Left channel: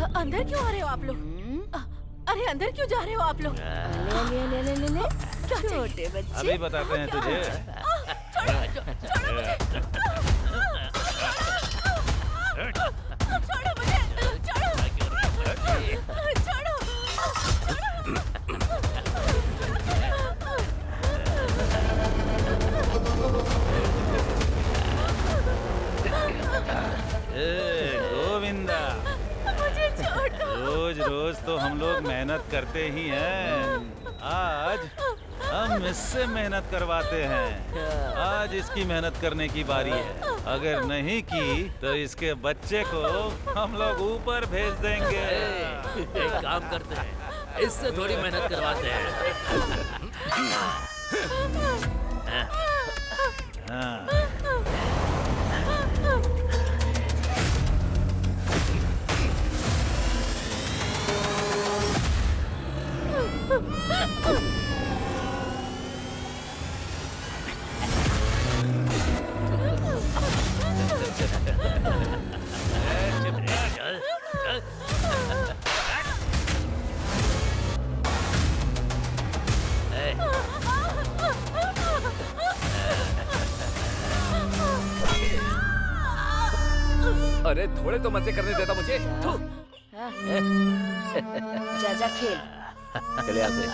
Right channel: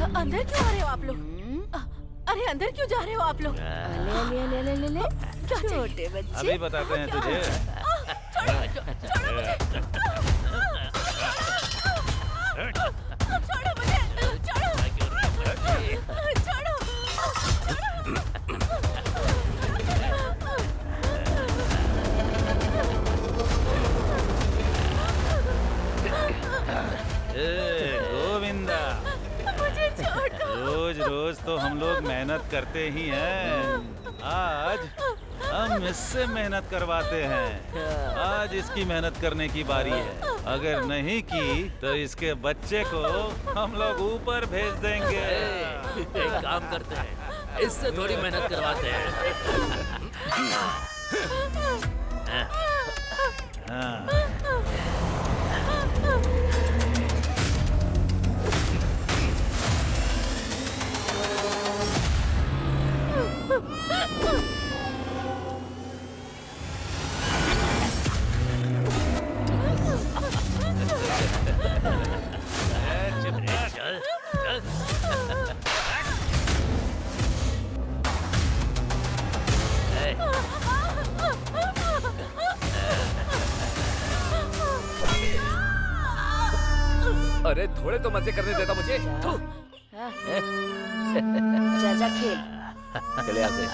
अंदर क्यों आ रहे हो आप लोग? अरे अंदर क्यों जा रहे हो आप लोग? ले क्या चाहिए? छोटे बच्चे। अभी बताते हैं तुझे। छोड़ो मुझे! छोड़ो मुझे! छोड़ो! ए गोविंदा, मुझे छोड़ दो। रोज रोज तो हम लोग मेहनत करते ही हैं। आज हम इससे मेहनत करवाते हैं। आज इसकी मेहनत करने की बारी है। अगर नहीं की तो इसके बच्चे को हम लोग ऊपर भेज देंगे। एक काम करते हैं, इससे थोड़ी मेहनत करवाते हैं। हाँ। चल चल। अरे थोड़े तो मजे करने देता मुझे। थू। जा जा खेल। चले यहाँ से।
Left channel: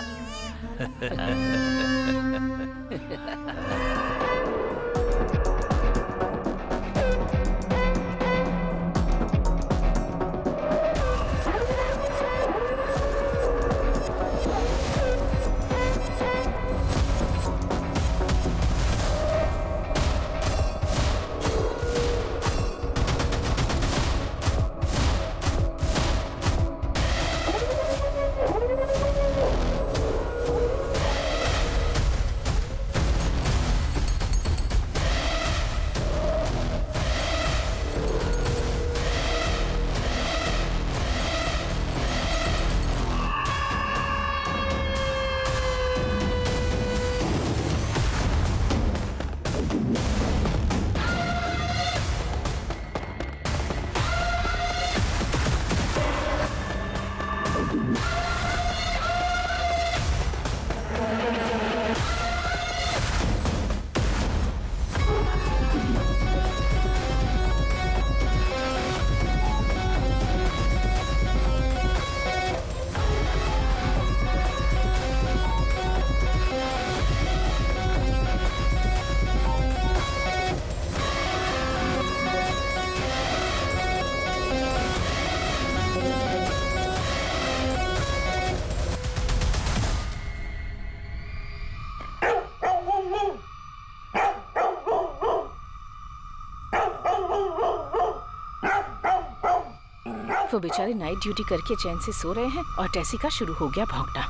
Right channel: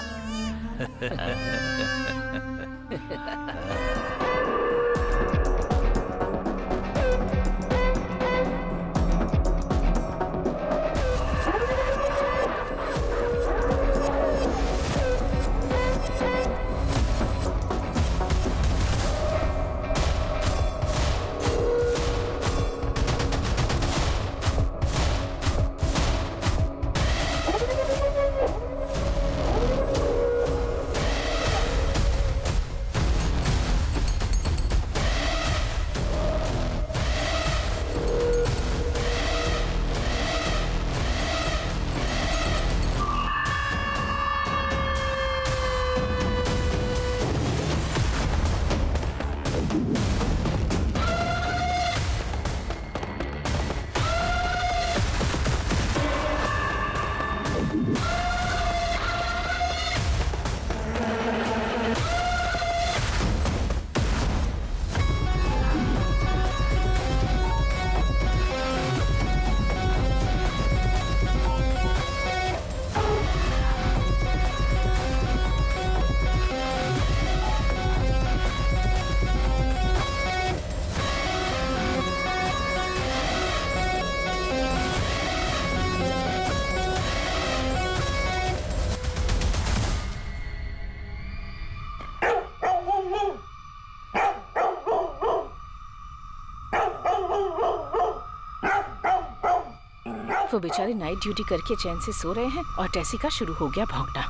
वो बेचारे नाइट ड्यूटी करके चैन से सो रहे हैं और टेसी का शुरू हो गया भौंकना।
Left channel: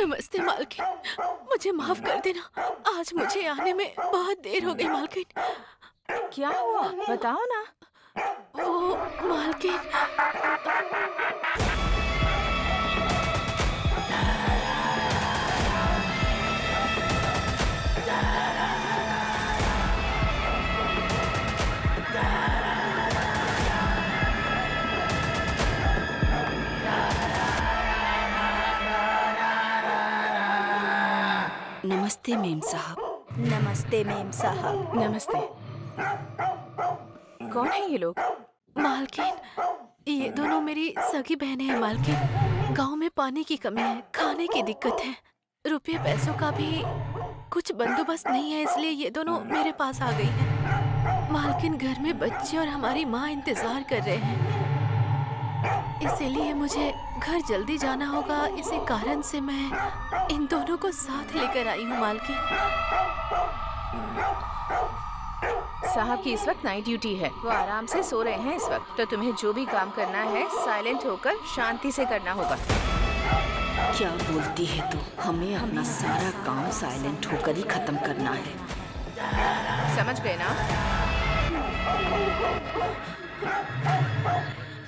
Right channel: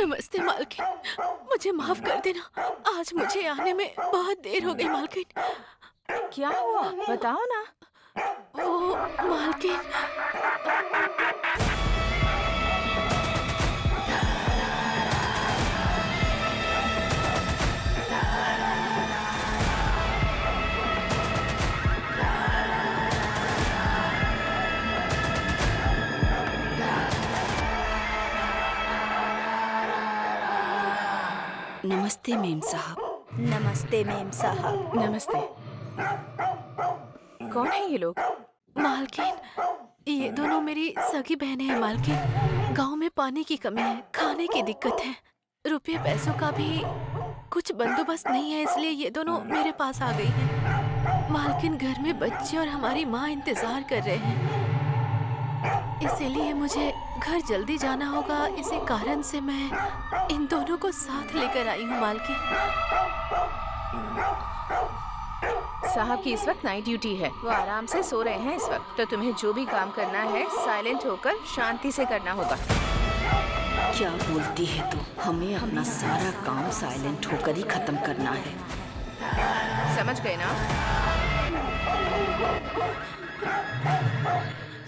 नमस्ते मालकिन, मुझे माफ कर देना। आज मुझे आने में बहुत देर हो गई मालकिन। क्या हुआ बताओ ना। वो मालकिन, नमस्ते मेम साहब। नमस्ते मेम साहब। नमस्ते। कौन है ये लोग? मालकिन, ये दोनों मेरी सगी बहनें हैं मालकिन। गांव में पानी की कमी है, खाने की दिक्कत है, रुपये पैसों का भी कुछ बंदोबस्त नहीं है, इसलिए ये दोनों मेरे पास आ गई हैं। मालकिन, घर में बच्चे और हमारी माँ इंतजार कर रहे हैं, इसीलिए मुझे घर जल्दी जाना होगा। इसी कारण से मैं इन दोनों को साथ लेकर आई हूँ मालकिन। साहब की इस वक्त नाइट ड्यूटी है, वो आराम से सो रहे हैं इस वक्त, तो तुम्हें जो भी काम करना है साइलेंट होकर शांति से करना होगा। क्या बोलती है तू? हमें अपना सारा काम साइलेंट होकर ही खत्म करना है। समझ गए ना?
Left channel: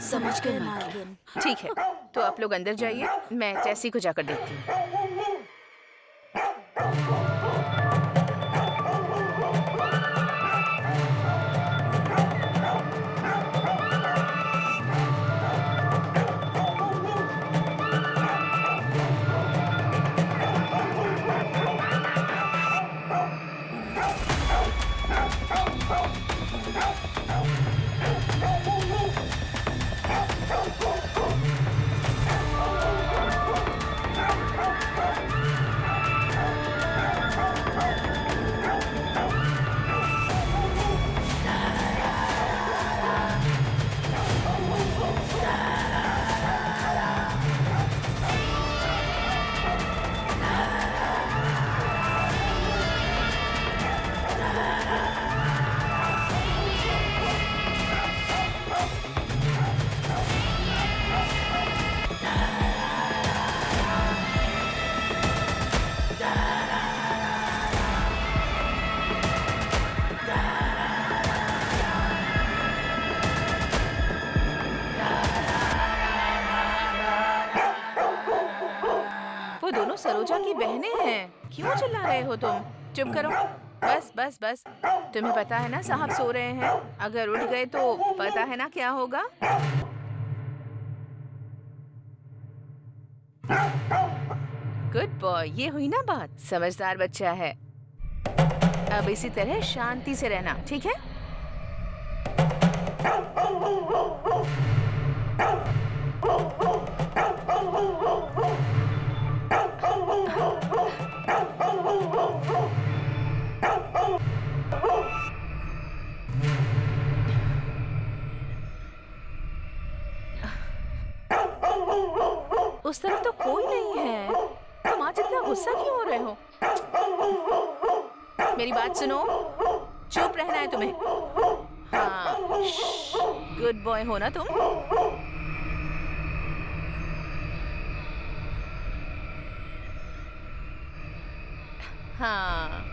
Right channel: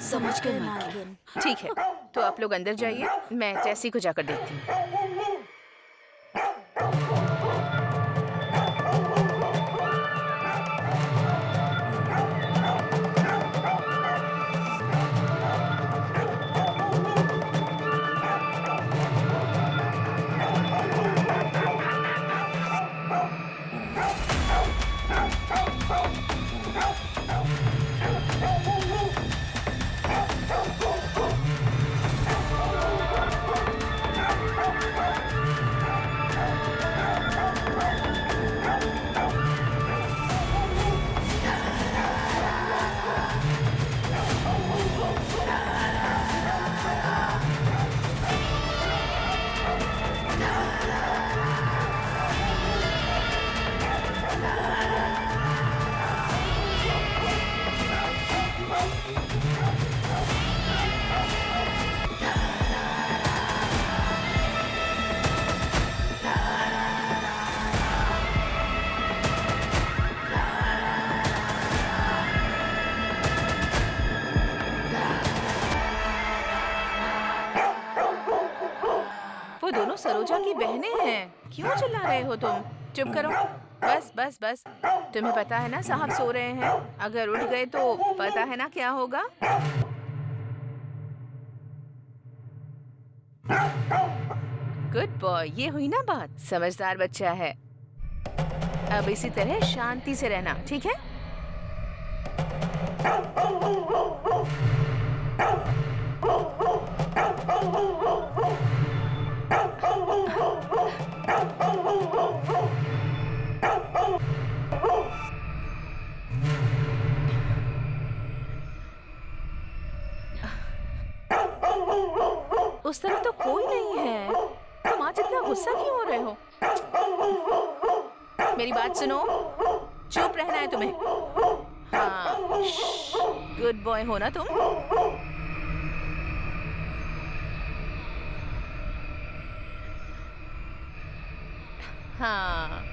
समझ गए मालकिन। ठीक है, तो आप लोग अंदर जाइए, मैं टेसी को जाकर देखती हूँ। वो दोनों सरोजा की बहनें हैं। क्यों चिल्ला रहे हो तुम? चुप करो। बस बस बस। तुम्हें पता है ना साहब सो रहे हैं। अगर उठ गए तो पता है ना क्या होगा। गुड बॉय, ये हुई ना बात। समझदार बच्चा है। अब इसी तरह शांति से रहना, ठीक है? उस तरफ तो कोई नहीं है। तुम आज इतना गुस्सा क्यों हो रहे हो? मेरी बात सुनो, चुप रहना है तुम्हें। हाँ, गुड बॉय हो ना तुम? हाँ।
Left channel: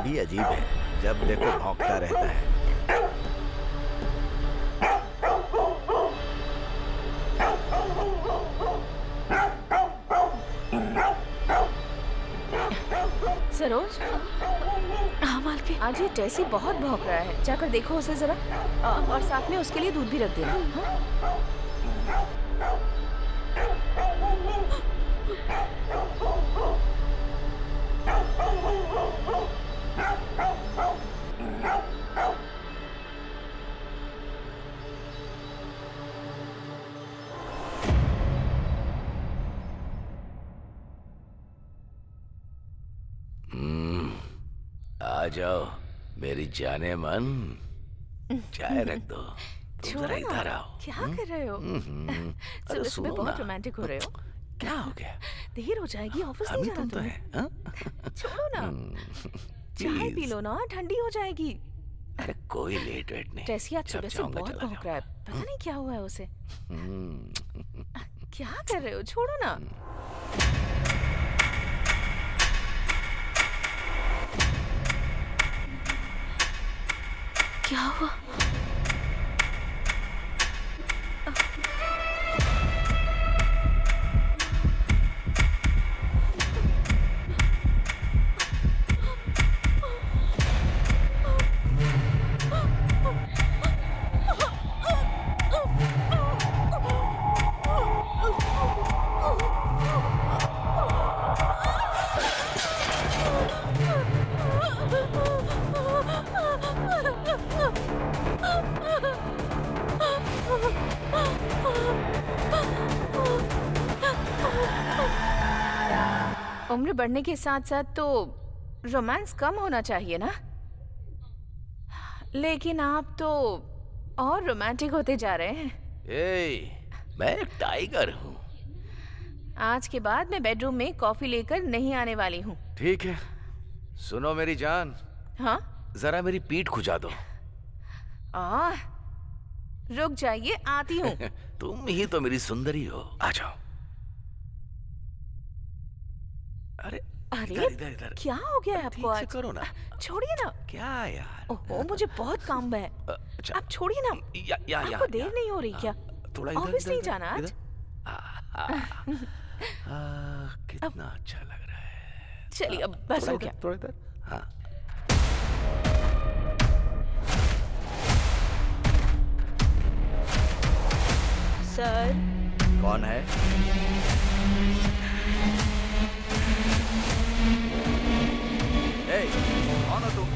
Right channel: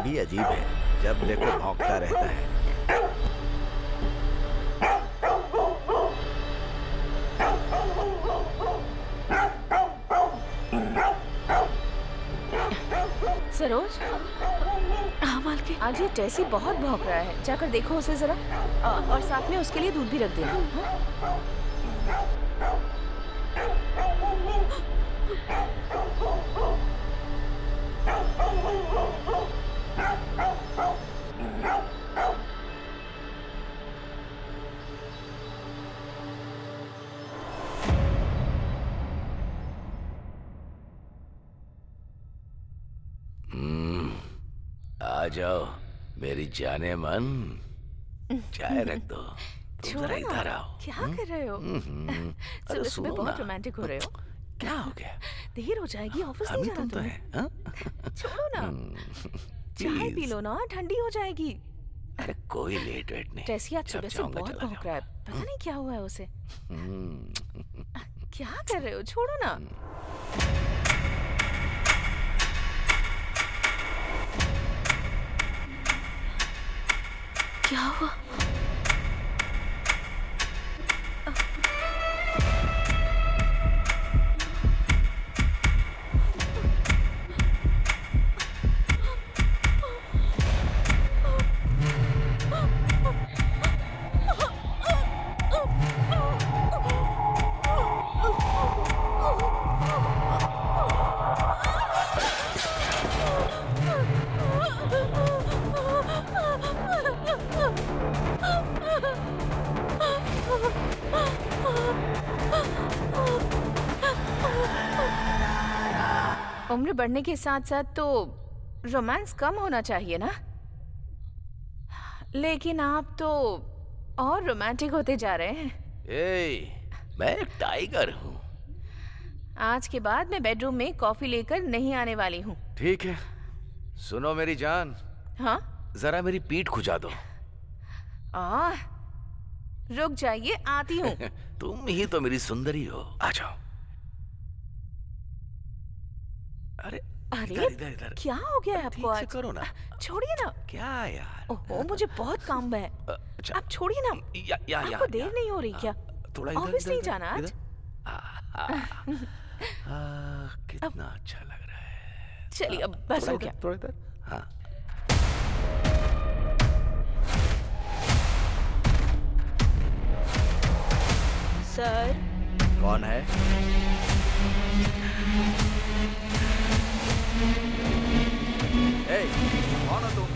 भी अजीब है, जब देखो भौंकता रहता है। सरोज, हाँ मालकिन। आज ये टेसी बहुत भौंक रहा है, जाकर देखो उसे जरा। और साथ में उसके लिए दूध भी रख देना। हाँ? आ जाओ मेरी जाने मन, चाय रख दो। तुम छोड़ो जरा ना, इधर आओ। क्या कर रहे हो? अरे सुबह सुबह सुनो बहुत ना। रोमांटिक हो रहे हो। क्या हो गया? देर हो जाएगी, ऑफिस हम नहीं ही जाना तुम तो तुम्हें। है, हाँ? छोड़ो ना, चाय पी प्लीज। लो ना, ठंडी हो जाएगी। अरे कोई लेट वेट नहीं। टेसी आज जब सुबह से चाहूंगा बहुत चला भौंक रहा है, पता नहीं क्या हुआ है उसे। हम्म, क्या कर रहे हो? छोड़ो ना। क्या हुआ? उम्र बढ़ने के साथ साथ तो रोमांस कम होना चाहिए ना, लेकिन आप तो और रोमांटिक होते जा रहे हैं। मैं एक टाइगर हूँ। आज के बाद मैं बेडरूम में कॉफी लेकर नहीं आने वाली हूँ। ठीक है, सुनो मेरी जान, हाँ? जरा मेरी पीठ खुजा दो। रुक जाइए, आती हूँ। तुम ही तो मेरी सुंदरी हो, आ जाओ। अरे अरे इधर इधर इधर। क्या हो गया है आपको ठीक से आज? करो ना। छोड़िए ना। क्या यार? ओहो, मुझे बहुत काम है। अच्छा, आप छोड़िए ना। या आपको देर नहीं हो रही क्या? थोड़ा इधर ऑफिस इधर, नहीं इधर, जाना आज? इधर। कितना अच्छा लग रहा है। चलिए अब बस थोड़ा हो इधर, गया। थोड़ा इधर। हाँ। सर, कौन है? ए, कौन हो तुम?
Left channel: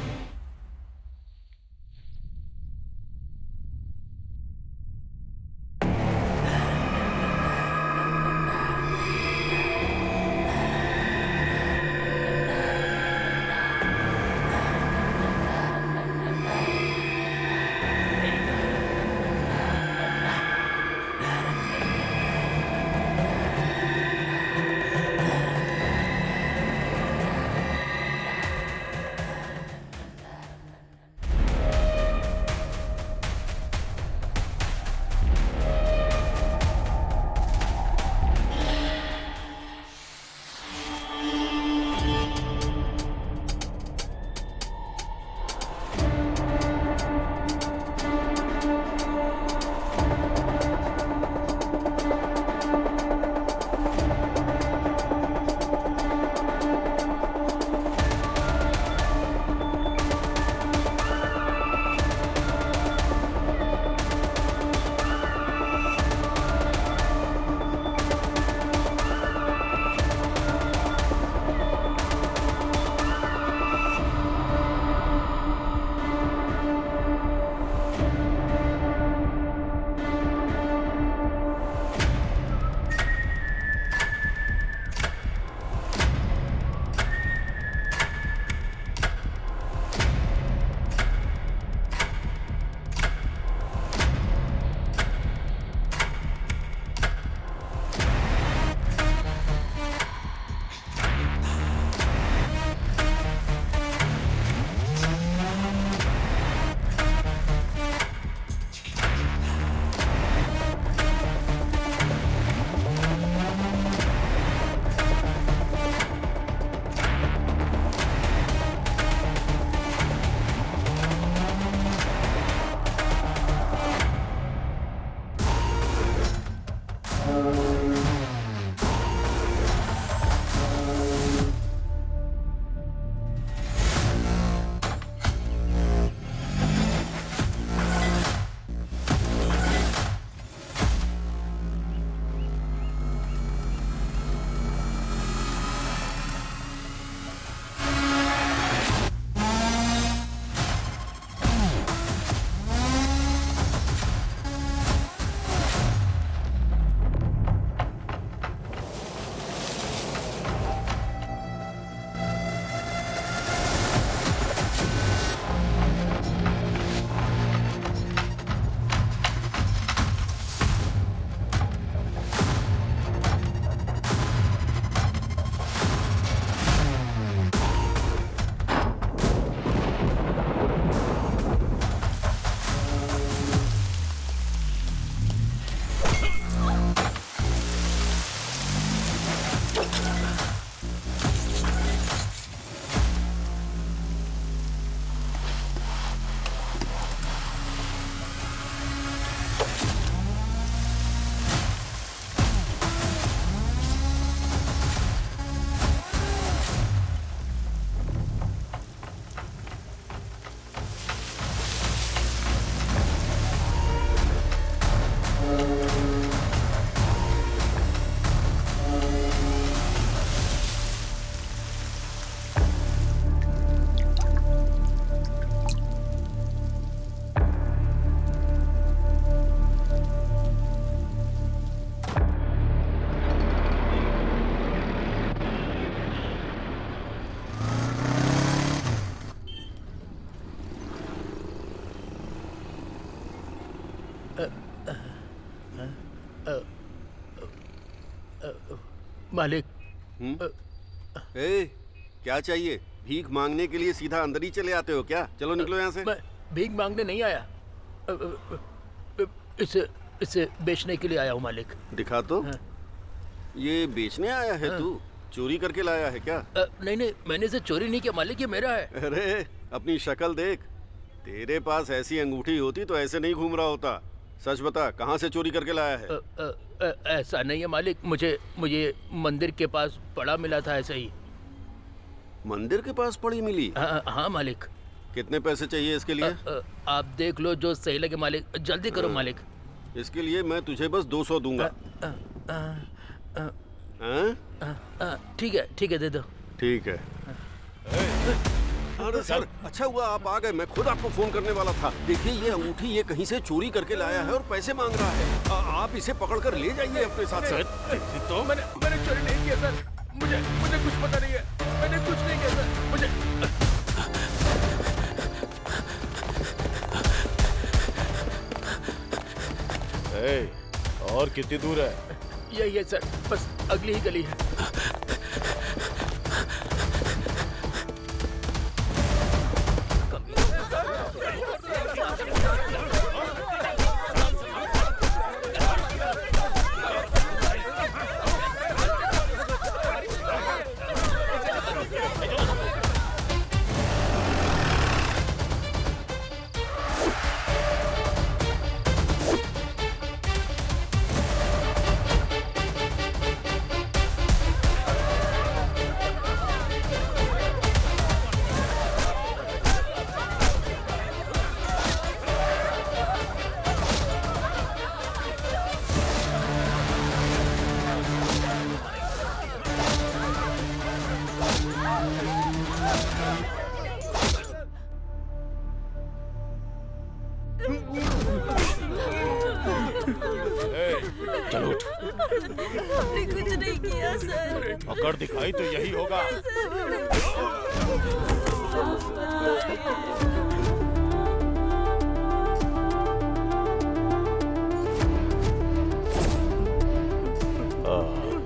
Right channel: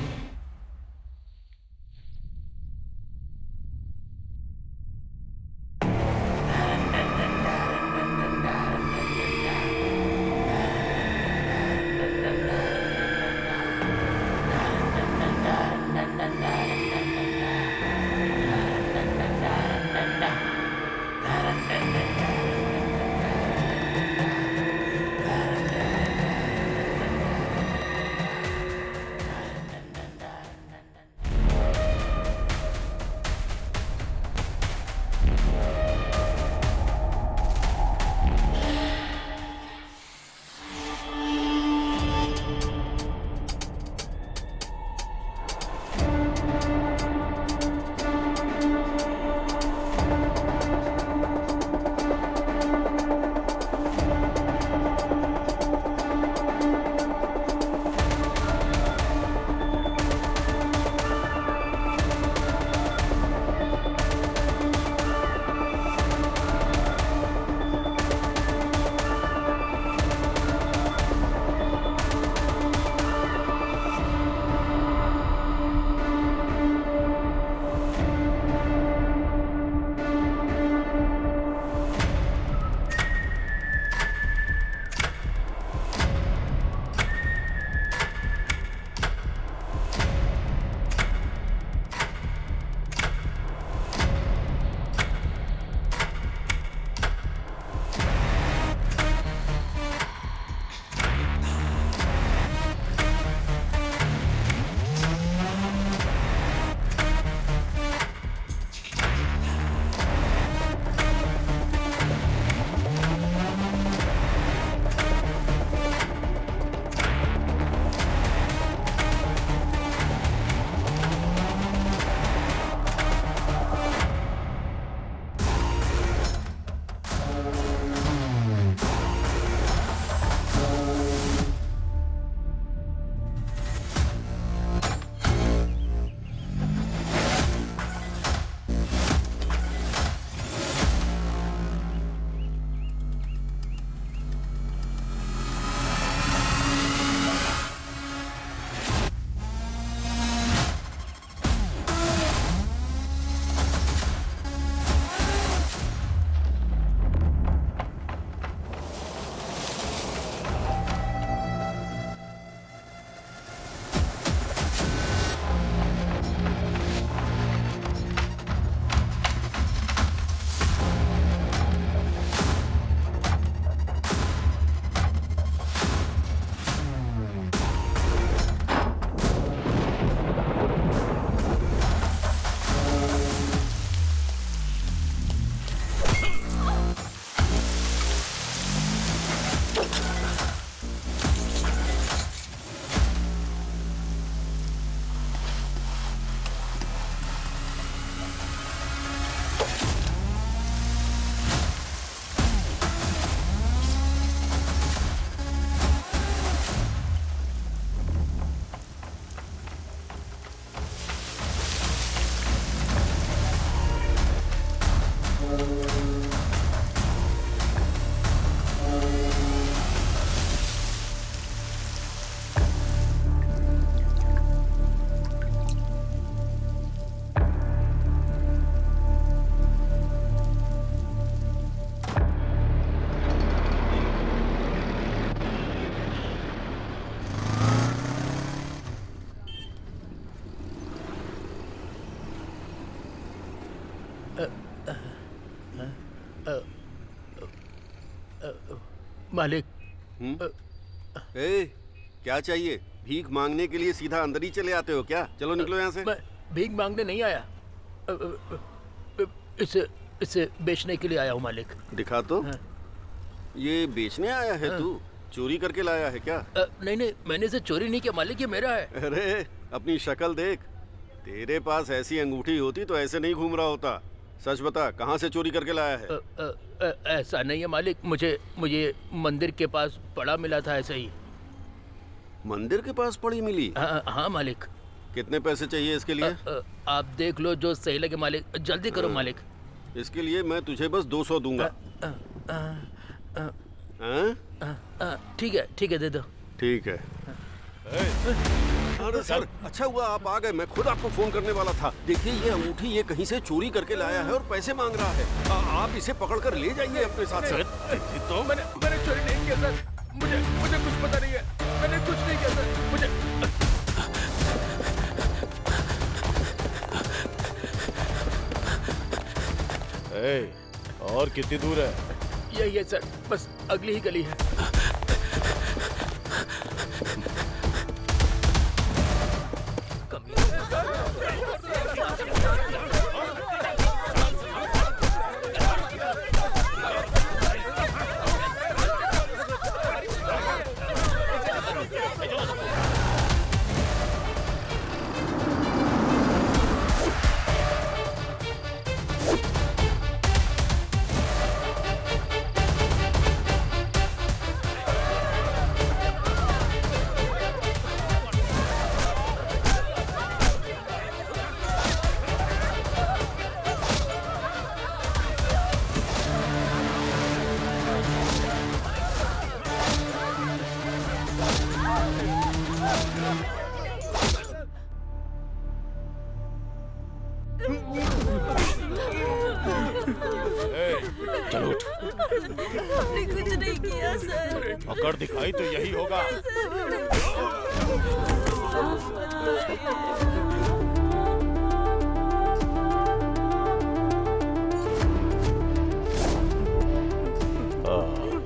मालिक। ए, क्या चाहिए? भीख मांगने के लिए सीधा अंदर ही चले आते हो क्या? चलो निकलो यहाँ से। मैं भीख मांगने नहीं आया, इसे इसे बेचने के लिए आया हूँ मालिक। दिखा तो। हाँ। ये बेचने आया है तू? चोरी करके लाया है क्या? नहीं नहीं, मैंने इसे चोरी नहीं किया मालिक, ये मेरा है। अरे अपनी शक्ल देख, तेरे पास ऐसी अंगूठी होती तो ऐसे नहीं घूम रहा होता। सच बता, कहाँ से चोरी करके लाया है? ऐसा नहीं है मालिक, मुझे मंदिर के पास पड़ा मिला था, ऐसे ही। मंदिर के पास पड़ी मिली? हाँ मालिक। कितने पैसे चाहिए इसके लिए? आप देख लो जो सही लगे मालिक, जल्दी करो मालिक। इसके लिए मैं तुझे बस 200 दूंगा। ठीक है, दे दो। ठीक है। अरे सर, अच्छा हुआ आप आ गए, मैं खुद आपको फोन करने वाला था। देखिए ये अंगूठी ये कहीं से चोरी करके लाया है और पैसे मांग रहा है। आप इसे पकड़कर ले जाइए अपने साथ। सर तो मैंने चोरी नहीं किया सर, मुझे कुछ पता नहीं है, मैंने कुछ नहीं किया सर, मुझे। और कितनी दूर है? यही है सर, बस अगली ही गली है। चलो उठ। हमने कुछ नहीं किया सर। अगर दिखाई तो यही होगा।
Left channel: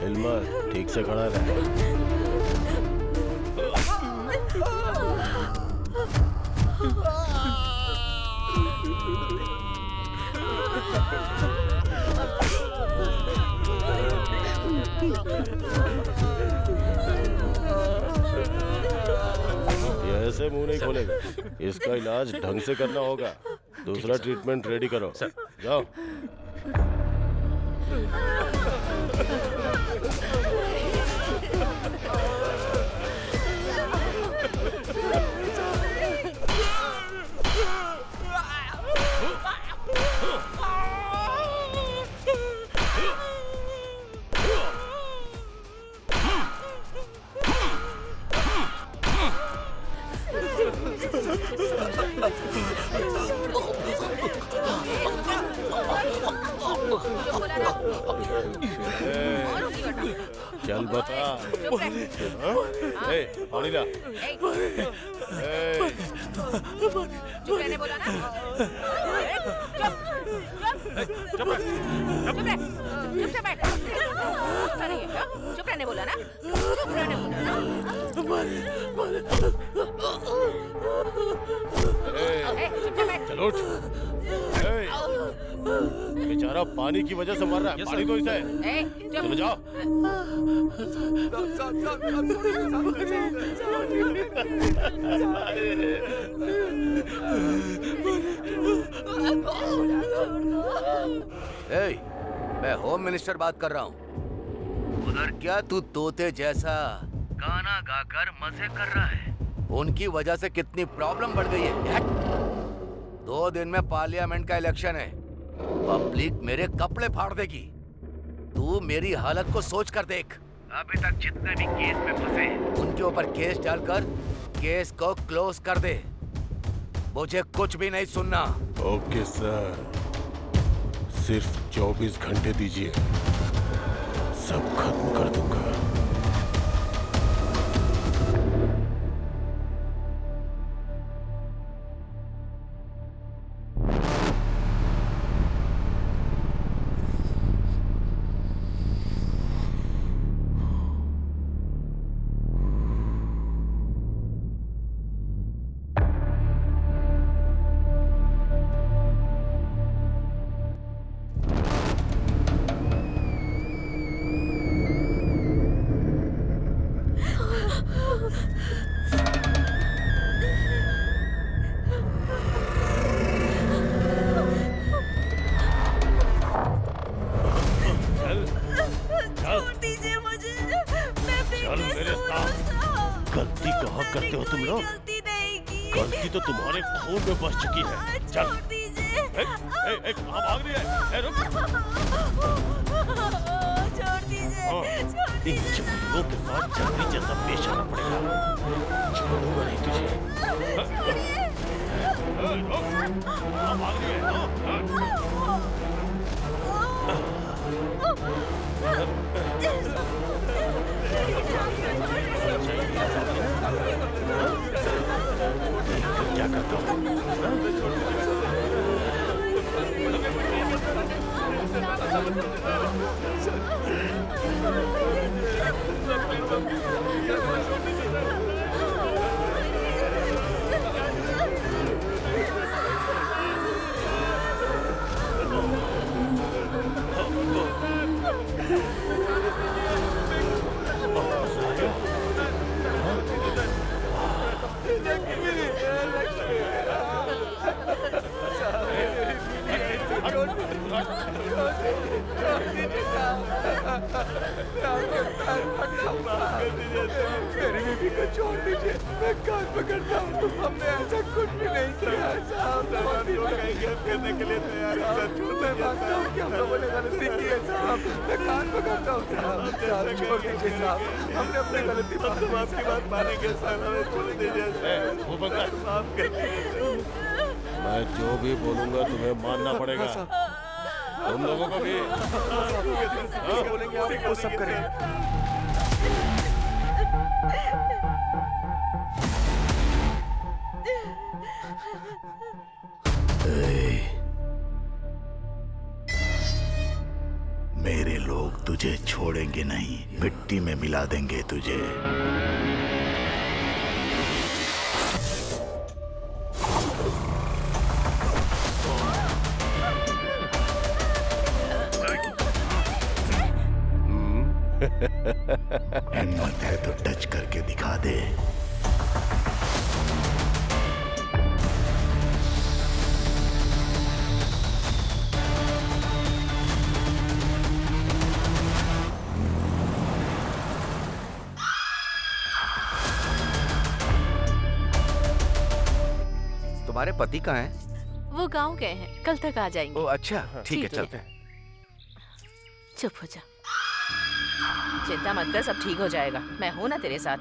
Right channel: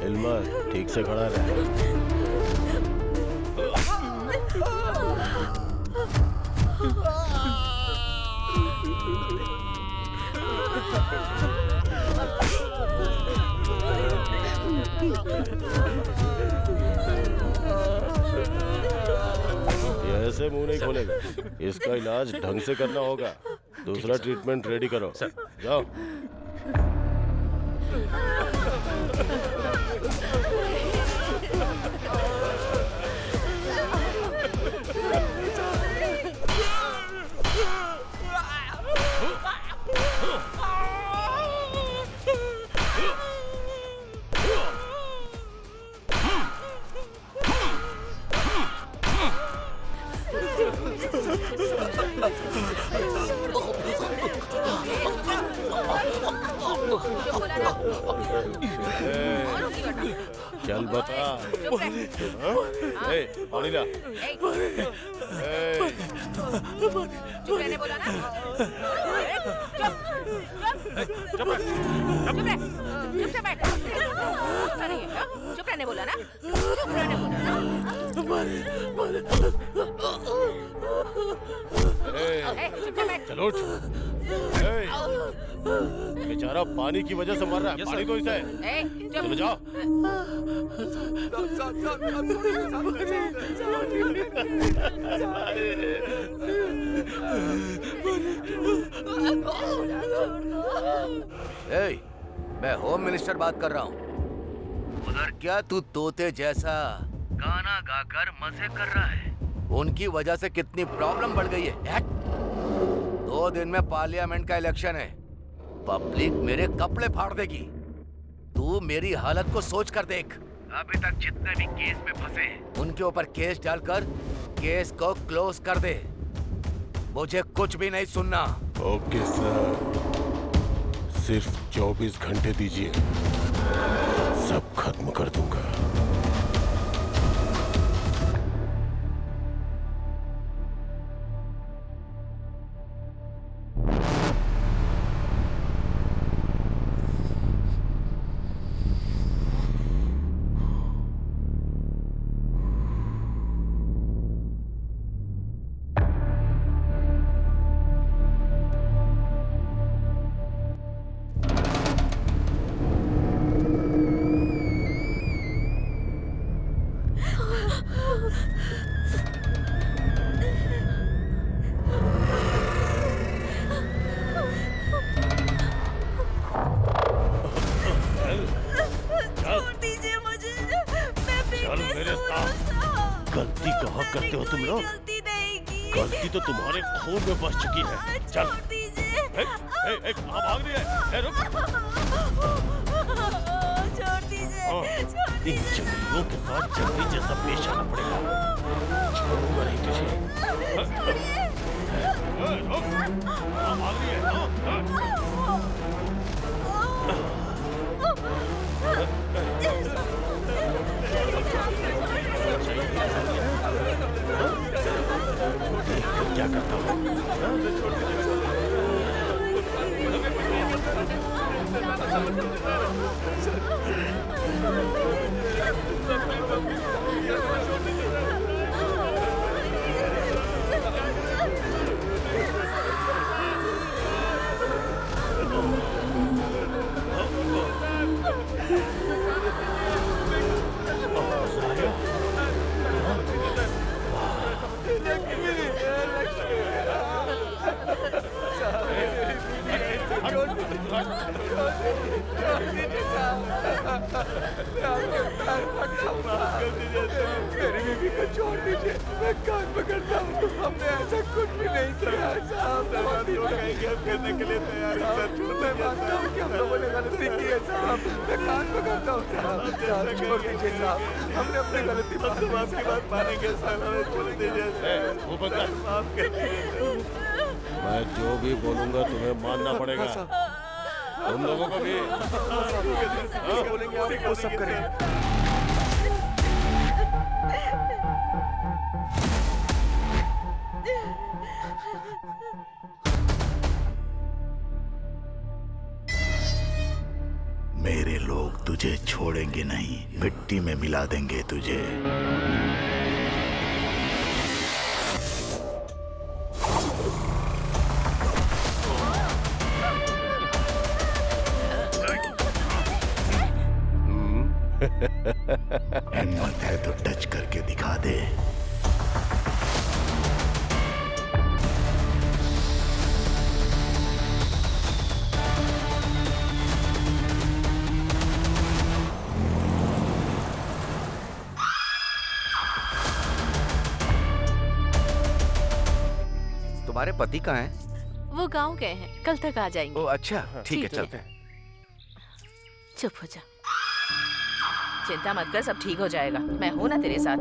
हिलमत, ठीक से खड़ा रहे। ये ऐसे मुंह नहीं खोलेगा, इसका इलाज ढंग से करना होगा। दूसरा ट्रीटमेंट रेडी करो। जाओ। चल बता। पानी ला। चुप रहने बोला ना। चुप रहने बोला ना। चलो उठ। बेचारा पानी की वजह से मर रहा है, पानी दो इसे। चलो जाओ। मैं होम मिनिस्टर बात कर रहा हूँ। उधर क्या तू तोते जैसा गाना गाकर मजे कर रहा है? उनकी वजह से कितनी प्रॉब्लम बढ़ गई है। 2 दिन में पार्लियामेंट का इलेक्शन है, पब्लिक मेरे कपड़े फाड़ देगी। तू मेरी हालत को सोच कर देख। अभी तक जितने भी केस में फंसे हैं, उनके ऊपर केस डालकर केस को क्लोज कर दे। मुझे कुछ भी नहीं सुनना। ओके सर, सिर्फ 24 घंटे दीजिए, सब खत्म कर दूंगा। करते हो तुम लोग? गलती नहीं की। गलती तो तुम्हारे खून में बस चुकी है। चल। छोड़ दीजिए। कहाँ भाग रही है? रुक। छोड़ दीजिए। हाँ, छोड़ इन दीजिए। जंगलियों के साथ जंगली जैसा पेश आना पड़ेगा। छोड़ूंगा नहीं तुझे। रुक। कहाँ भाग रही है? क्या करता हूँ? मेरी बीवी को छोड़ दीजिए, मैं कान पकड़ता हूँ। हमने ऐसा कुछ भी नहीं किया है साहब। करने के लिए तैयार है। मैं मानता हूँ कि हम लोगों ने गलती की है साहब। मैं कान पकड़ता हूँ साहब। साहब छोड़ दीजिए साहब, हमने अपनी गलती आपकी बात मानेंगे साहब। हमें छोड़ दीजिए। वो बंदा माफ कर दीजिए। मैं जो भी बोलूंगा तुम्हें मानना पड़ेगा। तुम लोगों को भी। बोलेंगे आप वो सब करेंगे। मेरे लोग तुझे छोड़ेंगे नहीं, मिट्टी में मिला देंगे तुझे। हिम्मत है तो टच करके दिखा दे। तुम्हारे पति कहाँ हैं? वो गांव गए हैं, कल तक आ जाएंगे। ओ अच्छा, ठीक है, चलते हैं। चुप हो जा। चिंता मत कर, सब ठीक हो जाएगा। मैं हूँ ना तेरे साथ।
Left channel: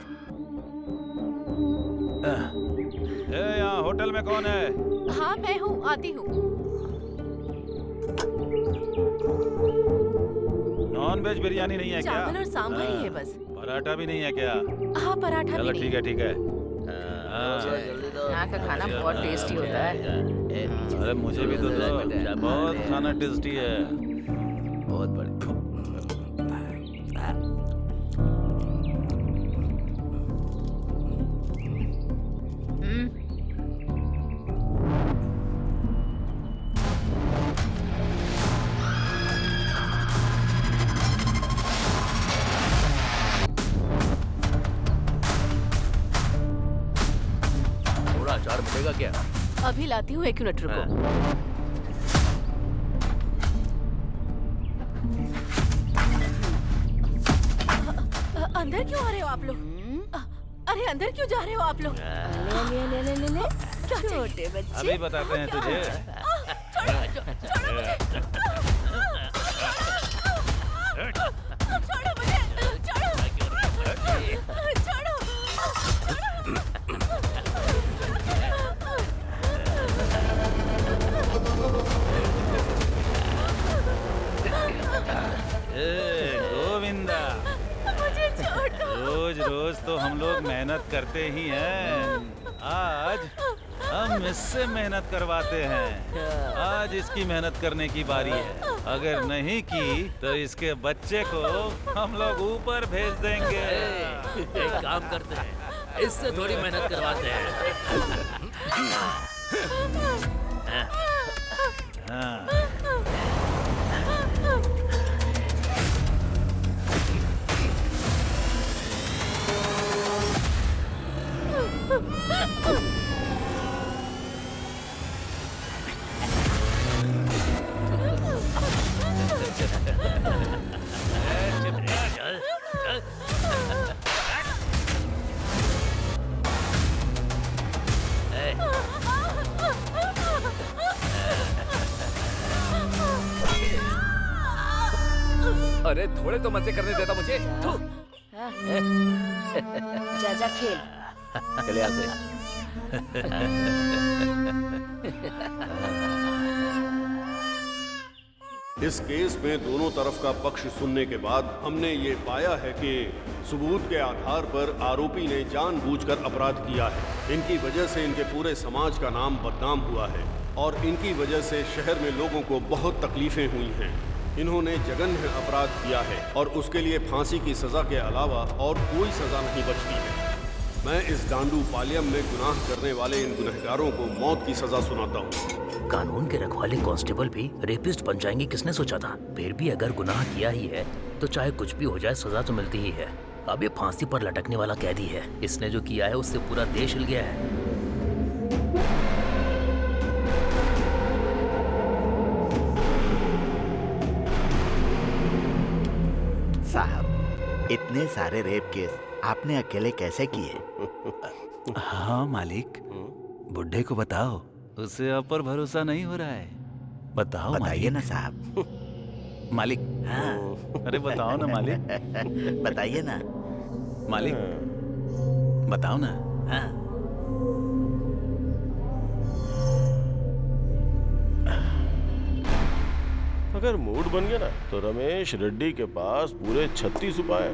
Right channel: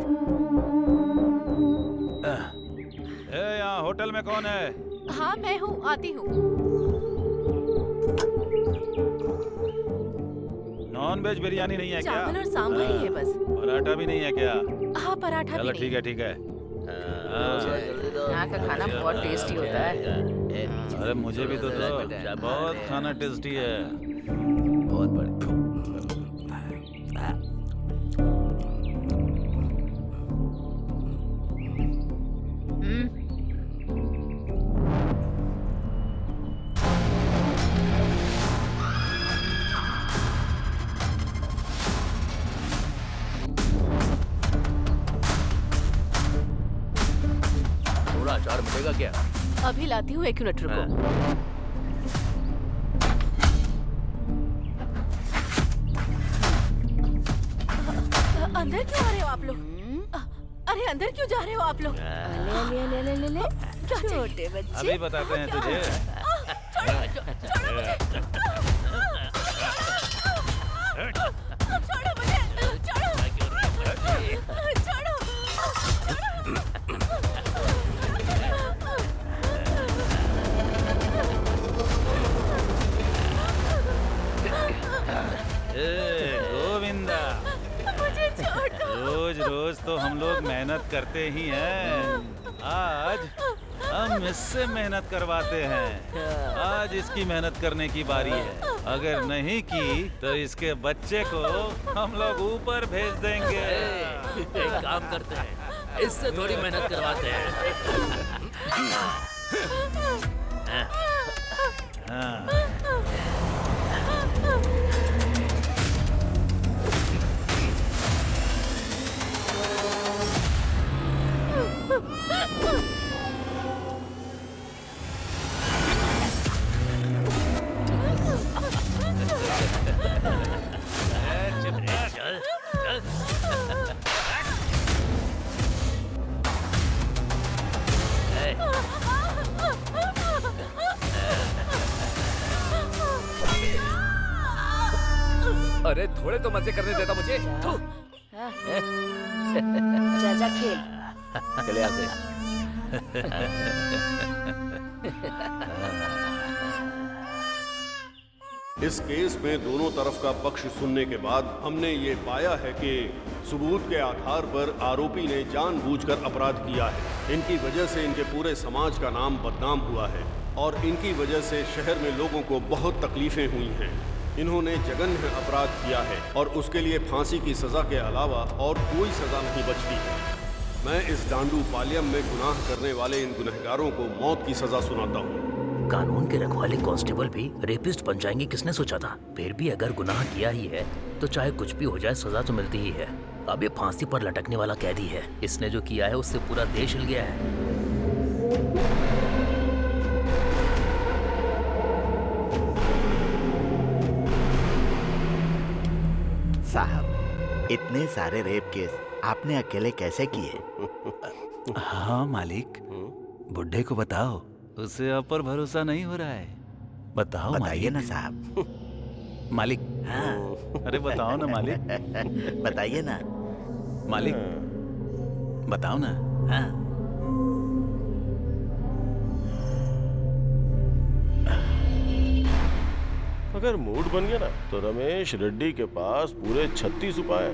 यहाँ होटल में कौन है? हाँ मैं हूँ, आती हूँ। नॉन वेज बिरयानी नहीं है क्या? चावल और सांभर ही है बस। पराठा भी नहीं है क्या? हाँ पराठा भी चलो नहीं। ठीक है, ठीक है। यहाँ का खाना बहुत टेस्टी होता है। अरे मुझे भी तो दो, बहुत खाना टेस्टी है। बहुत बढ़िया। थोड़ा अचार मिलेगा क्या? अभी लाती हूँ, 1 मिनट रुको। अंदर क्यों आ रहे हो आप लोग? अरे अंदर क्यों जा रहे हो आप लोग? ले क्या चाहिए? छोटे बच्चे। अभी बताते हैं तुझे। छोड़ो मुझे, छोड़ो। गोविंदा, मुझे छोड़ दो। रोज रोज तो हम लोग मेहनत करते ही हैं। आज हम इससे मेहनत करवाते हैं। आज इसकी मेहनत करने की बारी है। अगर नहीं की तो इसके बच्चे को हम लोग ऊपर भेज देंगे। एक काम करते हैं, इससे थोड़ी मेहनत करवाते हैं। हाँ। चल चल। अरे थोड़े तो मजे करने देता मुझे। थू। जा खेल। चले यहाँ से। इस केस में दोनों तरफ का पक्ष सुनने के बाद हमने ये पाया है कि सबूत के आधार पर आरोपी ने जानबूझकर अपराध किया है। इनकी वजह से इनके पूरे समाज का नाम बदनाम हुआ है और इनकी वजह से शहर में लोगों को बहुत तकलीफें हुई हैं। इन्होंने जघन्य अपराध किया है और उसके लिए फांसी की सजा के अलावा और कोई सजा नहीं बचती है। मैं इस डांडू पालियम में गुनाह करने वाले इन गुनहगारों को मौत की सजा सुनाता हूँ। कानून के रखवाले कांस्टेबल भी रेपिस्ट बन जाएंगे, किसने सोचा था? फिर भी अगर गुनाह किया ही है तो चाहे कुछ भी हो जाए सजा तो मिलती ही है। अब ये फांसी पर लटकने वाला कैदी है, इसने जो किया है उससे पूरा देश हिल गया है। साहब, इतने सारे रेप केस आपने अकेले कैसे किए? हाँ मालिक, बुड्ढे को बताओ, उसे आप पर भरोसा नहीं हो रहा है। बताओ बताइए मालिक। ना साहब। मालिक। हाँ। अरे बताओ ना मालिक। बताइए ना मालिक, बताओ ना। हाँ। अगर मूड बन गया ना तो रमेश रेड्डी के पास पूरे 36 उपाय हैं।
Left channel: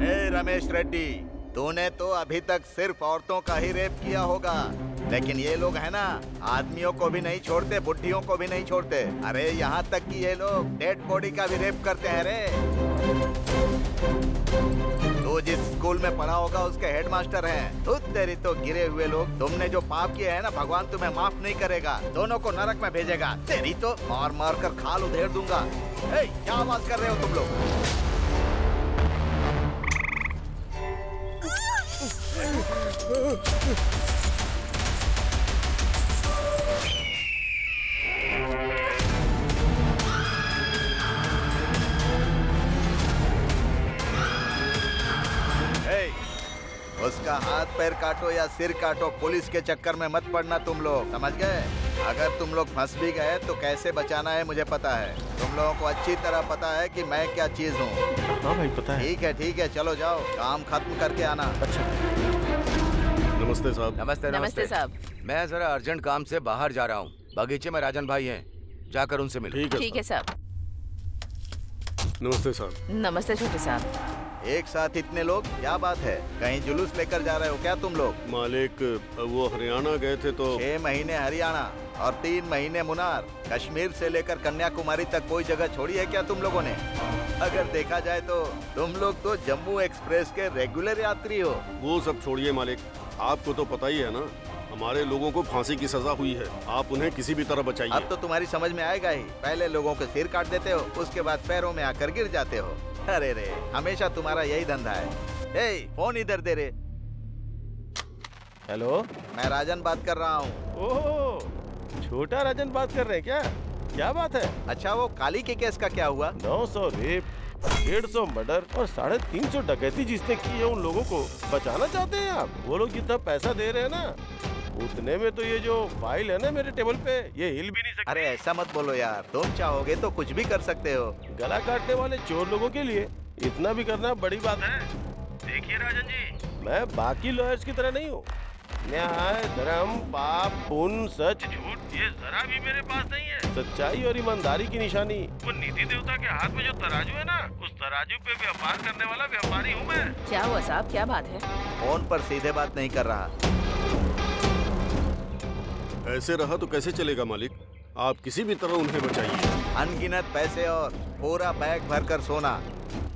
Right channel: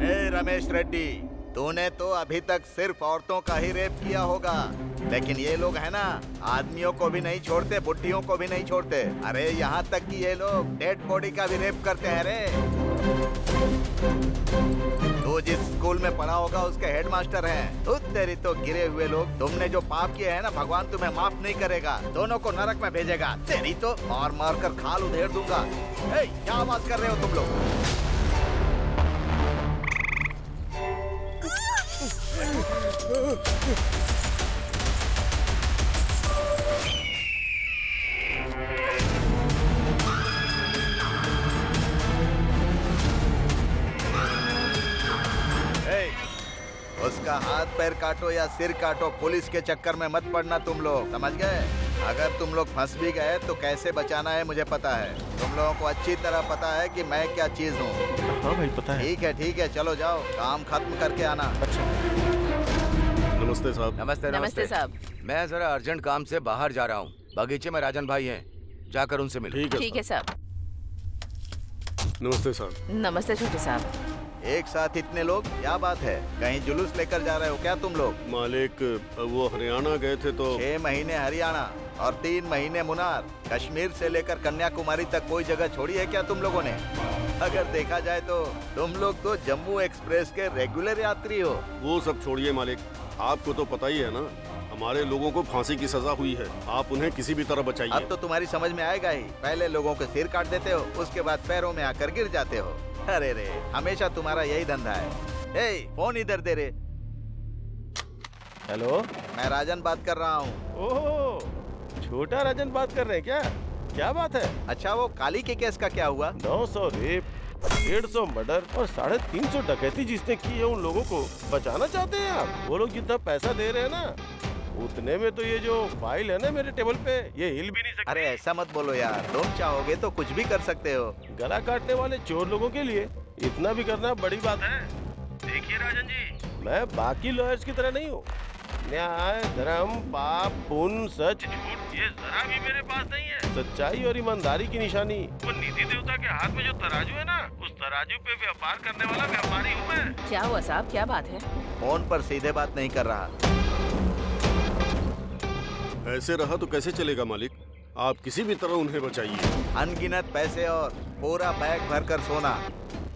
ए रमेश रेड्डी, तूने तो अभी तक सिर्फ औरतों का ही रेप किया होगा, लेकिन ये लोग है ना, आदमियों को भी नहीं छोड़ते, बुढ़ियों को भी नहीं छोड़ते। अरे यहाँ तक कि ये लोग डेड बॉडी का भी रेप करते हैं रे। तू जिस स्कूल में पढ़ा होगा उसके हेडमास्टर हैं। तू तेरी तो गिरे हुए लोग, तुमने जो पाप किए हैं ना, भगवान तुम्हें माफ नहीं करेगा, दोनों को नरक में भेजेगा। तेरी तो मार मार कर खाल उधेड़ दूंगा। ए, क्या आवाज कर रहे हो तुम लोग? उसका हाथ पैर काटो या सिर काटो, पुलिस के चक्कर में मत पड़ना तुम लोग, समझ गए? अगर तुम लोग फंस भी गए तो कैसे बचाना है मुझे पता है। तुम लोगों को अच्छी तरह पता है कि मैं क्या चीज हूँ। हाँ भाई पता है। ठीक है, चलो जाओ, काम खत्म करके आना। अच्छा। नमस्ते साहब। नमस्ते नमस्ते साहब। मैं जरा अर्जेंट काम से बाहर जा रहा हूँ। बगीचे में राजन भाई हैं, जाकर उनसे मिलो। ठीक है साहब। नमस्ते साहब। नमस्ते छोटे साहब। एक साथ इतने लोग, क्या बात है? कहीं जुलूस लेकर जा रहे हो क्या तुम लोग? मालिक, वो हरियाणा गए थे तो 6 महीने हरियाणा और 3 महीने मुनार, कश्मीर से लेकर कन्याकुमारी तक कोई जगह छोड़ी है क्या तुम लोगों ने? अगर देखा जाए तो तुम लोग तो जम्मू एक्सप्रेस के रेगुलर यात्री हो। वो सब छोड़िए मालिक, आपको तो पता ही है ना, हमारे लोगों को फांसी की सजा हुई है। आप उन्हें किसी भी तरह बचाइए। अब तो तुम्हारी समझ में आएगा ही। पहले लोगों के सिर काट देते हो, उसके बाद पैरों में आकर गिर जाते हो। अरे रे, हमेशा तुम्हारा यही धंधा है। ए, फोन इधर दे रे। हेलो, मैं राजन बात कर रहा हूँ। ओह, छोटा राजन बात कर रहे हैं क्या? क्या बात है? अच्छा, वो काली के केस का क्या हुआ? 900 रेप, 150 मर्डर और 350 डकैती जिसने की है, उन लोगों को बचाना चाहते हैं आप? वो लोग जितना पैसा दे रहे हैं ना, उतने में तो ये जो फाइल है ना मेरे टेबल पे, ये हिल भी नहीं सकती। अरे ऐसा मत बोलो यार, तुम चाहोगे तो कुछ भी कर सकते हो। गला काटने वाले चोर लोगों के लिए इतना भी करना बड़ी बात है। देखिए राजन जी, मैं बाकी लॉयर्स की तरह नहीं हूँ। न्याय, धर्म, पाप, पुण्य, सच, झूठ, ये जरा भी मेरे पास नहीं है। सच्चाई और ईमानदारी की निशानी वो निधि देवता के हाथ में जो तराजू है ना, उस तराजू पे व्यापार करने वाला व्यापारी हूँ मैं। क्या हुआ साहब, क्या बात है? फोन पर सीधे बात नहीं कर रहा। ऐसे रहा तो कैसे चलेगा मालिक, आप किसी भी तरह उन्हें बचाइए। अनगिनत पैसे और पूरा बैग भरकर सोना,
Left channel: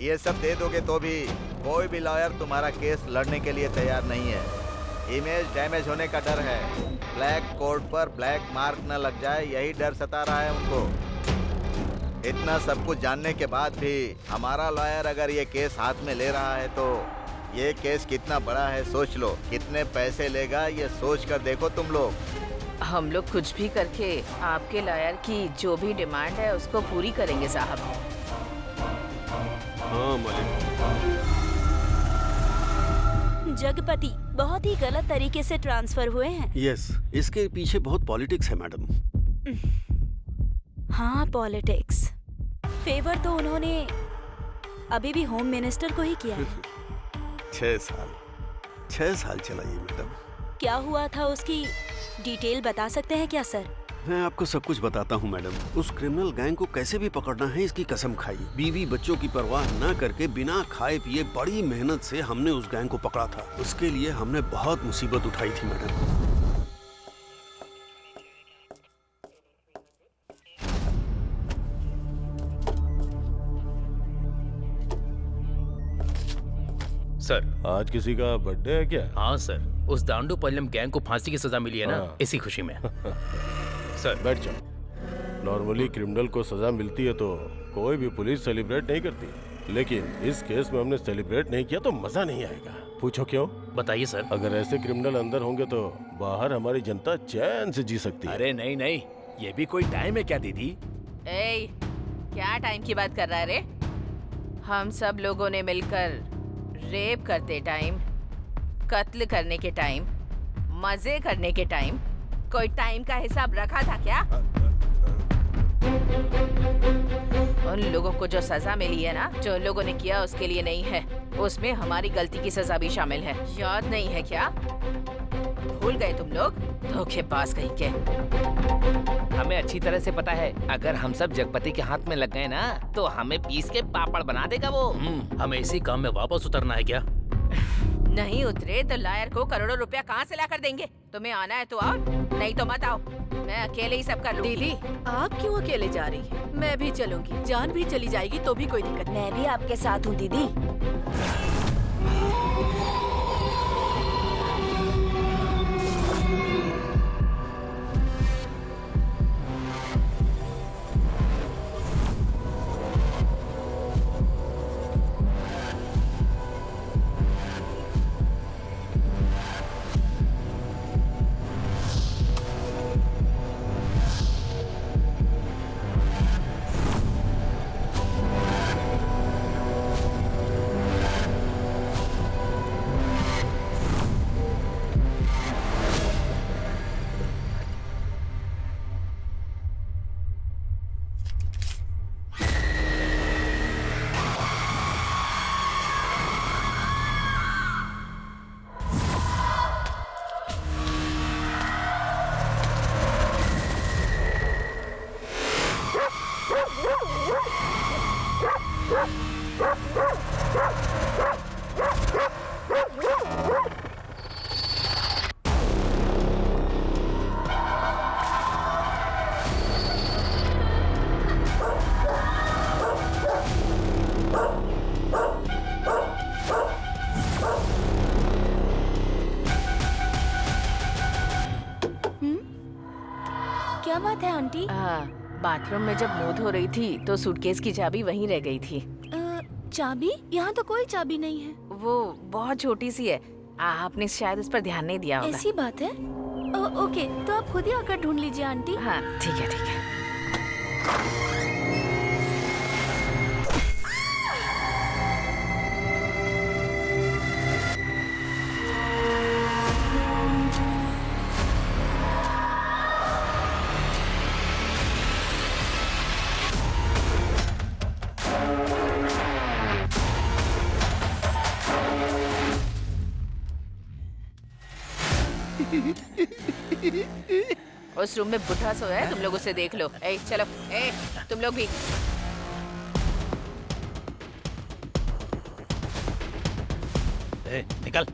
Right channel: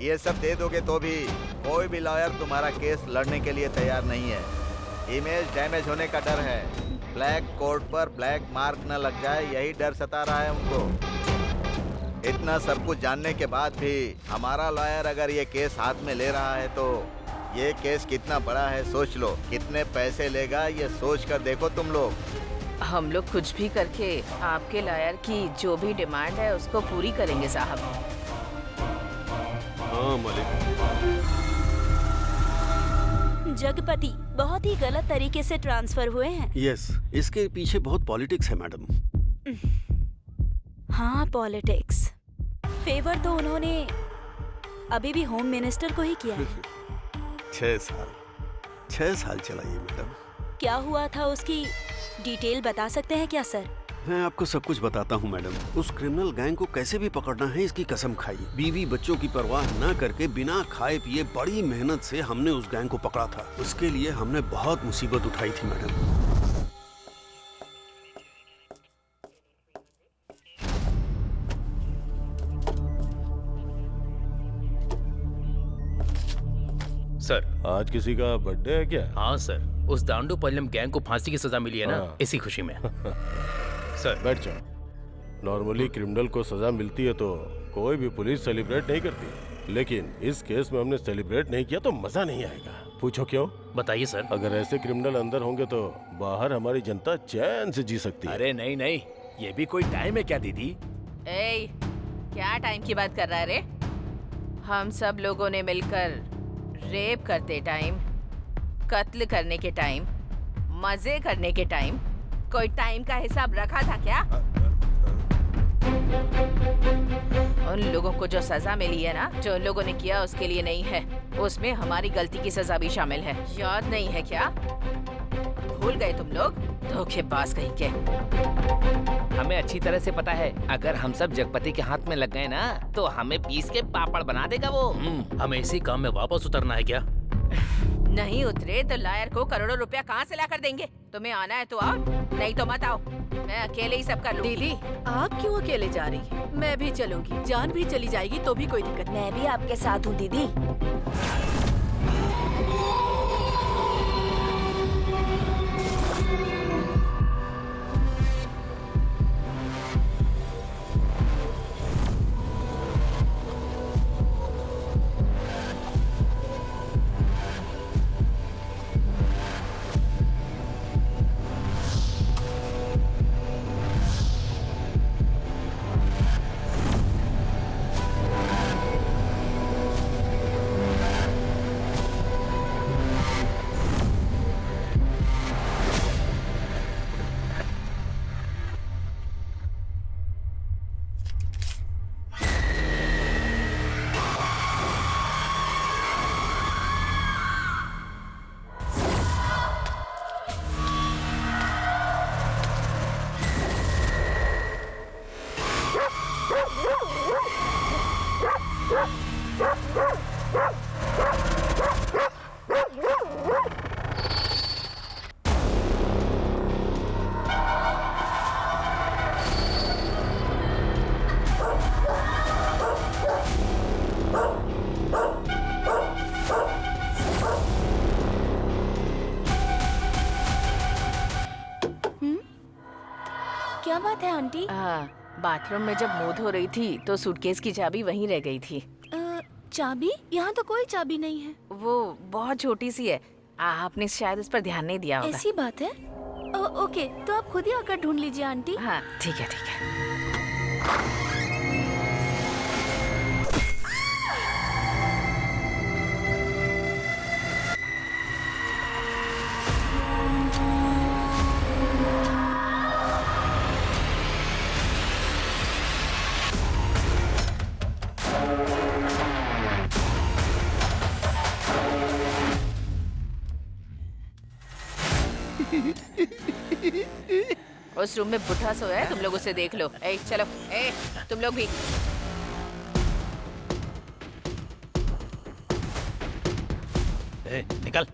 ये सब दे दोगे तो भी कोई भी लॉयर तुम्हारा केस लड़ने के लिए तैयार नहीं है। इमेज डैमेज होने का डर है, ब्लैक कोर्ट पर ब्लैक मार्क न लग जाए, यही डर सता रहा है उनको। इतना सब कुछ जानने के बाद भी हमारा लॉयर अगर ये केस हाथ में ले रहा है तो ये केस कितना बड़ा है सोच लो। कितने पैसे लेगा ये सोच कर देखो तुम लोग। हम लोग कुछ भी करके आपके लॉयर की जो भी डिमांड है उसको पूरी करेंगे साहब। हाँ मालिक। जगपति बहुत ही गलत तरीके से ट्रांसफर हुए हैं। यस, इसके पीछे बहुत पॉलिटिक्स है मैडम। हाँ, पॉलिटिक्स। फेवर तो उन्होंने अभी भी होम मिनिस्टर को ही किया है। 6 साल चला ये मैडम। क्या हुआ था उसकी डिटेल बता सकते हैं क्या सर? मैं आपको सब कुछ बताता हूँ मैडम। उस क्रिमिनल गैंग को कैसे भी पकड़ना है इसकी कसम खाई। बीवी बच्चों की परवाह न करके बिना खाए पिए बड़ी मेहनत से हमने उस गैंग को पकड़ा था। उसके लिए हमने बहुत मुसीबत उठाई थी मैडम। सर, आज किसी का बर्थडे है क्या? हाँ सर, उस दांडू पल्लम गैंग को फांसी की सजा मिली है ना, हाँ। इसी खुशी में। सर बैठ जाओ। नॉर्मली क्रिमिनल को सजा मिलती है तो कोई भी पुलिस सेलिब्रेट नहीं करती, लेकिन इस केस में हमने सेलिब्रेट नहीं किया तो मजा नहीं आएगा। पूछो क्यों? बताइए सर। अगर ऐसे क्रिमिनल अंदर होंगे तो बाहर हमारी जनता चैन से जी सकती है। अरे नहीं नहीं, ये भी कोई टाइम है क्या दीदी? ए, क्या टाइम की बात कर रहा है रे? हम सब लोगों ने मिलकर रेप करते टाइम, कत्ल करने के टाइम, मजे करने के टाइम, कोई टाइम का हिसाब रखा था क्या? उन लोगों को जो सजा मिली है ना, जो उन लोगों ने किया उसके लिए नहीं है, उसमें हमारी गलती की सजा भी शामिल है। याद नहीं है क्या? भूल गए तुम लोग? धोखेबाज कहीं के। हमें अच्छी तरह से पता है, अगर हम सब जगपति के हाथ में लग गए ना तो हमें पीस के पापड़ बना देगा वो। हमें इसी काम में वापस उतरना है क्या? नहीं उतरे तो लायर को करोड़ों रुपया कहाँ से ला कर देंगे? तुम्हें आना है तो आओ, नहीं तो मत आओ। मैं अकेले ही सब कर लूंगी। दीदी, आप क्यों अकेले जा रही हैं? मैं भी चलूंगी। जान भी चली जाएगी तो भी कोई दिक्कत नहीं। मैं भी आपके साथ हूँ दीदी। क्या बात है आंटी? बाथरूम में जब मुंह धो रही थी तो सूटकेस की चाबी वहीं रह गई थी। चाबी? यहाँ तो कोई चाबी नहीं है। वो बहुत छोटी सी है, आपने शायद उस पर ध्यान नहीं दिया होगा। ऐसी बात है? ओके, तो आप खुद ही आकर ढूंढ लीजिए आंटी। हाँ ठीक है ठीक है। उस रूम में बुढ़ा सोया है, तुम लोग उसे देख लो। ए, चलो, ए, तुम लोग भी। ए, निकल।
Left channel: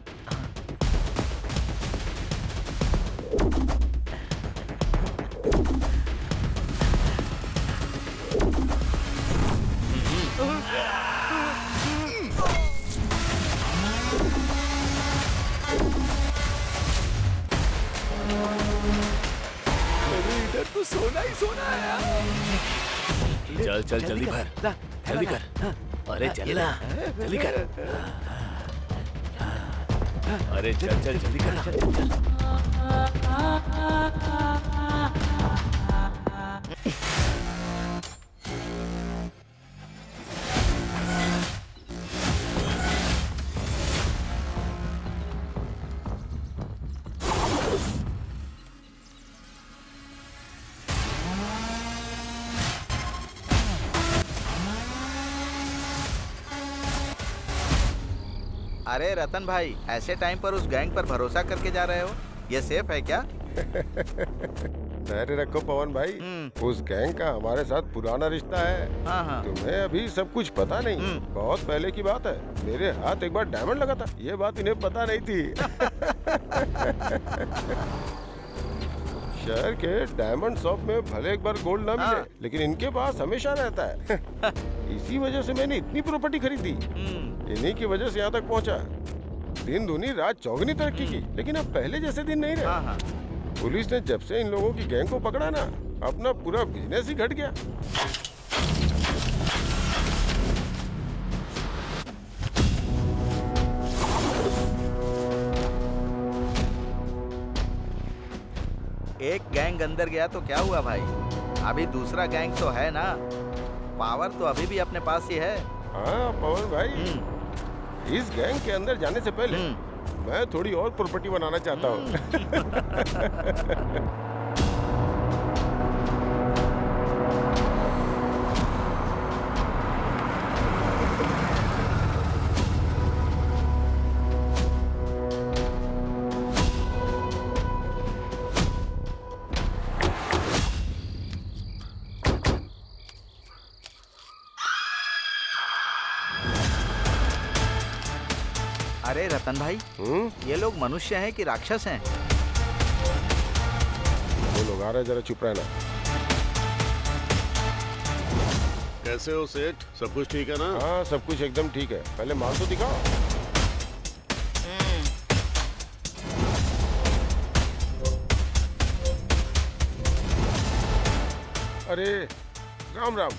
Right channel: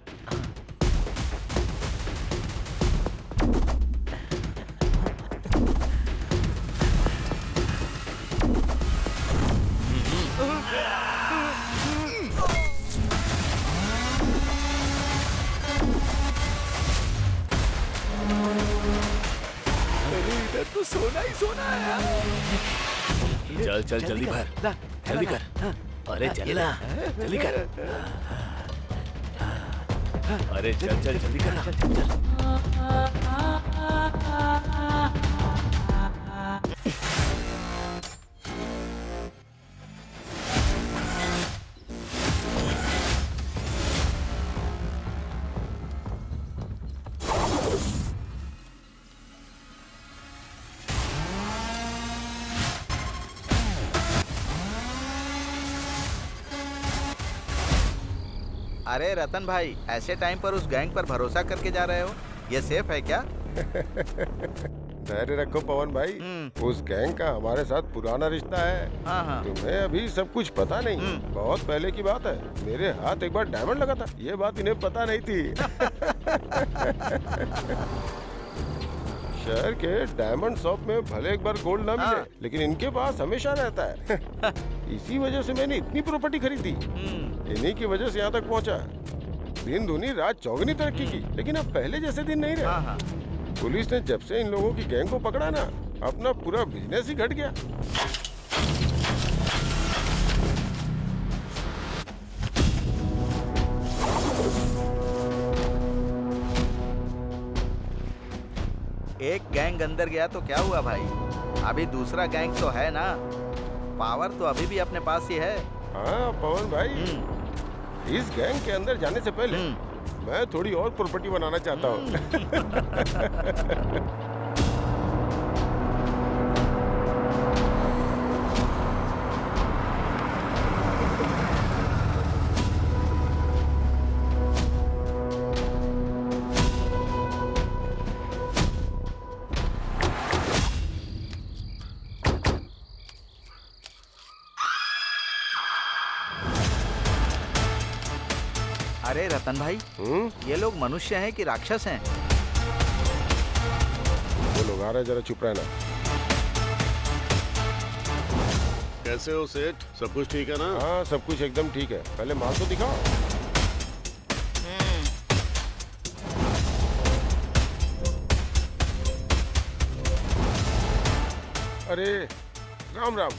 इधर तो सोना ही सोना है यार। चल चल जल्दी भर, जल्दी कर। अरे चल ना, जल्दी कर। अरे चल चल जल्दी कर, चल। अरे रतन भाई, ऐसे टाइम पर उस गैंग पर भरोसा करके जा रहे हो? ये सेफ है क्या? धैर्य रखो पवन भाई, उस गैंग का हमारे साथ पुराना रिश्ता है। हाँ हाँ। तुम्हें अभी सब कुछ पता नहीं, बहुत पहले की बात है। मेरे हाथ एक बार डायमंड लगा था, ये बात इन्हें पता नहीं थी। शहर के डायमंड शॉप में भले एक बार गोल्ड ना मिले, लेकिन इनके पास हमेशा रहता है। इसी वजह से मैंने इतनी प्रॉपर्टी खरीदी, इन्हीं की वजह से यहाँ तक पहुँचा। दिन दूनी रात चौगनी तरक्की की, लेकिन अब पहले जैसे दिन नहीं रहे। पुलिस ने जब से इन लोगों की गैंग को पकड़ा ना, अपना पूरा बिजनेस ही घट गया। एक गैंग अंदर गया तो क्या हुआ भाई, अभी दूसरा गैंग तो है ना। पावर तो अभी भी अपने पास ही है। हाँ पवन भाई, इस गैंग के अंदर जाने से पहले मैं थोड़ी और प्रॉपर्टी बनाना चाहता हूँ। अरे रतन भाई, ये लोग मनुष्य हैं कि राक्षस हैं? वो लोग आ रहे, जरा चुप रहना। कैसे हो सेठ, सब कुछ ठीक है ना? हाँ सब कुछ एकदम ठीक है, पहले माल तो दिखाओ। अरे राम राम,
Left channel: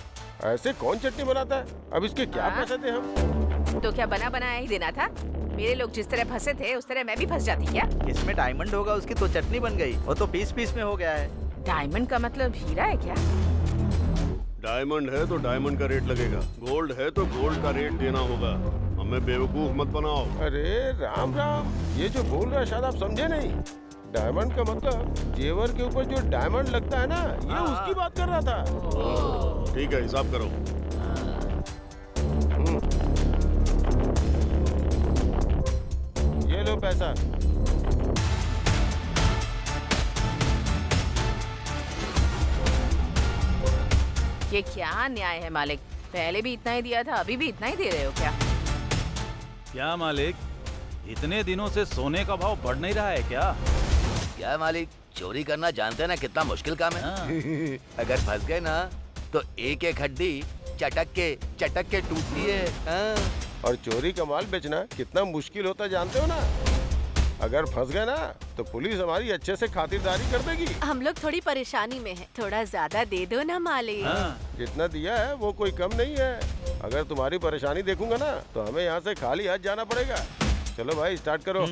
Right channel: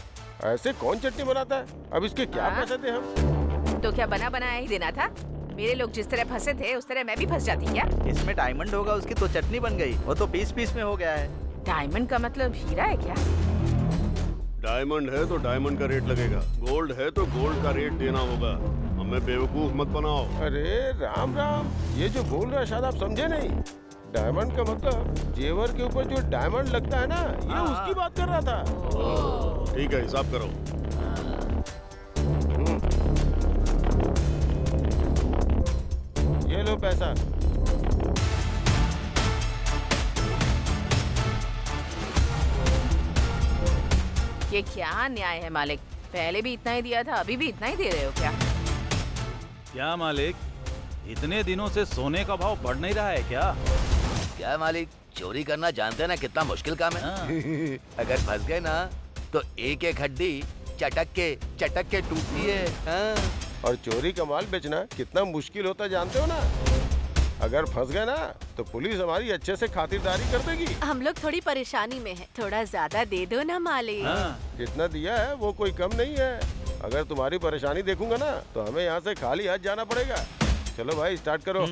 ऐसे कौन चटनी बनाता है? अब इसके क्या पैसे थे हम? तो क्या बना बनाया ही देना था? मेरे लोग जिस तरह फंसे थे उस तरह मैं भी फंस जाती क्या? इसमें डायमंड होगा, उसकी तो चटनी बन गई। वो तो पीस पीस में हो गया है। डायमंड का मतलब हीरा है क्या? डायमंड है तो डायमंड का रेट लगेगा, गोल्ड है तो गोल्ड का रेट देना होगा। हमें बेवकूफ मत बनाओ। अरे राम राम, ये जो बोल रहा है शायद आप समझे नहीं। डायमंड का मतलब जेवर के ऊपर जो डायमंड लगता है ना, ये उसकी बात कर रहा था। ठीक है, हिसाब करो। ये लो पैसा। ये क्या न्याय है मालिक? पहले भी इतना ही दिया था, अभी भी इतना ही दे रहे हो क्या? क्या मालिक, इतने दिनों से सोने का भाव बढ़ नहीं रहा है क्या? क्या मालिक, चोरी करना जानते हैं ना कितना मुश्किल काम है। अगर फंस गए ना तो एक एक हड्डी चटक के टूटती है। और चोरी का माल बेचना कितना मुश्किल होता है जानते हो ना। अगर फंस गए ना तो पुलिस हमारी अच्छे से खातिरदारी कर देगी। हम लोग थोड़ी परेशानी में हैं, थोड़ा ज्यादा दे दो ना मालिक। जितना दिया है वो कोई कम नहीं है। अगर तुम्हारी परेशानी देखूंगा ना तो हमें यहाँ से खाली हाथ जाना पड़ेगा। चलो भाई स्टार्ट करो।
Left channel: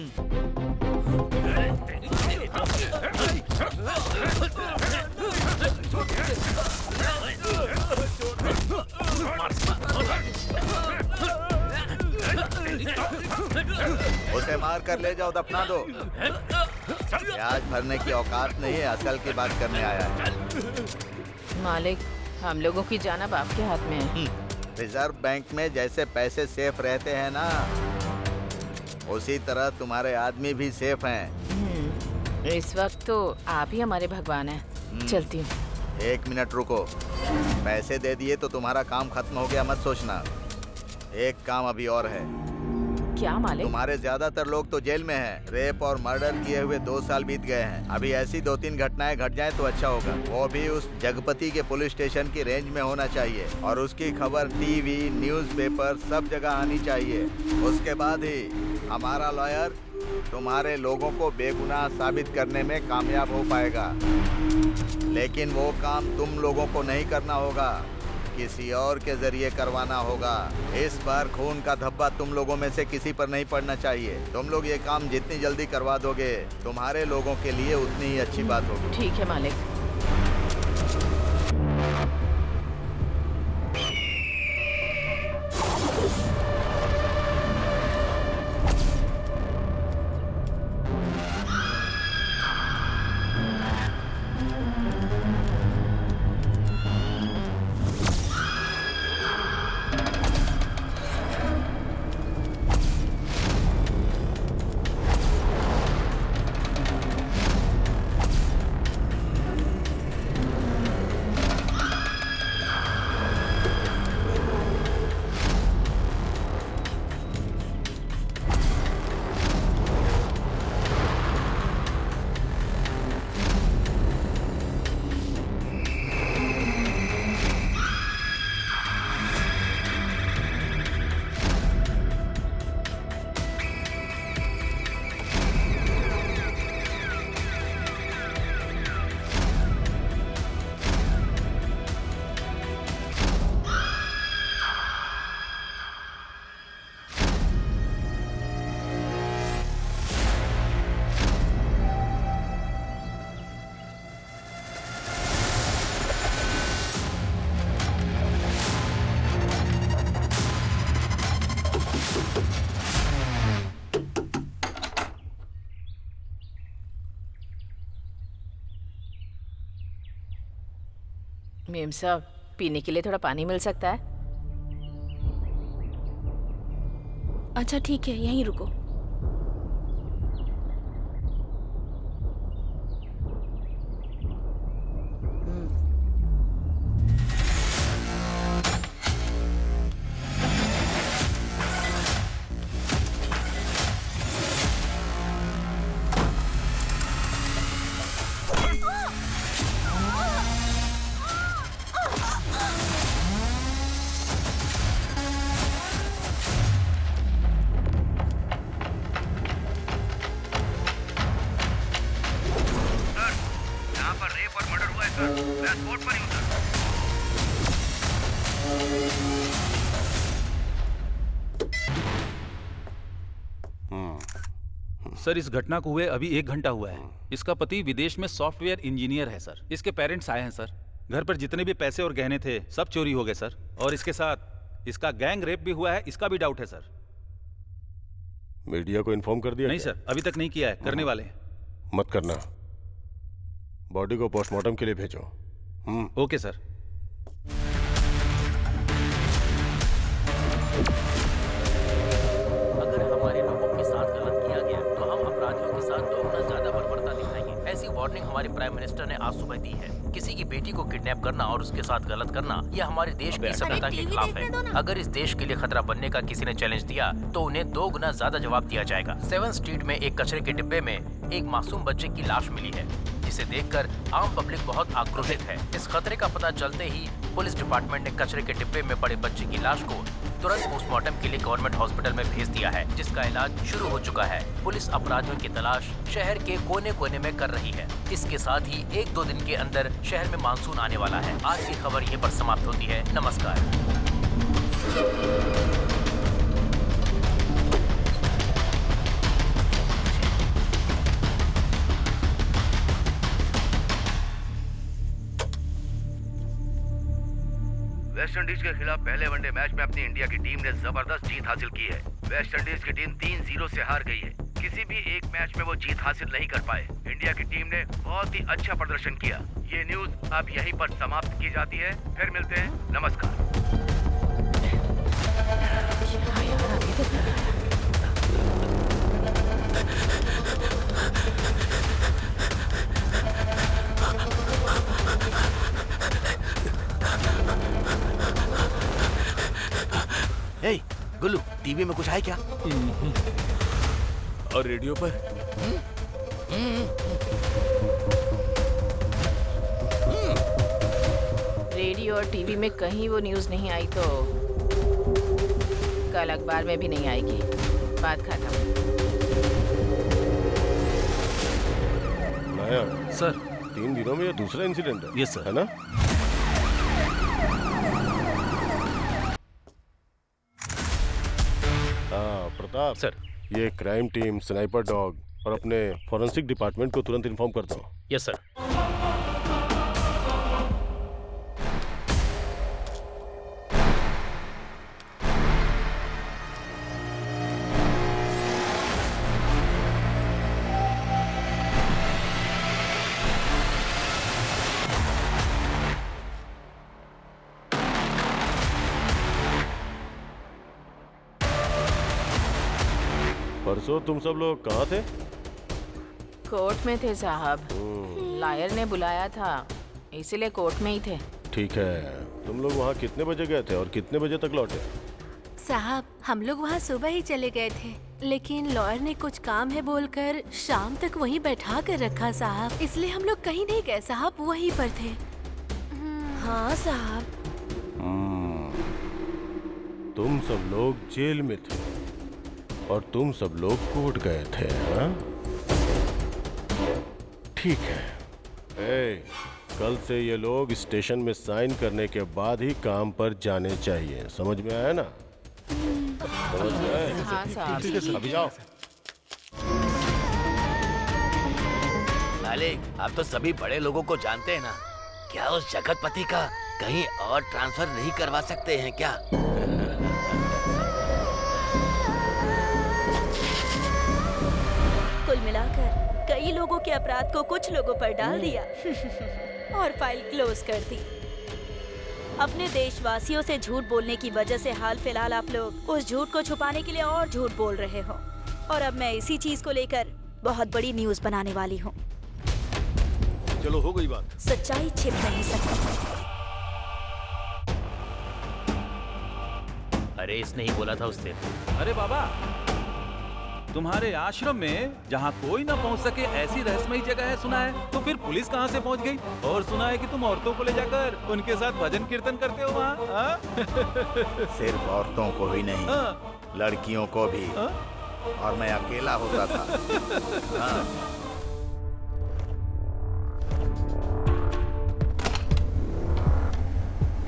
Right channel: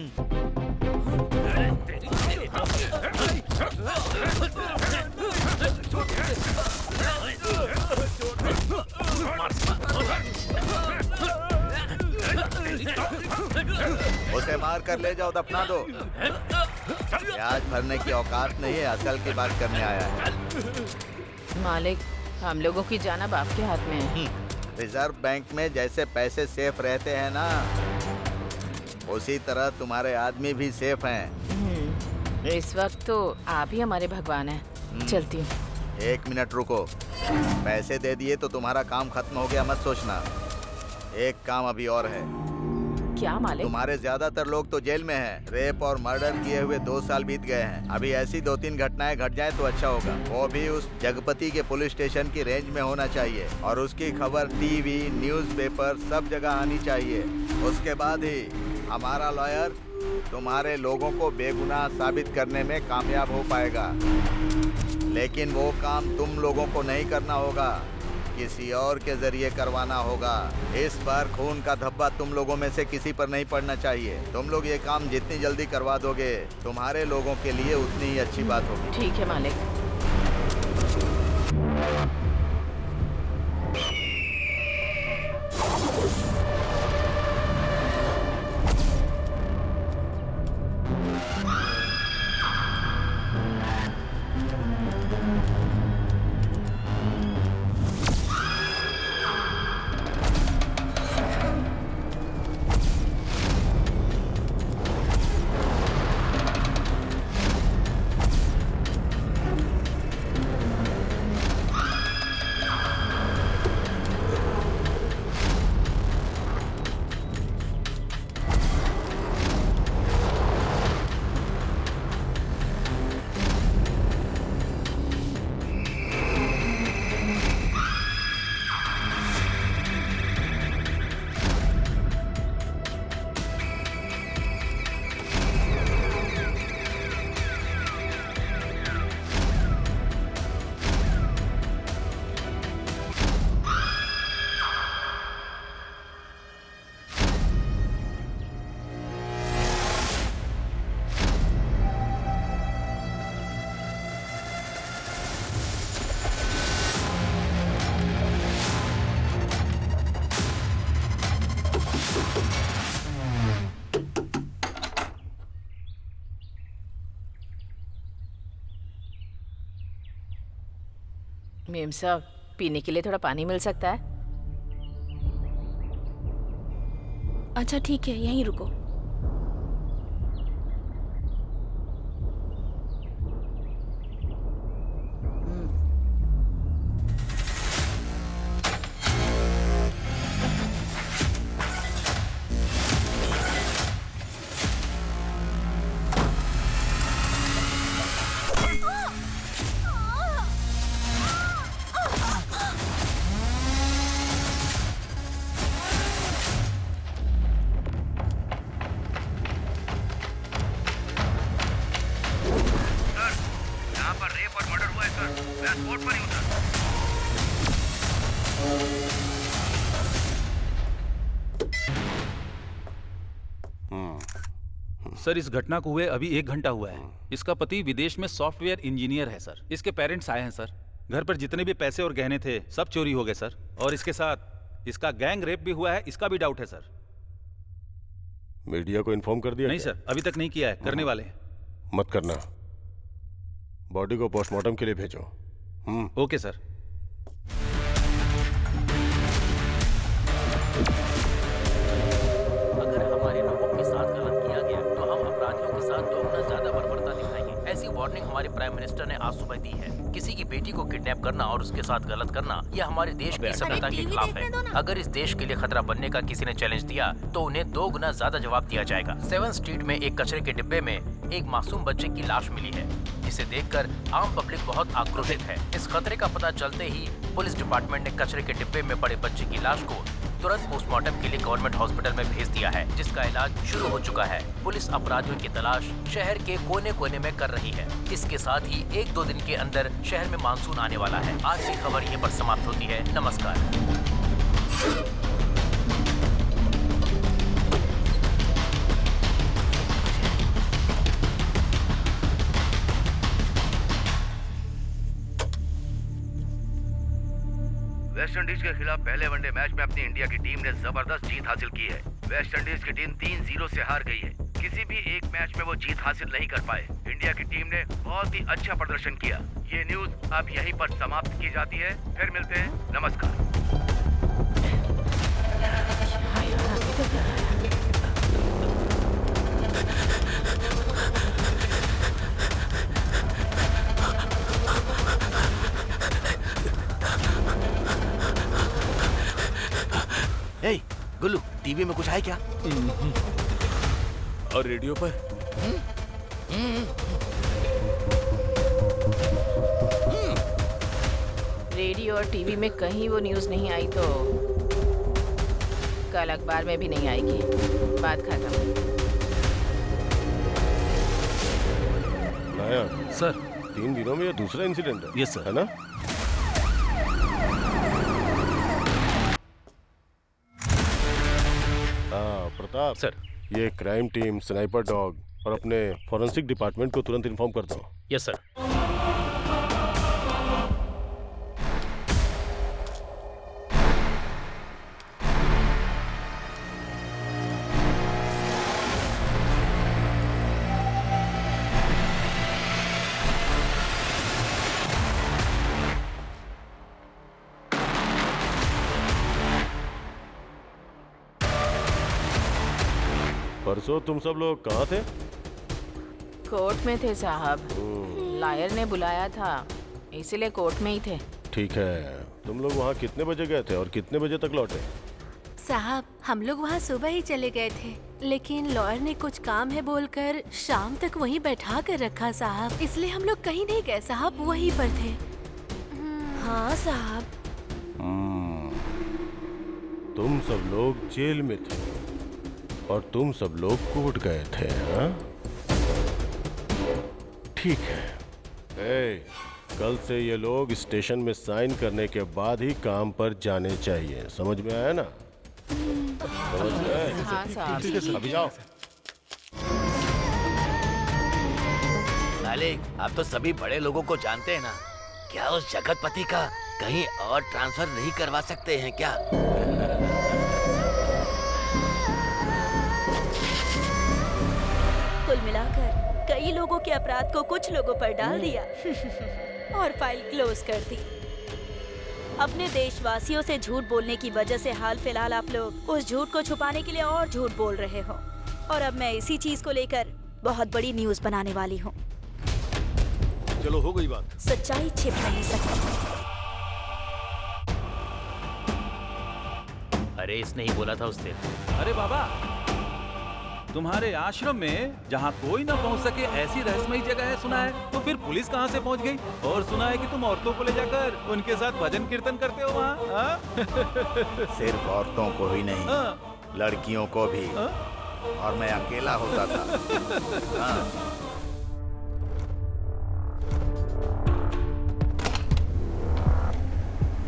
उसे मार कर ले जाओ, दफना दो। ब्याज भरने की औकात नहीं है, असल की बात करने आया है। मालिक, हम लोगों की जान अब आपके हाथ में है। रिजर्व बैंक में जैसे पैसे सेफ रहते हैं ना, उसी तरह तुम्हारे आदमी भी सेफ हैं। इस वक्त तो आप ही हमारे भगवान हैं। चलती हूँ। 1 मिनट रुको। पैसे दे दिए तो तुम्हारा काम खत्म हो गया मत सोचना। एक काम अभी और है। क्या मालिक? तुम्हारे ज्यादातर लोग तो जेल में हैं। रेप और मर्डर किए हुए 2 साल बीत गए हैं। अभी ऐसी 2-3 घटनाएं घट जाए तो अच्छा होगा। वो भी उस जगपति के पुलिस स्टेशन की रेंज में होना चाहिए और उसकी खबर टीवी, न्यूज़पेपर सब जगह आनी चाहिए। उसके बाद ही हमारा लॉयर तुम्हारे लोगों को बेगुनाह साबित करने में कामयाब हो पाएगा। लेकिन वो काम तुम लोगों को नहीं करना होगा, किसी और के जरिए करवाना होगा। इस बार खून का धब्बा तुम लोगों में से किसी पर नहीं पड़ना चाहिए। तुम लोग ये काम जितनी जल्दी करवा दोगे तुम्हारे लोगों के लिए उतनी ही अच्छी बात होगी। ठीक है मालिक। मेम साहब, पीने के लिए थोड़ा पानी मिल सकता है? अच्छा ठीक है, यहीं रुको। यहाँ पर रेप और मर्डर हुआ है सर। मैं स्पॉट पर ही हूँ सर। सर, इस घटना को हुए अभी 1 घंटा हुआ है। इसका पति विदेश में सॉफ्टवेयर इंजीनियर है सर। इसके पेरेंट्स आए हैं सर। घर पर जितने भी पैसे और गहने थे सब चोरी हो गए सर। और इसके साथ इसका गैंग रेप भी हुआ है, इसका भी डाउट है सर। मीडिया को इन्फॉर्म कर दिया? नहीं सर, अभी तक नहीं किया है, करने वाले हैं। मत करना। बॉडी को पोस्टमार्टम के लिए भेजो। Okay sir. अगर हमारे लोगों के साथ गलत किया गया तो हम अपराधियों के साथ 2 गुना ज्यादा बर्बरता दिखाएंगे। ऐसी वार्निंग हमारे प्राइम मिनिस्टर ने आज सुबह दी है। किसी की बेटी को किडनैप करना और उसके साथ गलत करना यह हमारे देश की सभ्यता के खिलाफ है। अगर इस देश के लिए खतरा बनने का किसी ने चैलेंज दिया तो उन्हें 2 गुना ज्यादा जवाब दिया जाएगा। 7 स्ट्रीट में एक कचरे के डिब्बे में एक मासूम बच्चे की लाश मिली है, जिसे देखकर आम पब्लिक बहुत आक्रोशित है। इस खतरे का पता चलते ही पुलिस डिपार्टमेंट ने कचरे के डिब्बे में पड़े बच्चे की लाश को तुरंत पोस्टमार्टम के लिए गवर्नमेंट हॉस्पिटल में भेज दिया है, जिसका इलाज शुरू हो चुका है। पुलिस अपराधियों की तलाश शहर के कोने कोने में कर रही है। इसके साथ ही 1-2 दिन के अंदर शहर में मानसून आने वाला है। आज की खबर यहीं पर समाप्त होती है। नमस्कार। वेस्ट इंडीज के खिलाफ पहले वनडे मैच में अपनी इंडिया की टीम ने जबरदस्त जीत हासिल की है। वेस्ट इंडीज की टीम 3-0 से हार गई है। किसी भी एक मैच में वो जीत हासिल नहीं कर पाए। इंडिया की टीम ने बहुत ही अच्छा प्रदर्शन किया। ये न्यूज अब यहीं पर समाप्त की जाती है। फिर मिलते हैं। नमस्कार। क्या यार, अभी तक नहीं आया। हे गुल्लू, टीवी में कुछ है क्या? और रेडियो पर? रेडियो और टीवी में कहीं वो न्यूज़ नहीं आई तो कल अखबार में भी नहीं आएगी। बात खत्म। नायक सर, 3 दिनों में यह दूसरा इंसिडेंट है। Yes sir. है ना? हाँ प्रताप सर, ये क्राइम टीम, स्नाइपर डॉग और अपने फॉरेंसिक डिपार्टमेंट को तुरंत इन्फॉर्म करता हूँ। Yes sir. परसों तुम सब लोग कहाँ थे? कोर्ट में थे साहब। लायर ने बुलाया था, इसीलिए कोर्ट में ही थे। ठीक है, तुम लोग वहाँ कितने बजे गए थे और कितने बजे तक लौटे? साहब, हम लोग वहाँ सुबह ही चले गए थे, लेकिन लॉयर ने कुछ काम है बोलकर शाम तक वहीं बैठा कर रखा साहब, इसलिए हम लोग कहीं नहीं गए साहब, वहीं पर थे। हाँ साहब। तुम सब लोग जेल में थे और तुम सब लोग कोर्ट गए थे, हाँ? ठीक है। कल से ये लोग स्टेशन में साइन करने के बाद ही काम पर जाने चाहिए। समझ में आया ना? समझ में आया? हाँ साहब। अभी जाओ। मालिक, आप तो सभी बड़े लोगों को जानते हैं ना। क्या उस जगतपति का कहीं और ट्रांसफर नहीं करवा सकते हैं क्या? कुल मिलाकर कई लोगों के अपराध को कुछ लोगों पर डाल दिया और फाइल क्लोज कर दी। अपने देशवासियों से झूठ बोलने की वजह से हाल फिलहाल आप लोग उस झूठ को छुपाने के लिए और झूठ बोल रहे हो, और अब मैं इसी चीज को लेकर बहुत बड़ी न्यूज बनाने वाली हूँ। चलो हो गई बात। सच्चाई छिप नहीं सकती। अरे इसने ही बोला था उस दिन। अरे बाबा, तुम्हारे आश्रम में जहाँ कोई ना पहुँच सके ऐसी रहस्यमयी जगह है सुना है, तो फिर पुलिस कहाँ से पहुँच गई? और सुना है कि तुम औरतों को ले जाकर उनके साथ भजन कीर्तन करते हो वहाँ। सिर्फ औरतों को ही नहीं, लड़कियों को भी। और मैं अकेला होता था। हाँ।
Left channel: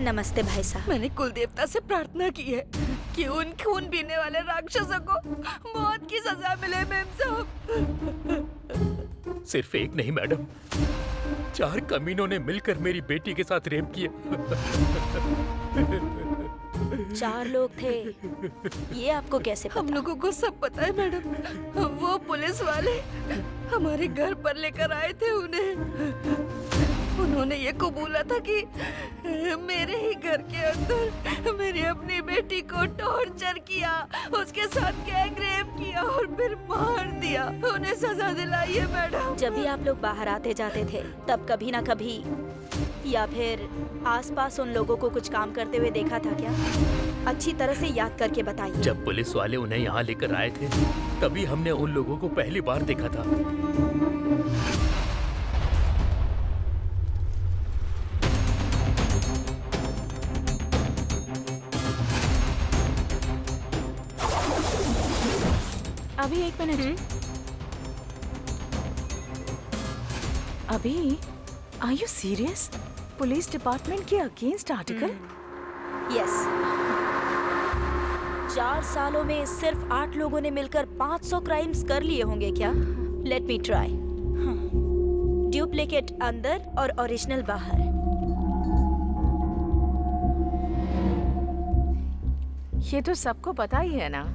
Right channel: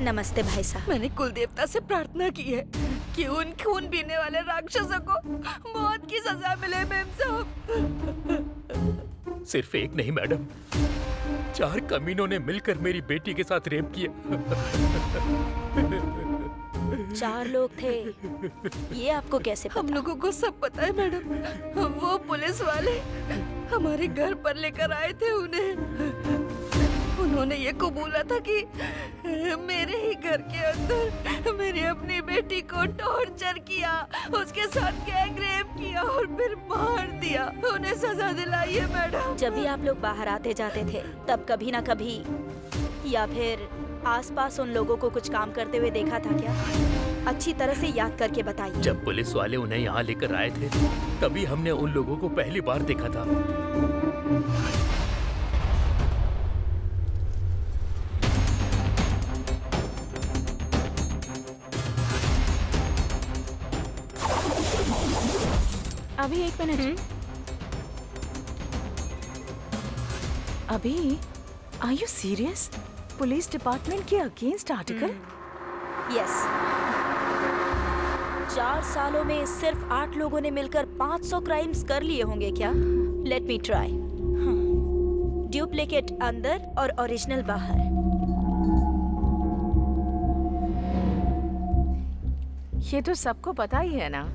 नमस्ते भाई साहब। मैंने कुल देवता से प्रार्थना की है कि उन खून पीने वाले राक्षसों को मौत की सजा मिले मेम साहब। सिर्फ एक नहीं मैडम, 4 कमीनों ने मिलकर मेरी बेटी के साथ रेप किया। 4 लोग थे, ये आपको कैसे पता? हम लोगों को सब पता है मैडम। वो पुलिस वाले हमारे घर पर लेकर आए थे उन्हें। उन्होंने ये कबूला था कि मेरे ही घर के अंदर मेरी अपनी बेटी को टॉर्चर किया, उसके साथ गैंग रेप किया और फिर मार दिया। उन्हें सजा दिलाई है मैडम। जब भी आप लोग बाहर आते जाते थे तब कभी ना कभी या फिर आसपास उन लोगों को कुछ काम करते हुए देखा था क्या? अच्छी तरह से याद करके बताइए। जब पुलिस वाले उन्हें यहाँ लेकर आए थे तभी हमने उन लोगों को पहली बार देखा था। अभी 1 मिनट। अभी are you serious? Police department के अगेंस्ट आर्टिकल? यस। 4 सालों में सिर्फ 8 लोगों ने मिलकर 500 क्राइम्स कर लिए होंगे क्या? Let me try. डुप्लीकेट अंदर और ओरिजिनल बाहर। ये तो सबको पता ही है ना।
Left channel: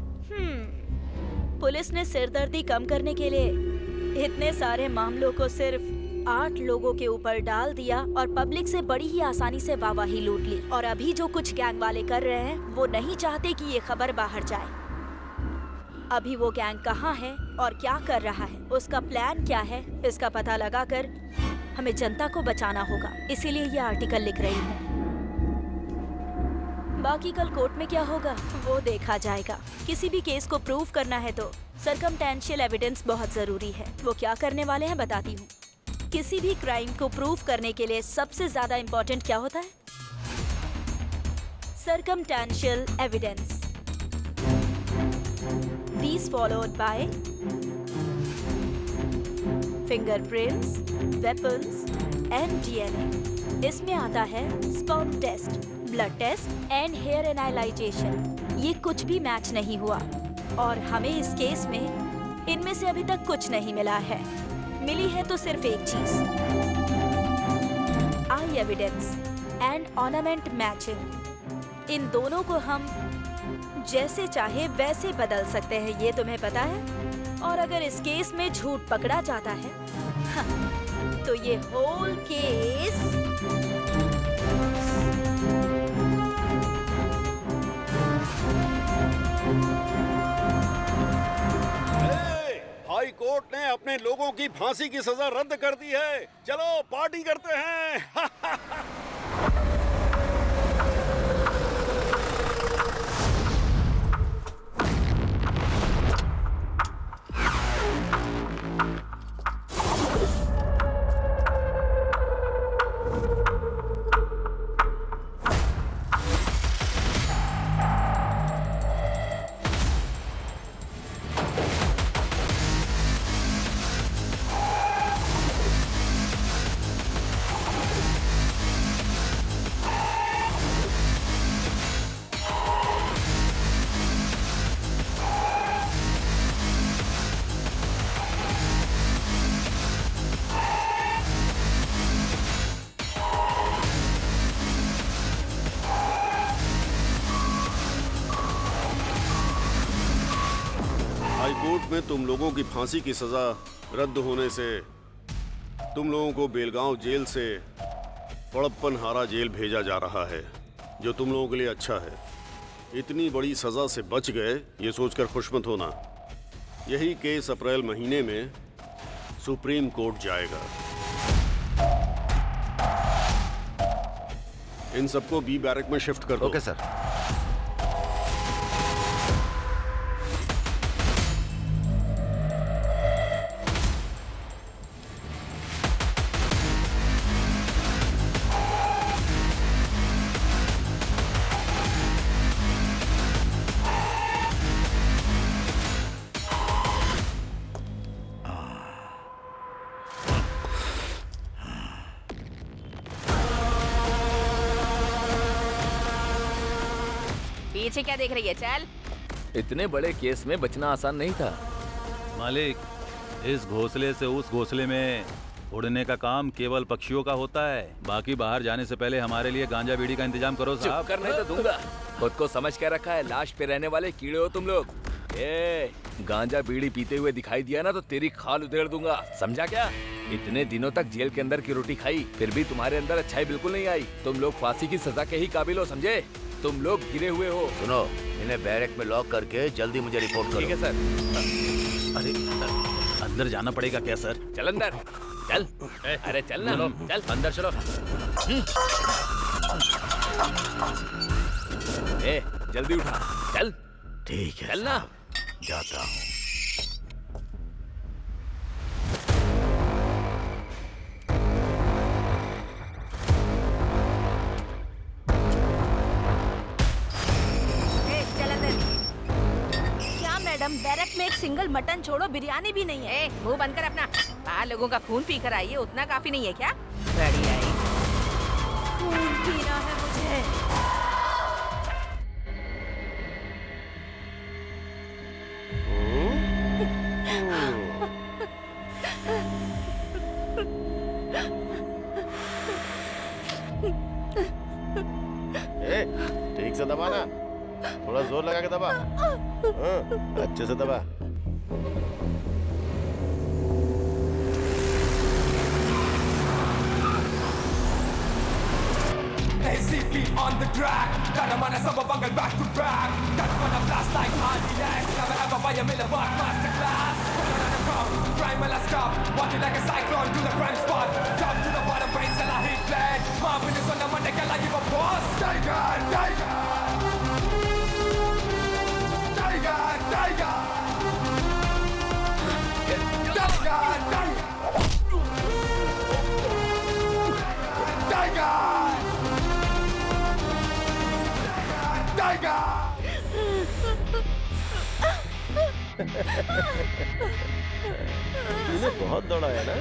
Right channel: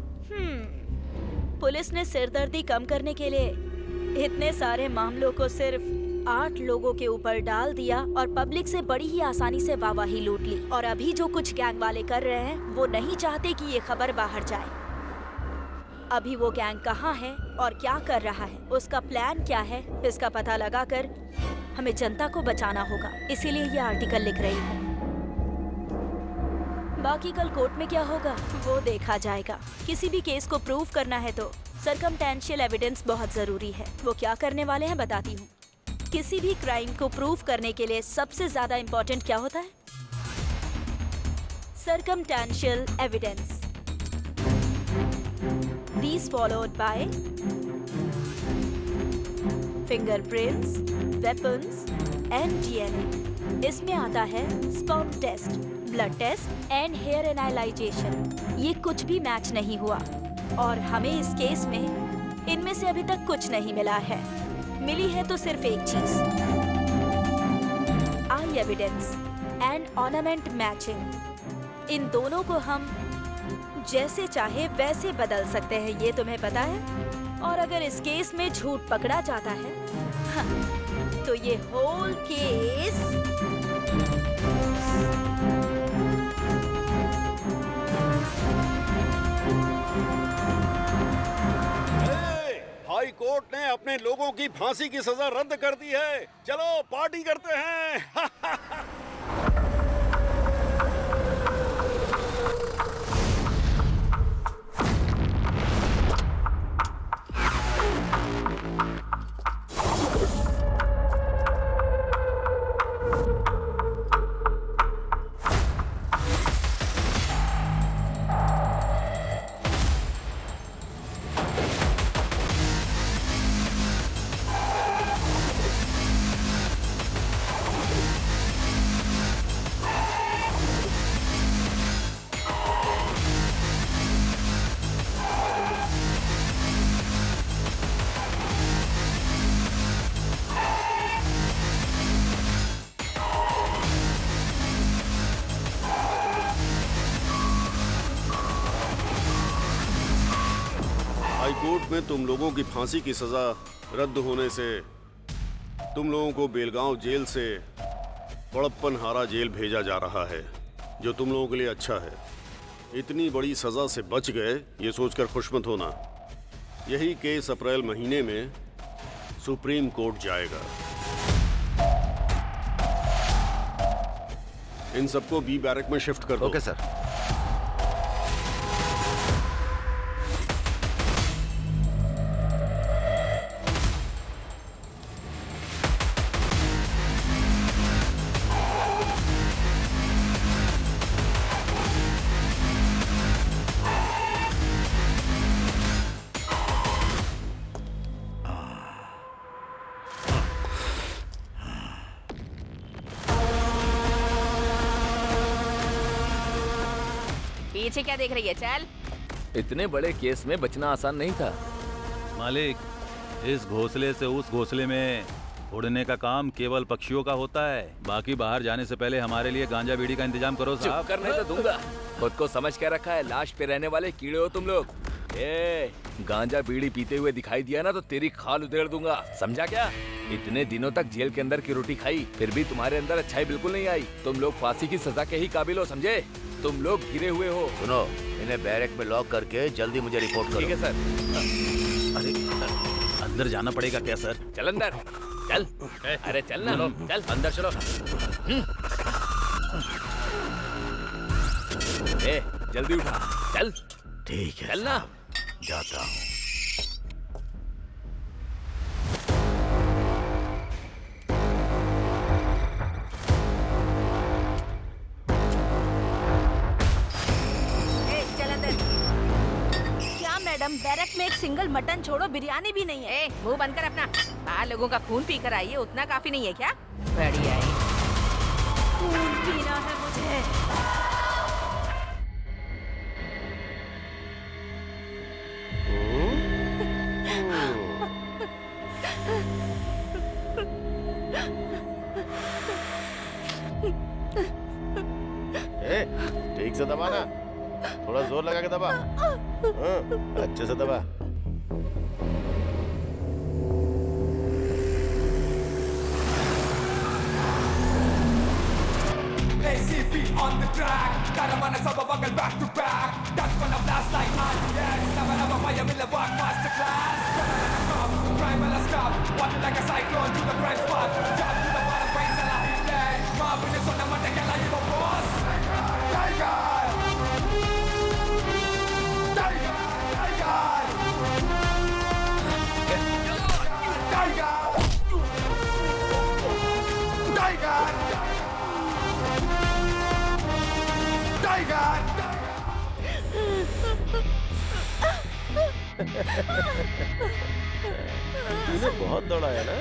पुलिस ने सिरदर्दी कम करने के लिए इतने सारे मामलों को सिर्फ 8 लोगों के ऊपर डाल दिया और पब्लिक से बड़ी ही आसानी से वाहवाही लूट ली। और अभी जो कुछ गैंग वाले कर रहे हैं वो नहीं चाहते कि ये खबर बाहर जाए। अभी वो गैंग कहाँ है और क्या कर रहा है, उसका प्लान क्या है, इसका पता लगाकर हमें जनता को बचाना होगा। इसीलिए ये आर्टिकल लिख रही हूँ। बाकी कल कोर्ट में क्या होगा वो देखा जाएगा। किसी भी केस को प्रूव करना है तो सर्कमटेंशियल एविडेंस बहुत जरूरी है। वो क्या करने वाले हैं बताती हूँ। किसी भी क्राइम को प्रूव करने के लिए सबसे ज्यादा इम्पोर्टेंट क्या होता है? Circumstantial evidence. These followed by fingerprints, weapons and DNA. इसमें आता है sperm test, blood test and hair analyzation. ये कुछ भी मैच नहीं हुआ और हमें इस केस में इनमें से अभी तक कुछ नहीं मिला है। मिली है तो सिर्फ एक चीज, आई एविडेंस एंड ऑर्नामेंट मैचिंग। इन दोनों को हम जैसे चाहे वैसे बदल सकते हैं, ये तुम्हें पता है। और अगर इस केस में झूठ पकड़ा जाता है तो ये होल केस हाई कोर्ट ने अपने लोगों की फांसी की सजा रद्द कर दी है। चलो पार्टी करते हैं। हाईकोर्ट में तुम लोगों की फांसी की सजा रद्द होने से तुम लोगों को बेलगांव जेल से पड़प्पनहारा जेल भेजा जा रहा है। जो तुम लोगों के लिए अच्छा है। इतनी बड़ी सजा से बच गए ये सोचकर खुश मत होना। यही केस अप्रैल महीने में सुप्रीम कोर्ट जाएगा। इन सबको बी बैरक में शिफ्ट कर दो। Okay sir. पीछे क्या देख रही है? चल। इतने बड़े केस में बचना आसान नहीं था। मालिक, इस घोंसले से उस घोंसले में उड़ने का काम केवल पक्षियों का होता है। बाकी बाहर जाने से पहले हमारे लिए गांजा बीड़ी का इंतजाम करो साहब। चुप करने तो दूंगा। खुद को समझ के रखा है, लाश पे रहने वाले कीड़े हो तुम लोग। गांजा बीड़ी पीते हुए दिखाई दिया ना तो तेरी खाल उधेड़ दूंगा, समझा क्या? इतने दिनों तक जेल के अंदर की रोटी खाई, फिर भी तुम्हारे अंदर अच्छाई बिल्कुल नहीं आई। तुम लोग फांसी की सजा के ही काबिल हो, समझे? तुम लोग गिरे हुए हो। सुनो, इन्हें बैरक में लॉक करके जल्दी मुझे रिपोर्ट करो। ठीक है सर। अरे अंदर जाना पड़ेगा क्या सर? चल अंदर, चल। अरे चल ना, चल अंदर चलो। जल्दी उठा, चल। ठीक है, चल ना। जाता हूँ। क्या मैडम, बैरक में एक सिंगल मटन छोड़ो बिरयानी भी नहीं है। मुंह बंद कर अपना। बाहर लोगों का खून पी कर आई है, उतना काफी नहीं है क्या? बड़ी आई। खून पीना है मुझे। ठीक से दबा ना, थोड़ा जोर लगा के दबा। अच्छे से दबा। तूने बहुत दौड़ाया ना?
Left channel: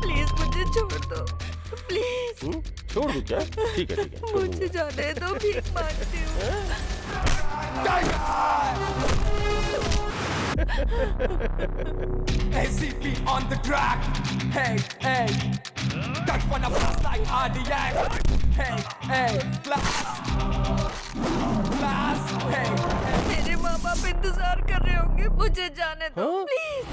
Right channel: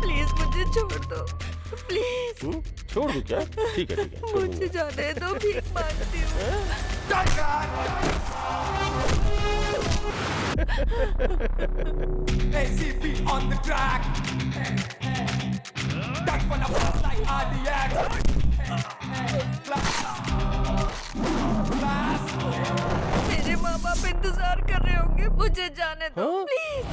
प्लीज मुझे छोड़ दो, प्लीज। छोड़ दूं क्या? ठीक है, ठीक है, छोड़ मुझे जाने दो, भीख मांगती हूँ। मेरे माँ बाप इंतजार कर रहे होंगे, मुझे जाने दो प्लीज।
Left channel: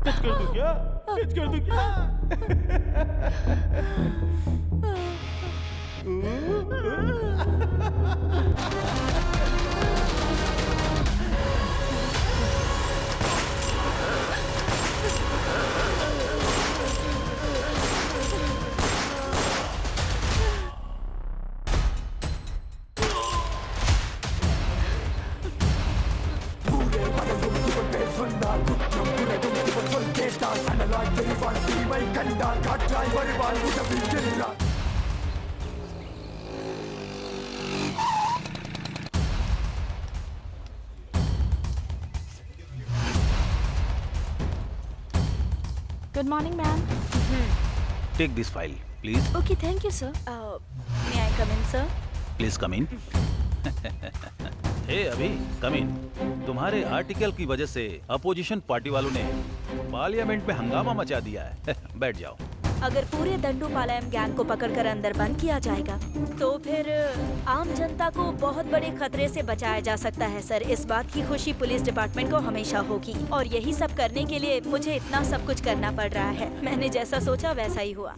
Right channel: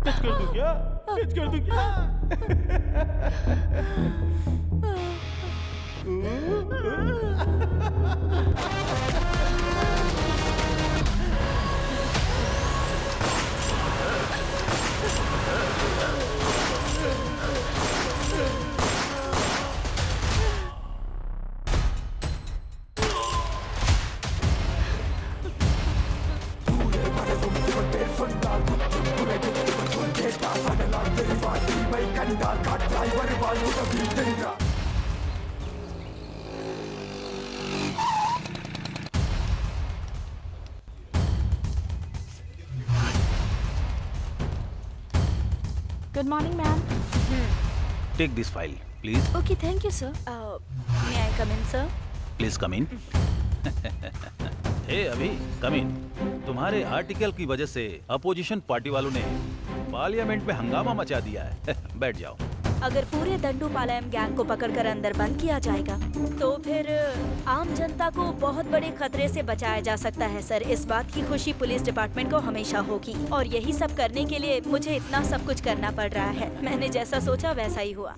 टच कर दूं क्या? टच कर दूं क्या? Good morning, ma'am. Take this file please. Okay, thank you, sir. May I come in, sir? Please come in. Hey Abhi come इन. तुम्हारे आर्टिकल की वजह से अपोजिशन पार्टी वालों ने पार्लियामेंट में हंगामा मचा दिया है. बैठ जाओ. अगर पूरे दंडूपालयम गैंग को पकड़कर अंदर बंद किया जाएगा तो फिर आम जनता को बहुत बड़े खतरे से बचाया जा सकता है सर. इस बात की खुशी पुलिस डिपार्टमेंट को हमेशा होगी और यही सब करने के लिए मुझे इतना सब कुछ करना पड़ रहा है. मैंने जैसा सोचा वैसा ही हुआ.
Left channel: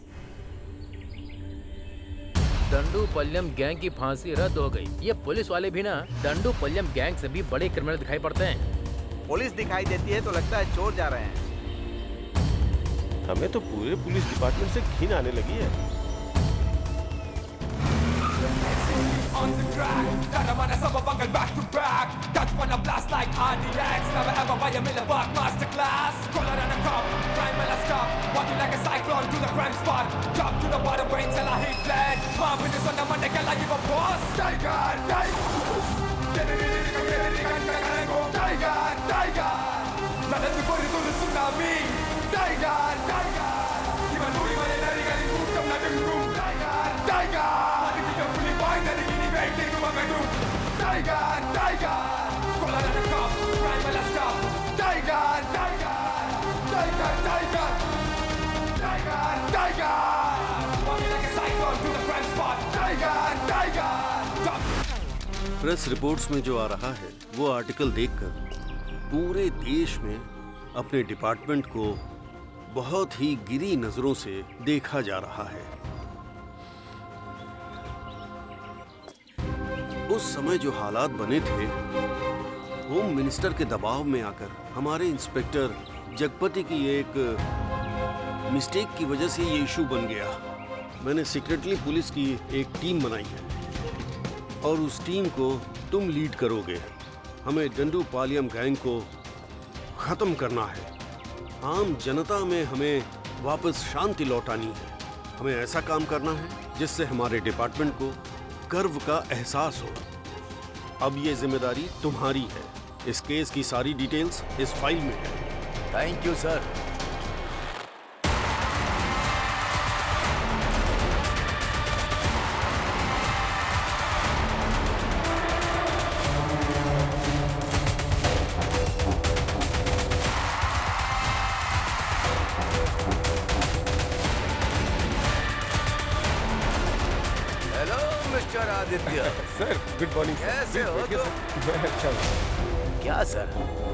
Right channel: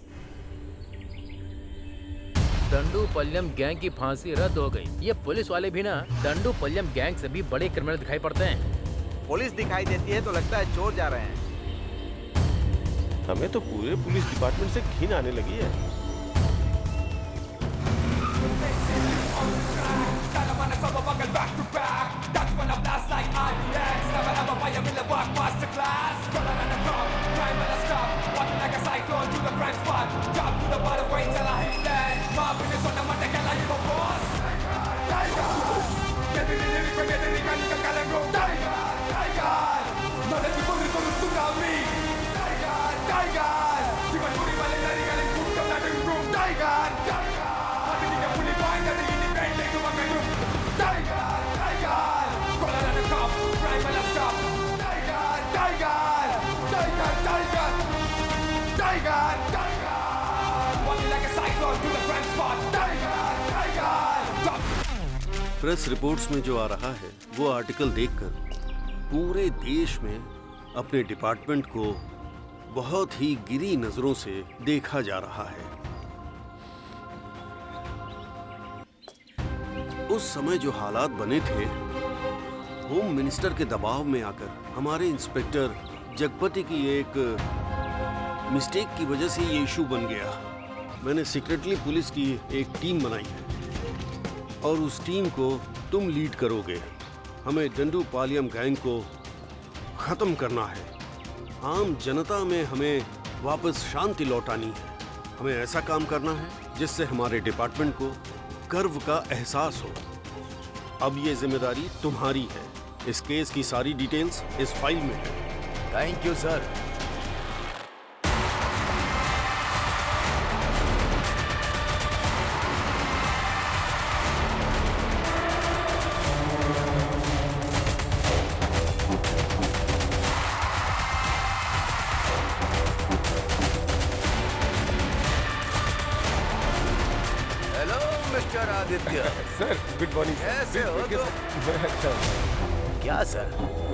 दंडूपल्यम गैंग की फांसी रद्द हो गई. ये पुलिस वाले भी ना दंडूपल्यम गैंग से भी बड़े क्रिमिनल दिखाई पड़ते हैं. पुलिस दिखाई देती है तो लगता है चोर जा रहे हैं. हमें तो पूरे पुलिस डिपार्टमेंट से घिन आने लगी है. प्रेस रिपोर्ट्स में जो आ रहा है वो आर्टिकल देखकर पूरे देश में अपने डिपार्टमेंट को बहुत ही गिरी नजरों से देखा जा रहा है. उस समय जो हालात बने थे, होम मिनिस्टर के दबाव में आकर हमारे इंस्पेक्टर जगपति की एक मिस्टेक की वजह से ये इशू बन गया. मैंने सीक्रेटली पुलिस की एक टीम बनाई है और उस टीम को तुम लीड करोगे. हमें दंडूपालयम गैंग को खत्म करना है. आम जनता में हमें वापस शांति लौटानी है. हमें ऐसा काम करना है जिससे हमारे डिपार्टमेंट को गर्व का एहसास हो. अब ये जिम्मेदारी तुम्हारी है. इस केस की सारी डिटेल्स इस फाइल में है. Thank you sir. Hello mister Aditya. Sir good morning. कैसे हो तुम? मैं अच्छा हूँ. क्या सर,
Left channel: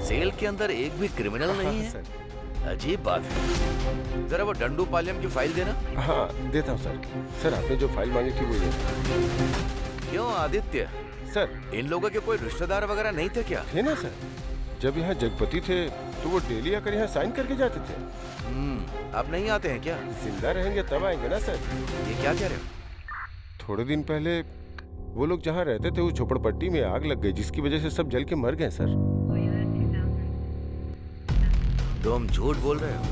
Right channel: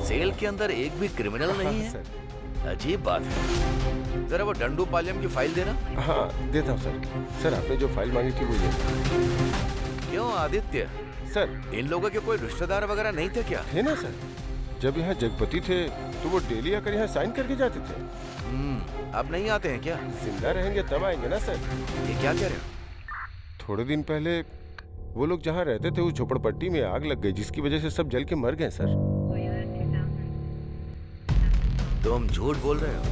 सेल के अंदर एक भी क्रिमिनल नहीं है? सर अजीब बात है. जरा वो दंडूपालयम की फाइल देना. हाँ देता हूँ सर. सर आपने जो फाइल मांगी थी वो ये है. क्यों आदित्य, सर इन लोगों के कोई रिश्तेदार वगैरह नहीं थे क्या? थे ना सर. जब यहाँ जगपति थे तो वो डेली आकर यहाँ साइन करके जाते थे. अब नहीं आते हैं क्या? जिंदा रहेंगे तब आएंगे ना सर. ये क्या कह रहे हो? थोड़े दिन पहले वो लोग जहाँ रहते थे उस झोपड़पट्टी में आग लग गई जिसकी वजह से सब जल के मर गए सर. तुम झूठ बोल रहे हो?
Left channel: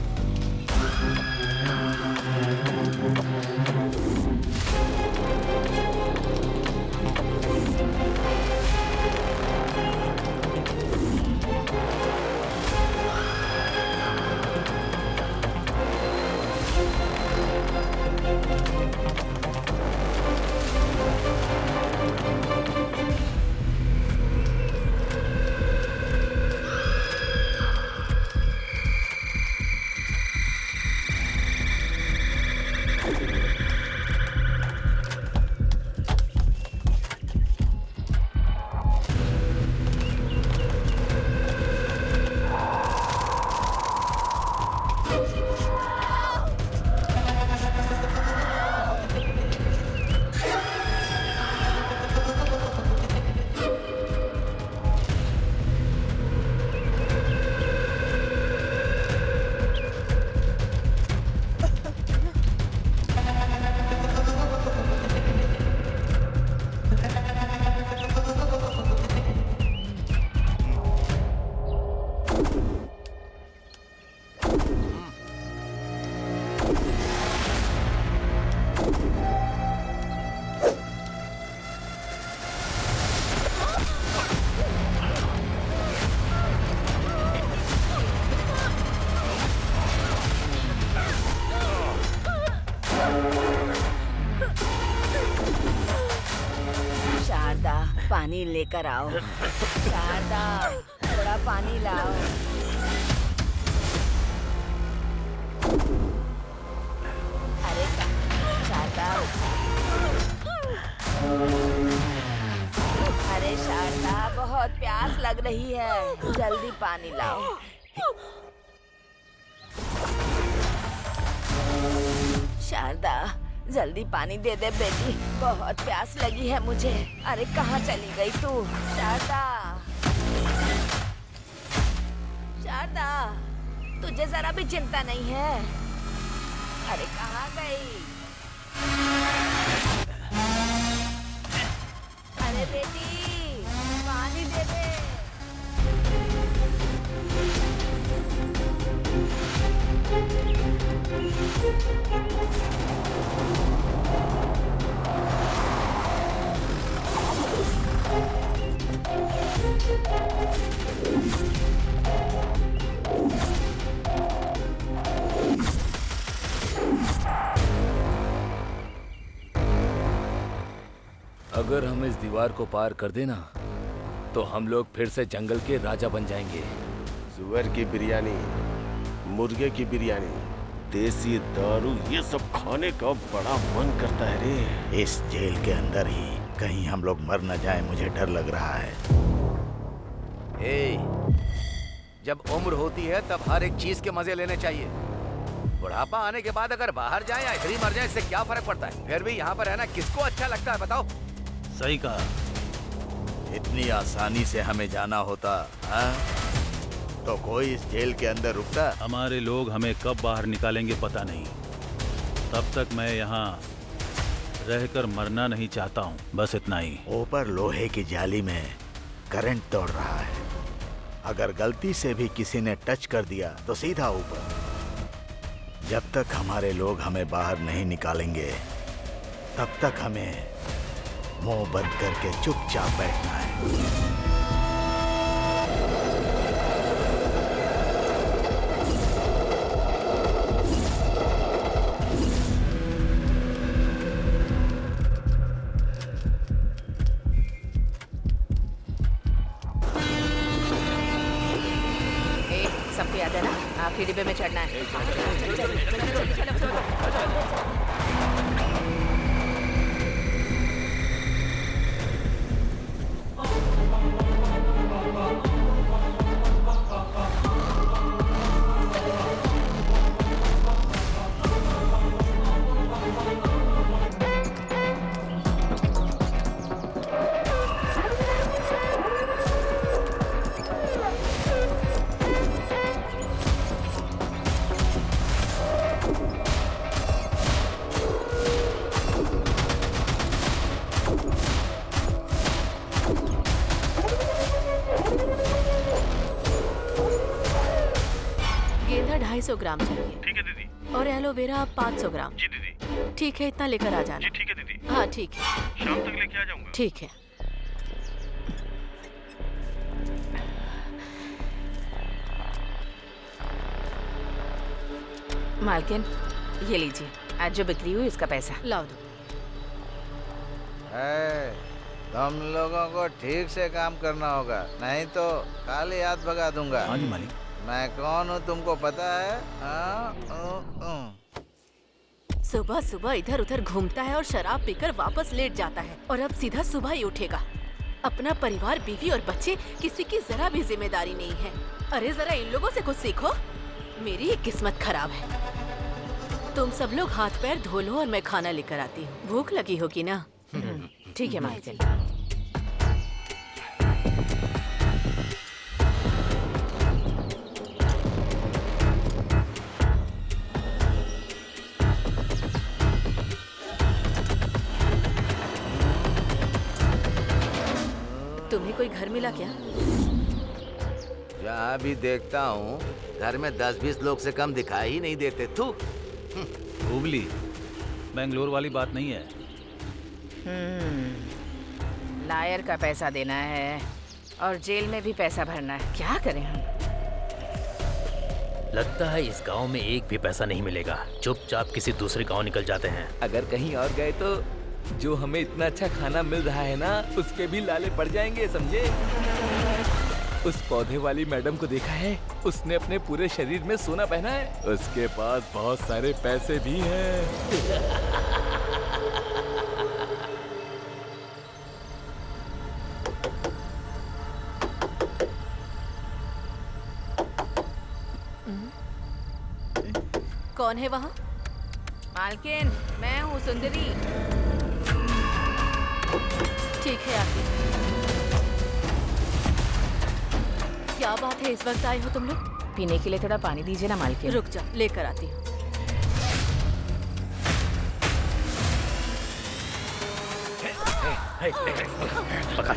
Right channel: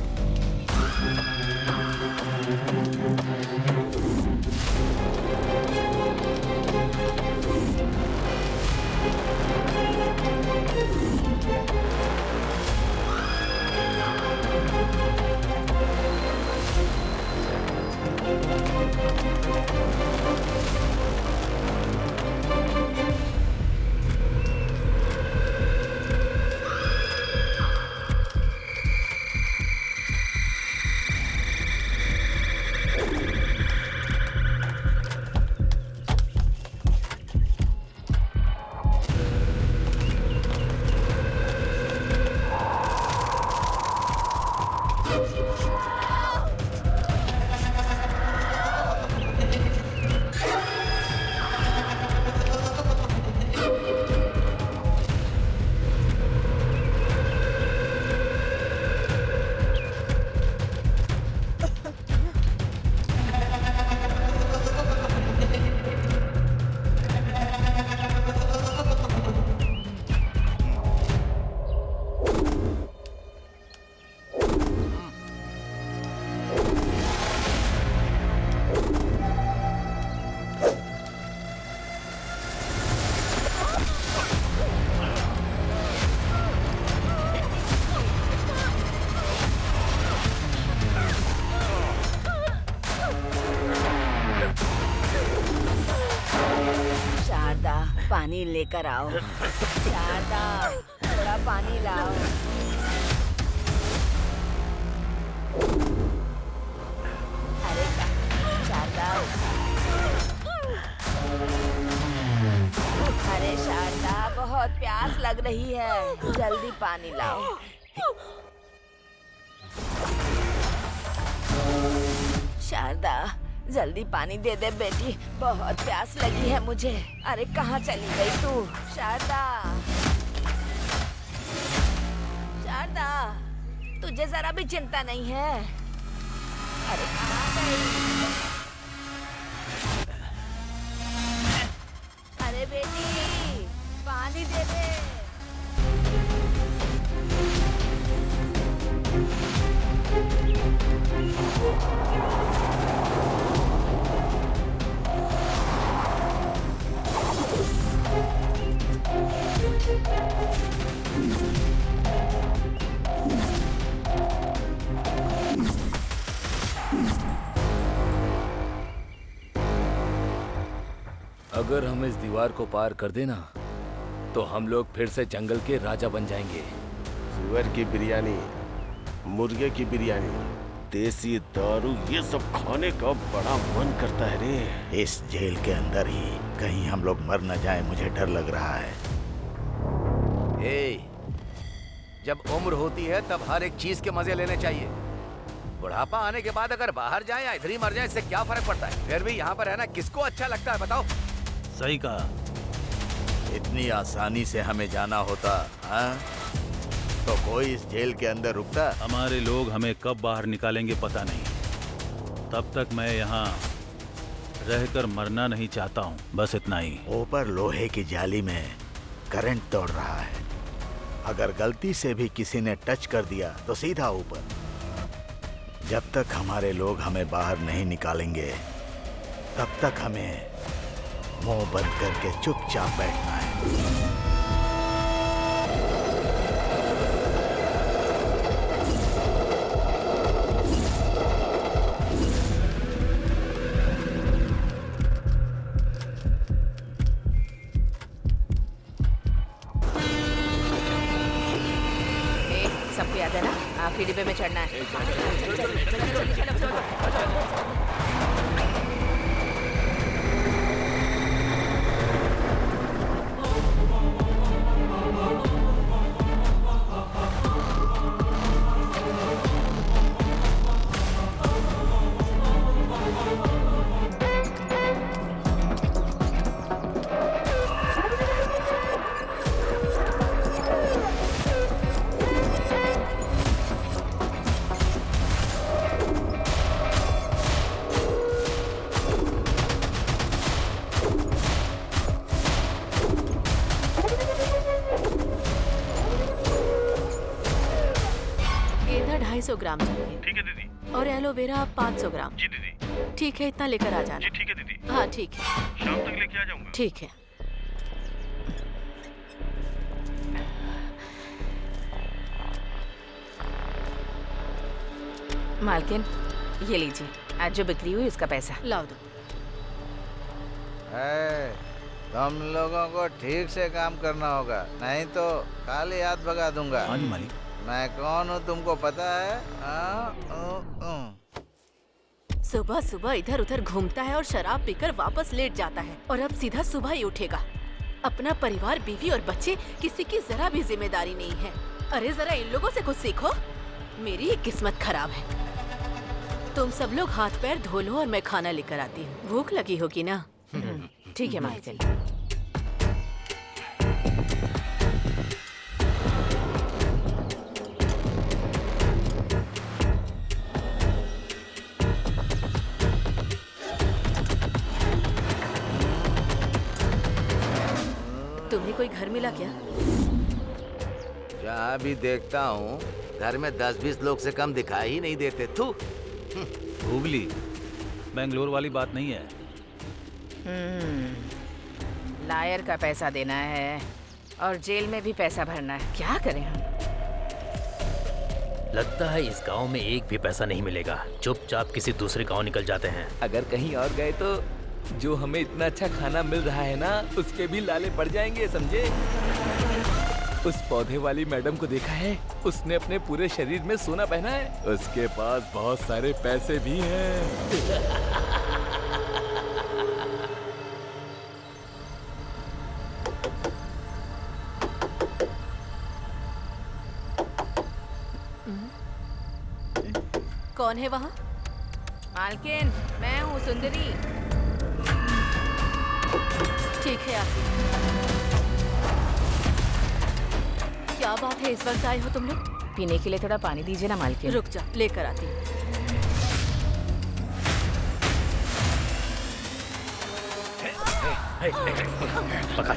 पानी लेकर आओ। शारदा, थोड़ा पानी लाओ। अरे शारदा, अरे शारदा, बहुत प्यास लग रही है, जल्दी पानी लाओ। शारदा, जल्दी पानी दे दे बेटी, बहुत प्यास लगी है मुझे। अरे कहाँ चली गई तू? शारदा, शारदा, तुझे जरा भी चिंता नहीं है? अरे कहाँ गई? अरे बेटी, पानी दे दे। अगर हम इस दीवार को पार कर देना तो हम लोग फिर से जंगल के राजा बन जाएंगे। सुअर की बिरयानी, मुर्गे की बिरयानी, देसी दारू, ये सब खाने का बड़ा मन करता है रे। इस जेल के अंदर ही कहीं हम लोग मर न जाए, मुझे डर लग रहा है। जब उम्र होती है तब हर एक चीज के मजे लेने चाहिए। बुढ़ापा आने के बाद अगर बाहर जाए या इधर ही मर जाए, इससे क्या फर्क पड़ता है? फिर भी यहाँ पर रहना किसको अच्छा लगता है बताओ? सही कहा। इतनी आसानी से हमें जाना होता, हाँ? तो कोई इस जेल के अंदर रुकता? हमारे लोग हमें कब बाहर निकालेंगे पता नहीं। तब तक मैं यहाँ रहकर मरना नहीं चाहता हूँ, बस इतना ही। ऊपर लोहे की जाली में करंट दौड़ रहा है, अगर गलती से भी किसी ने टच कर दिया तो सीधा ऊपर। जब तक हमारे लोग हमें बाहर नहीं निकालेंगे तब तक हमें मुंह बंद करके चुपचाप बैठना है। सबको याद है ना, आखिरी डिब्बे में चढ़ना है। चलो। गेंदा 250 ग्राम चाहिए। ठीक है दीदी। और एलोवेरा 500 ग्राम। जी दीदी। ठीक है, इतना लेकर आ जाना। जी ठीक है दीदी। हाँ ठीक है, शाम तक लेके आ जाऊंगा। ठीक है। मालकिन, ये लीजिए, आज जो बिक्री हुई उसका पैसा। लाओ दो। तुम लोगों को ठीक से काम करना होगा, नहीं तो खाली हाथ भगा दूंगा। हाँ जी मालिक। मैं कौन हूँ तुमको पता है? सुबह सुबह इधर उधर घूमता है और शराब पीकर वापस लेट जाता है, और अब सीधा सुबह ही उठेगा। अपना परिवार, बीवी और बच्चे, किसी की जरा भी जिम्मेदारी नहीं है। अरे जरा इन लोगों से कुछ सीखो। मेरी ही किस्मत खराब है। तुम सब लोग हाथ पैर धो लो और मैं खाना लेकर आती हूँ। भूख लगी होगी ना? ठीक है मालकिन। तुम्हें कोई घर मिला क्या? जहाँ भी देखता हूँ घर में 10-20 लोग से कम दिखाई ही नहीं देते। तू हुबली, बेंगलोर वाली बात नहीं है। लायर का पैसा देना है और जेल में भी पैसा भरना है। क्या करें हम? लगता है इस गांव में एक भी पैसा नहीं मिलेगा। चुपचाप किसी दूसरे गांव निकल जाते हैं। अगर कहीं और गए तो जो हमें इतना अच्छा खाना मिल रहा है ना, उसके भी लाले पड़ जाएंगे, समझे? उस पौधे वाली मैडम को देखा है? उसने अपने पूरे शरीर में सोना पहना है। उसके पास बहुत सारे पैसे भी हैं। कौन है वहाँ? मालकिन, मैं हूँ सुंदरी। ठीक है आती। क्या बात है, इस वक्त आए हो तुम लोग? पीने के लिए थोड़ा पानी दीजिए ना मालकिन। रुक जा, लेकर आती हूँ। पकड़।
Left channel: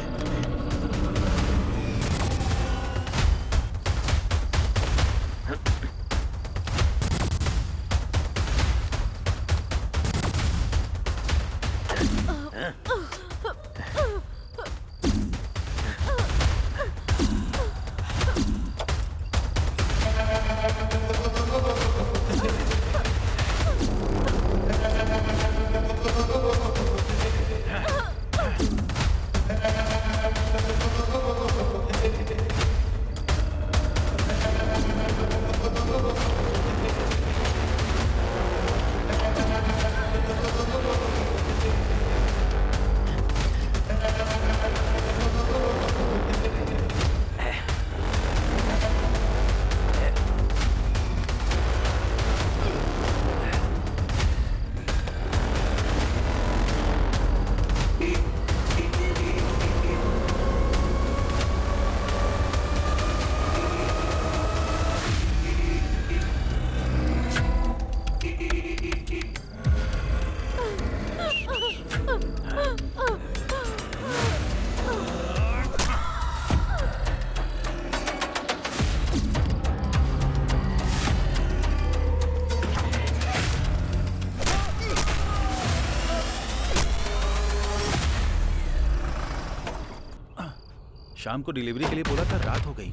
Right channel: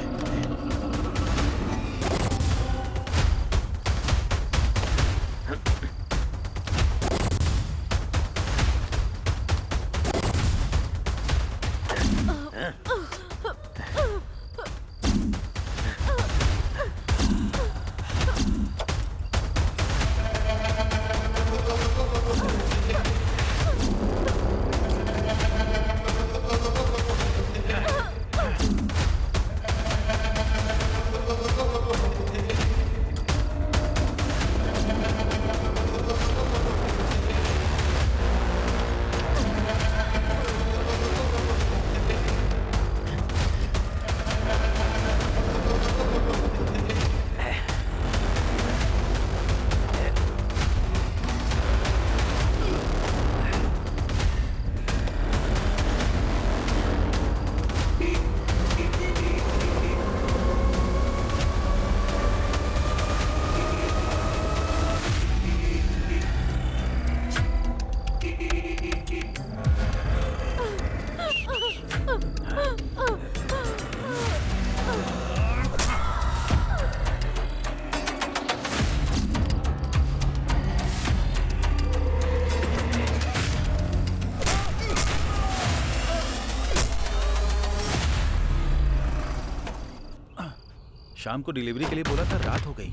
शाम को डिलीवरी के लिए बोला था, रात हो गई।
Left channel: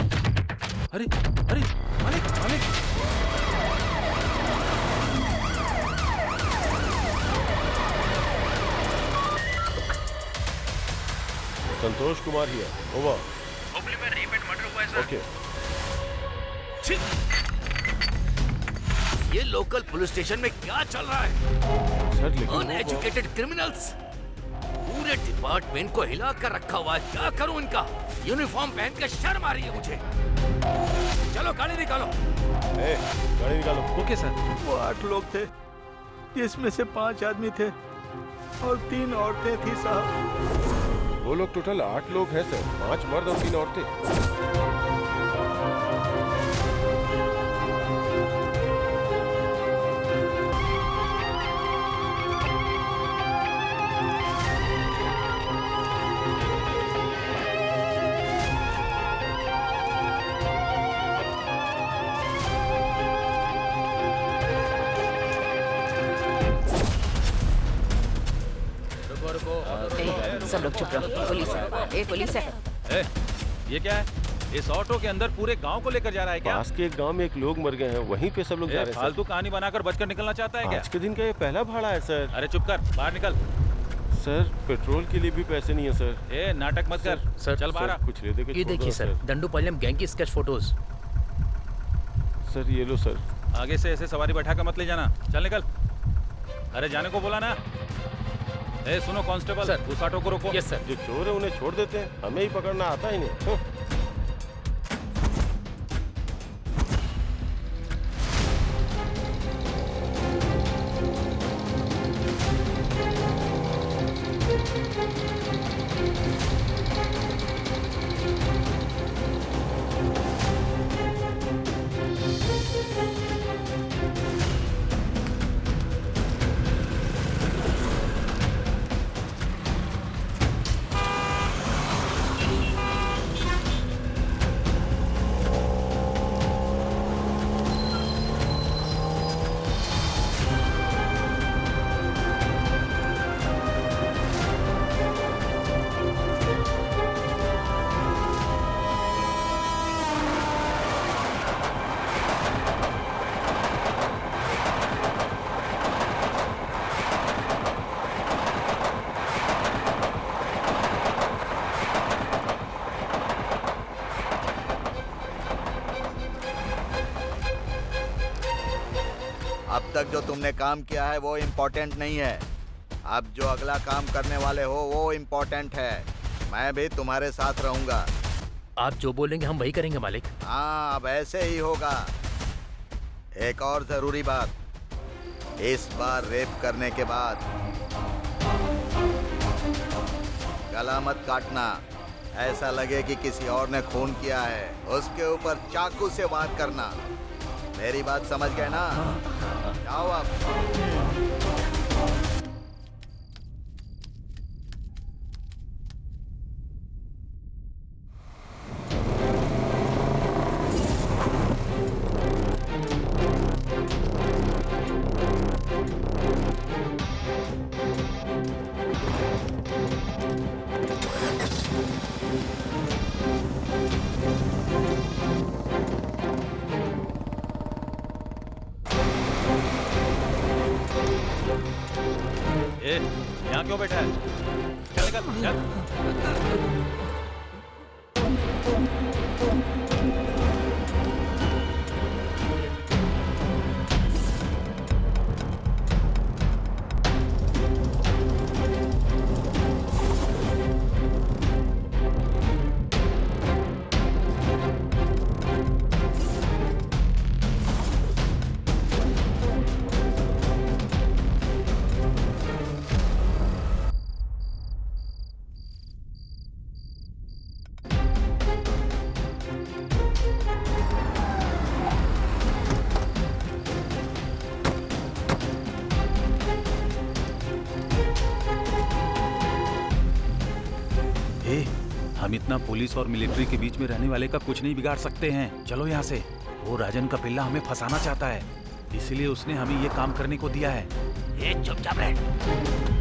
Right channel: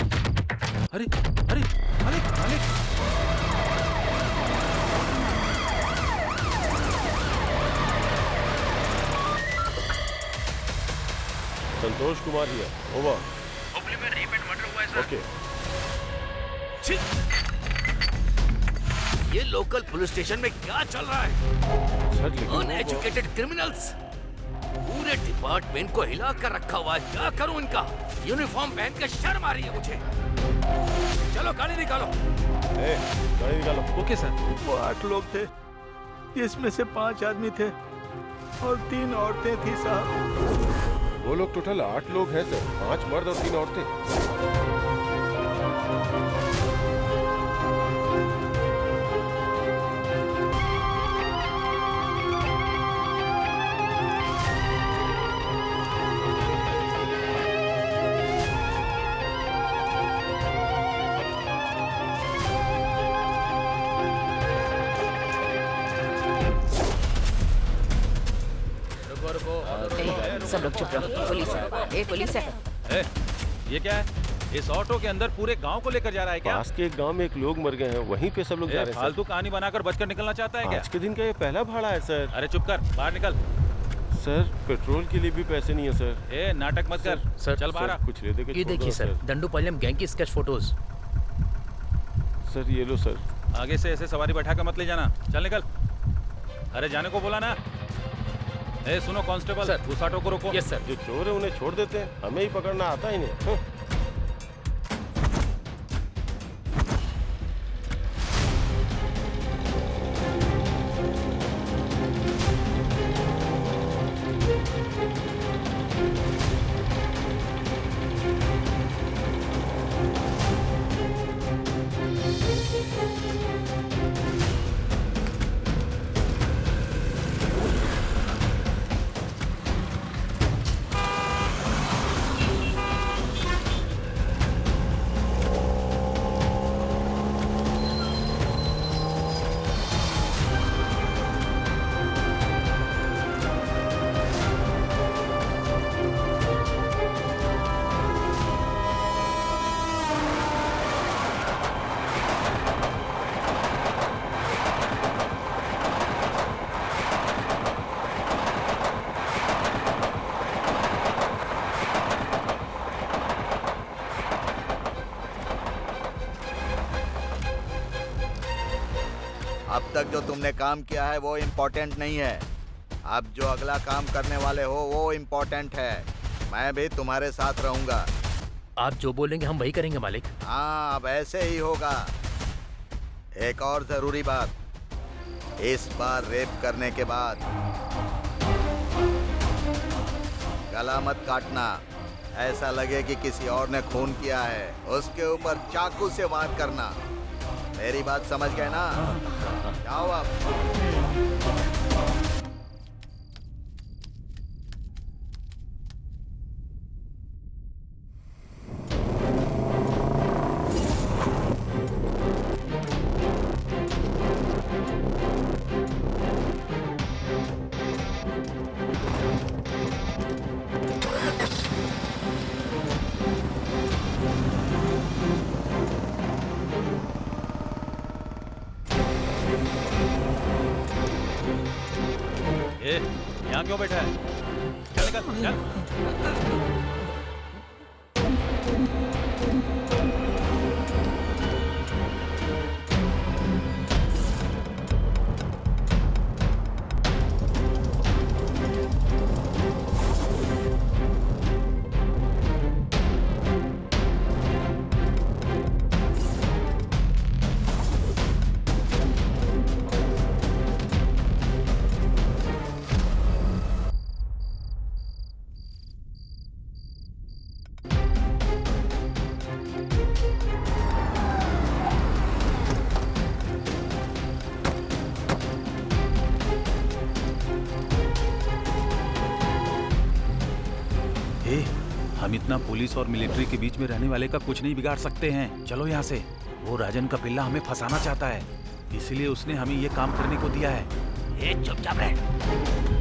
अरे अरे मालिक मालिक, संतोष कुमार हियर, ओवर। हुबली में रेप एंड मर्डर हुआ है सर। ओके। ये लोकल पुलिस स्टेशन में क्या चल रहा है? सर लेकिन अनएजुकेटेड क्रिमिनल्स पूरे डिपार्टमेंट को हिला कर रखा हुआ है। क्या करूं इनका? यूनिफॉर्म पहन के शर्म आ रही है मुझे। चलो गाड़ी निकालो। गाड़ी निकालो। Okay sir. वो 8 लोग थे, जिसमें से 5 आदमी थे और 3 औरतें थी साहब। वो लोग टोटल 8 लोग हैं सर, 5 मर्द और 3 औरतें। सब लोग चुप रहो। पुलिस है, पुलिस है। ये क्या है? इस ऑटो के अंदर पूरे गांव को लेकर जा रहा है क्या? पास के एक गांव में एक लोग मर गए हैं, वहीं पे सब लोग जा रहे हैं। फालतू कहानी बनाकर बचकर निकलना चाहता है क्या? आज के दिन का ये पहला भाड़ा है सर। अरे चुप कर, बाहर निकल। सर पेट्रोल के लिए भी पैसे नहीं है सर। ए नाटक मत कर, सर, चल बाहर। कुछ ले दे के ये देखिए सर, दंडूपालयम गैंग की स्केच फोटोज। सर ये लो सर। आगे से ऐसे सवारी बैठा कर मत ले जाना, चल निकल। अरे जाने को बोला ना। ए सुनो कांस्टेबल, उस ऑटो को रोको। Yes sir. जो चोर है उन्हें छोड़ देते हैं, हमें ही पकड़ना आता ही नहीं। अब तक जो तुमने काम किया है वो इम्पोर्टेंट नहीं है। अब जो अगला काम करने वाले हो वो इम्पोर्टेंट है। मैं भी तुम्हारे साथ रहूंगा। आप जो बोलेंगे हम वही करेंगे मालिक। हाँ, अब ऐसे ही होगा। एक और जरूरी बात, इस बार रेप करने के बाद गला मत काटना। ऐसा लगे कि किसी और ने खून किया है, उसके ऊपर चाकू से वार करना। मेरी बात समझ गए ना? जाओ अब। ए, यहाँ क्यों बैठा है? चल निकल, चल। हम इतना पुलिस और मिलिट्री के बीच में रहने वाले का कुछ नहीं बिगाड़ सकते हैं। चलो यहाँ से। वो राजन का पिल्ला हमें फंसाना चाहता है, इसलिए उसने हमें ये काम करने को दिया है। ए, चुपचाप रह।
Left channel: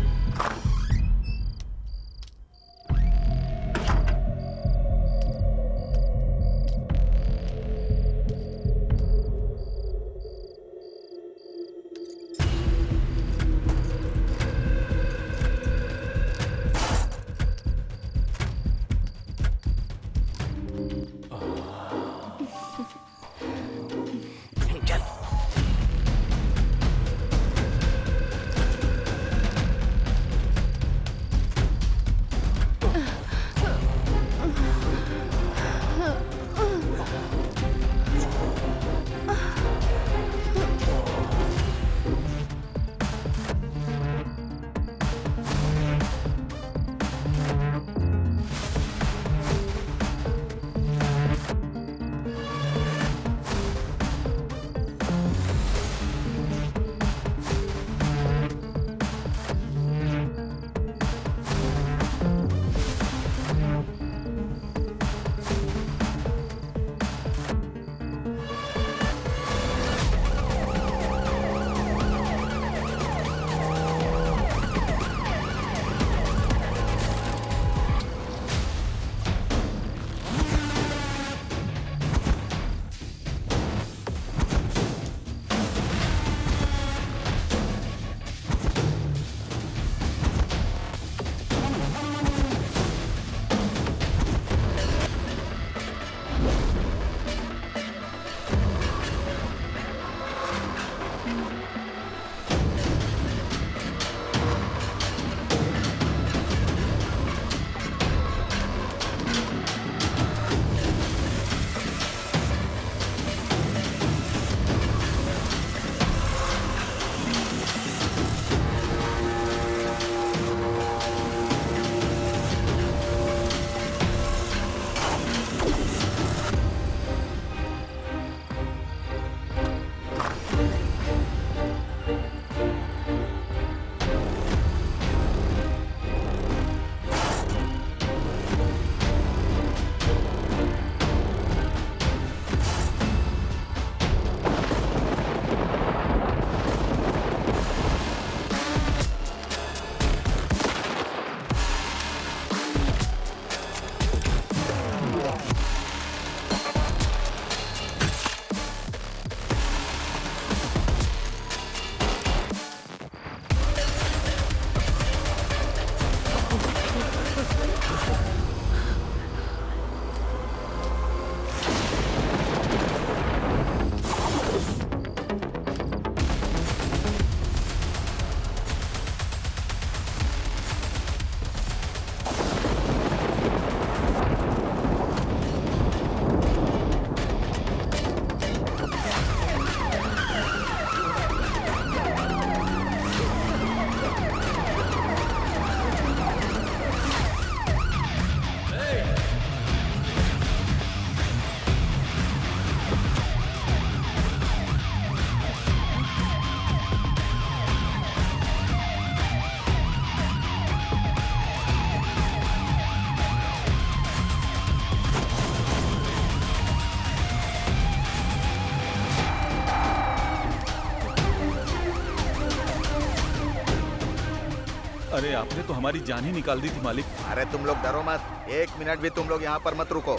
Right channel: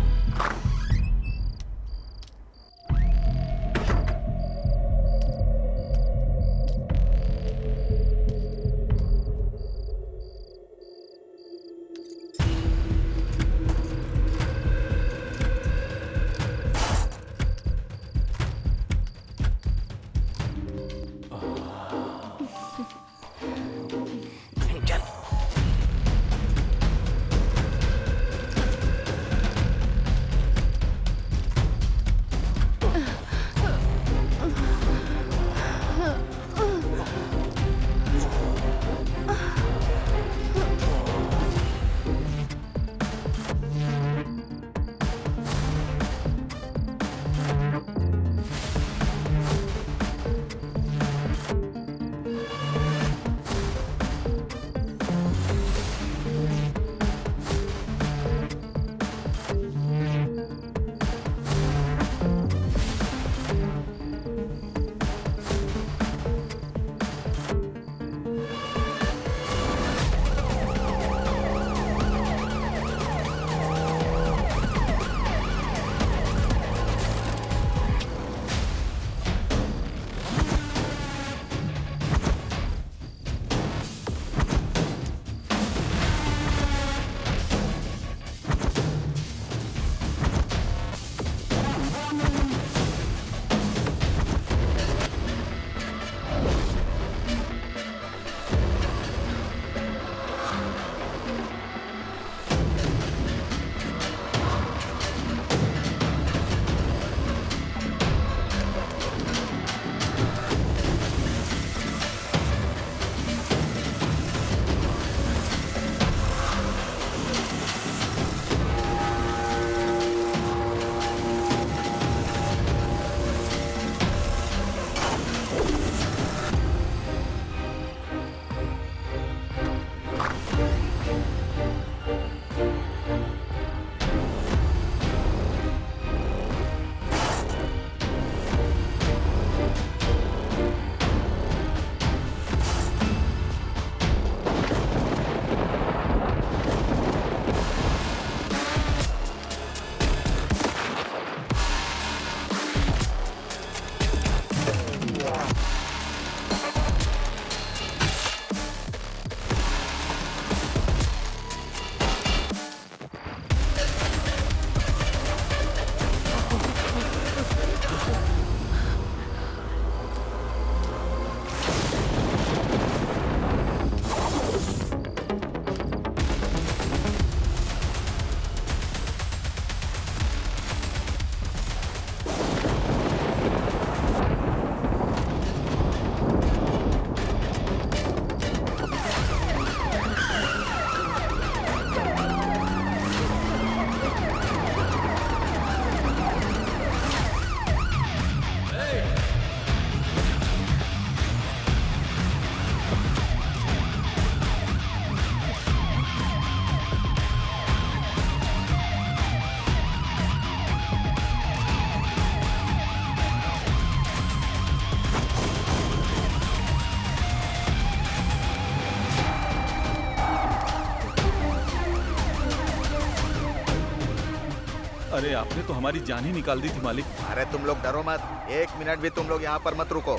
अरे आपने तो हमारी जान ही निकाल दी थी मालिक। अरे तुम लोग डरो मत, 1 मिनट भी तुम लोग यहाँ पर मत रुको।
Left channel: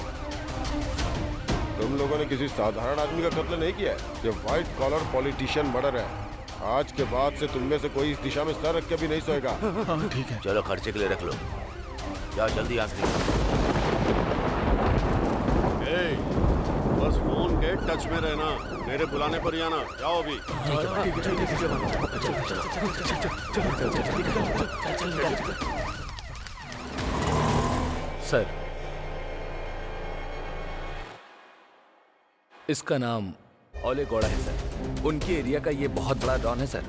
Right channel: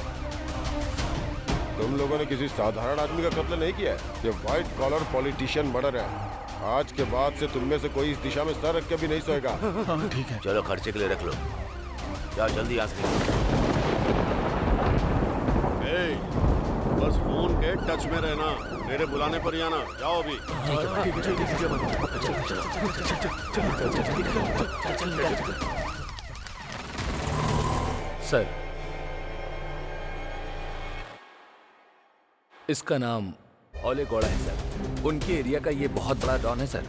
तुम लोगों ने किसी साधारण आदमी का कत्ल नहीं किया है, ये व्हाइट कॉलर पॉलिटिशियन मर्डर है। आज के बाद से तुम में से कोई इस दिशा में सर रख के भी नहीं सोएगा। हाँ ठीक है। चलो खर्चे के लिए रख लो, जाओ जल्दी यहाँ से निकलो। बस फोन के टच में रहना, मेरे बुलाने पर ही आना। जाओ अभी। सर, इसका नाम ओले गौड़ा है सर। उनके एरिया का ये बहुत बड़ा डॉन है सर।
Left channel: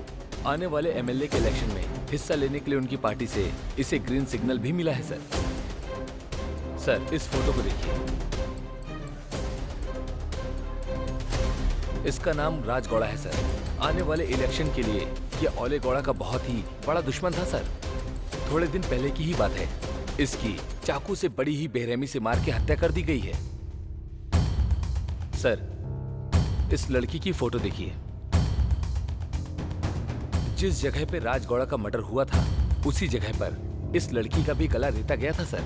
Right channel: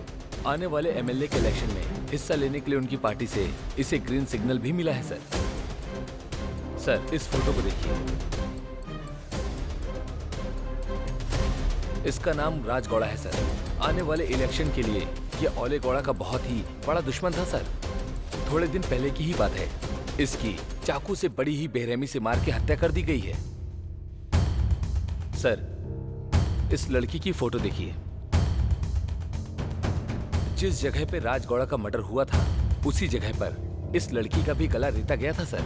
आने वाले एमएलए के इलेक्शन में हिस्सा लेने के लिए उनकी पार्टी से इसे ग्रीन सिग्नल भी मिला है सर। सर, इस फोटो को देखिए। इसका नाम राज गौड़ा है सर। आने वाले इलेक्शन के लिए ये ओले गौड़ा का बहुत ही बड़ा दुश्मन था सर। थोड़े दिन पहले की ही बात है, इसकी चाकू से बड़ी ही बेरहमी से मार के हत्या कर दी गई है। सर, इस लड़की की फोटो देखिए। जिस जगह पे राज गौड़ा का मर्डर हुआ था, उसी जगह पर इस लड़की का भी गला रेता गया था सर।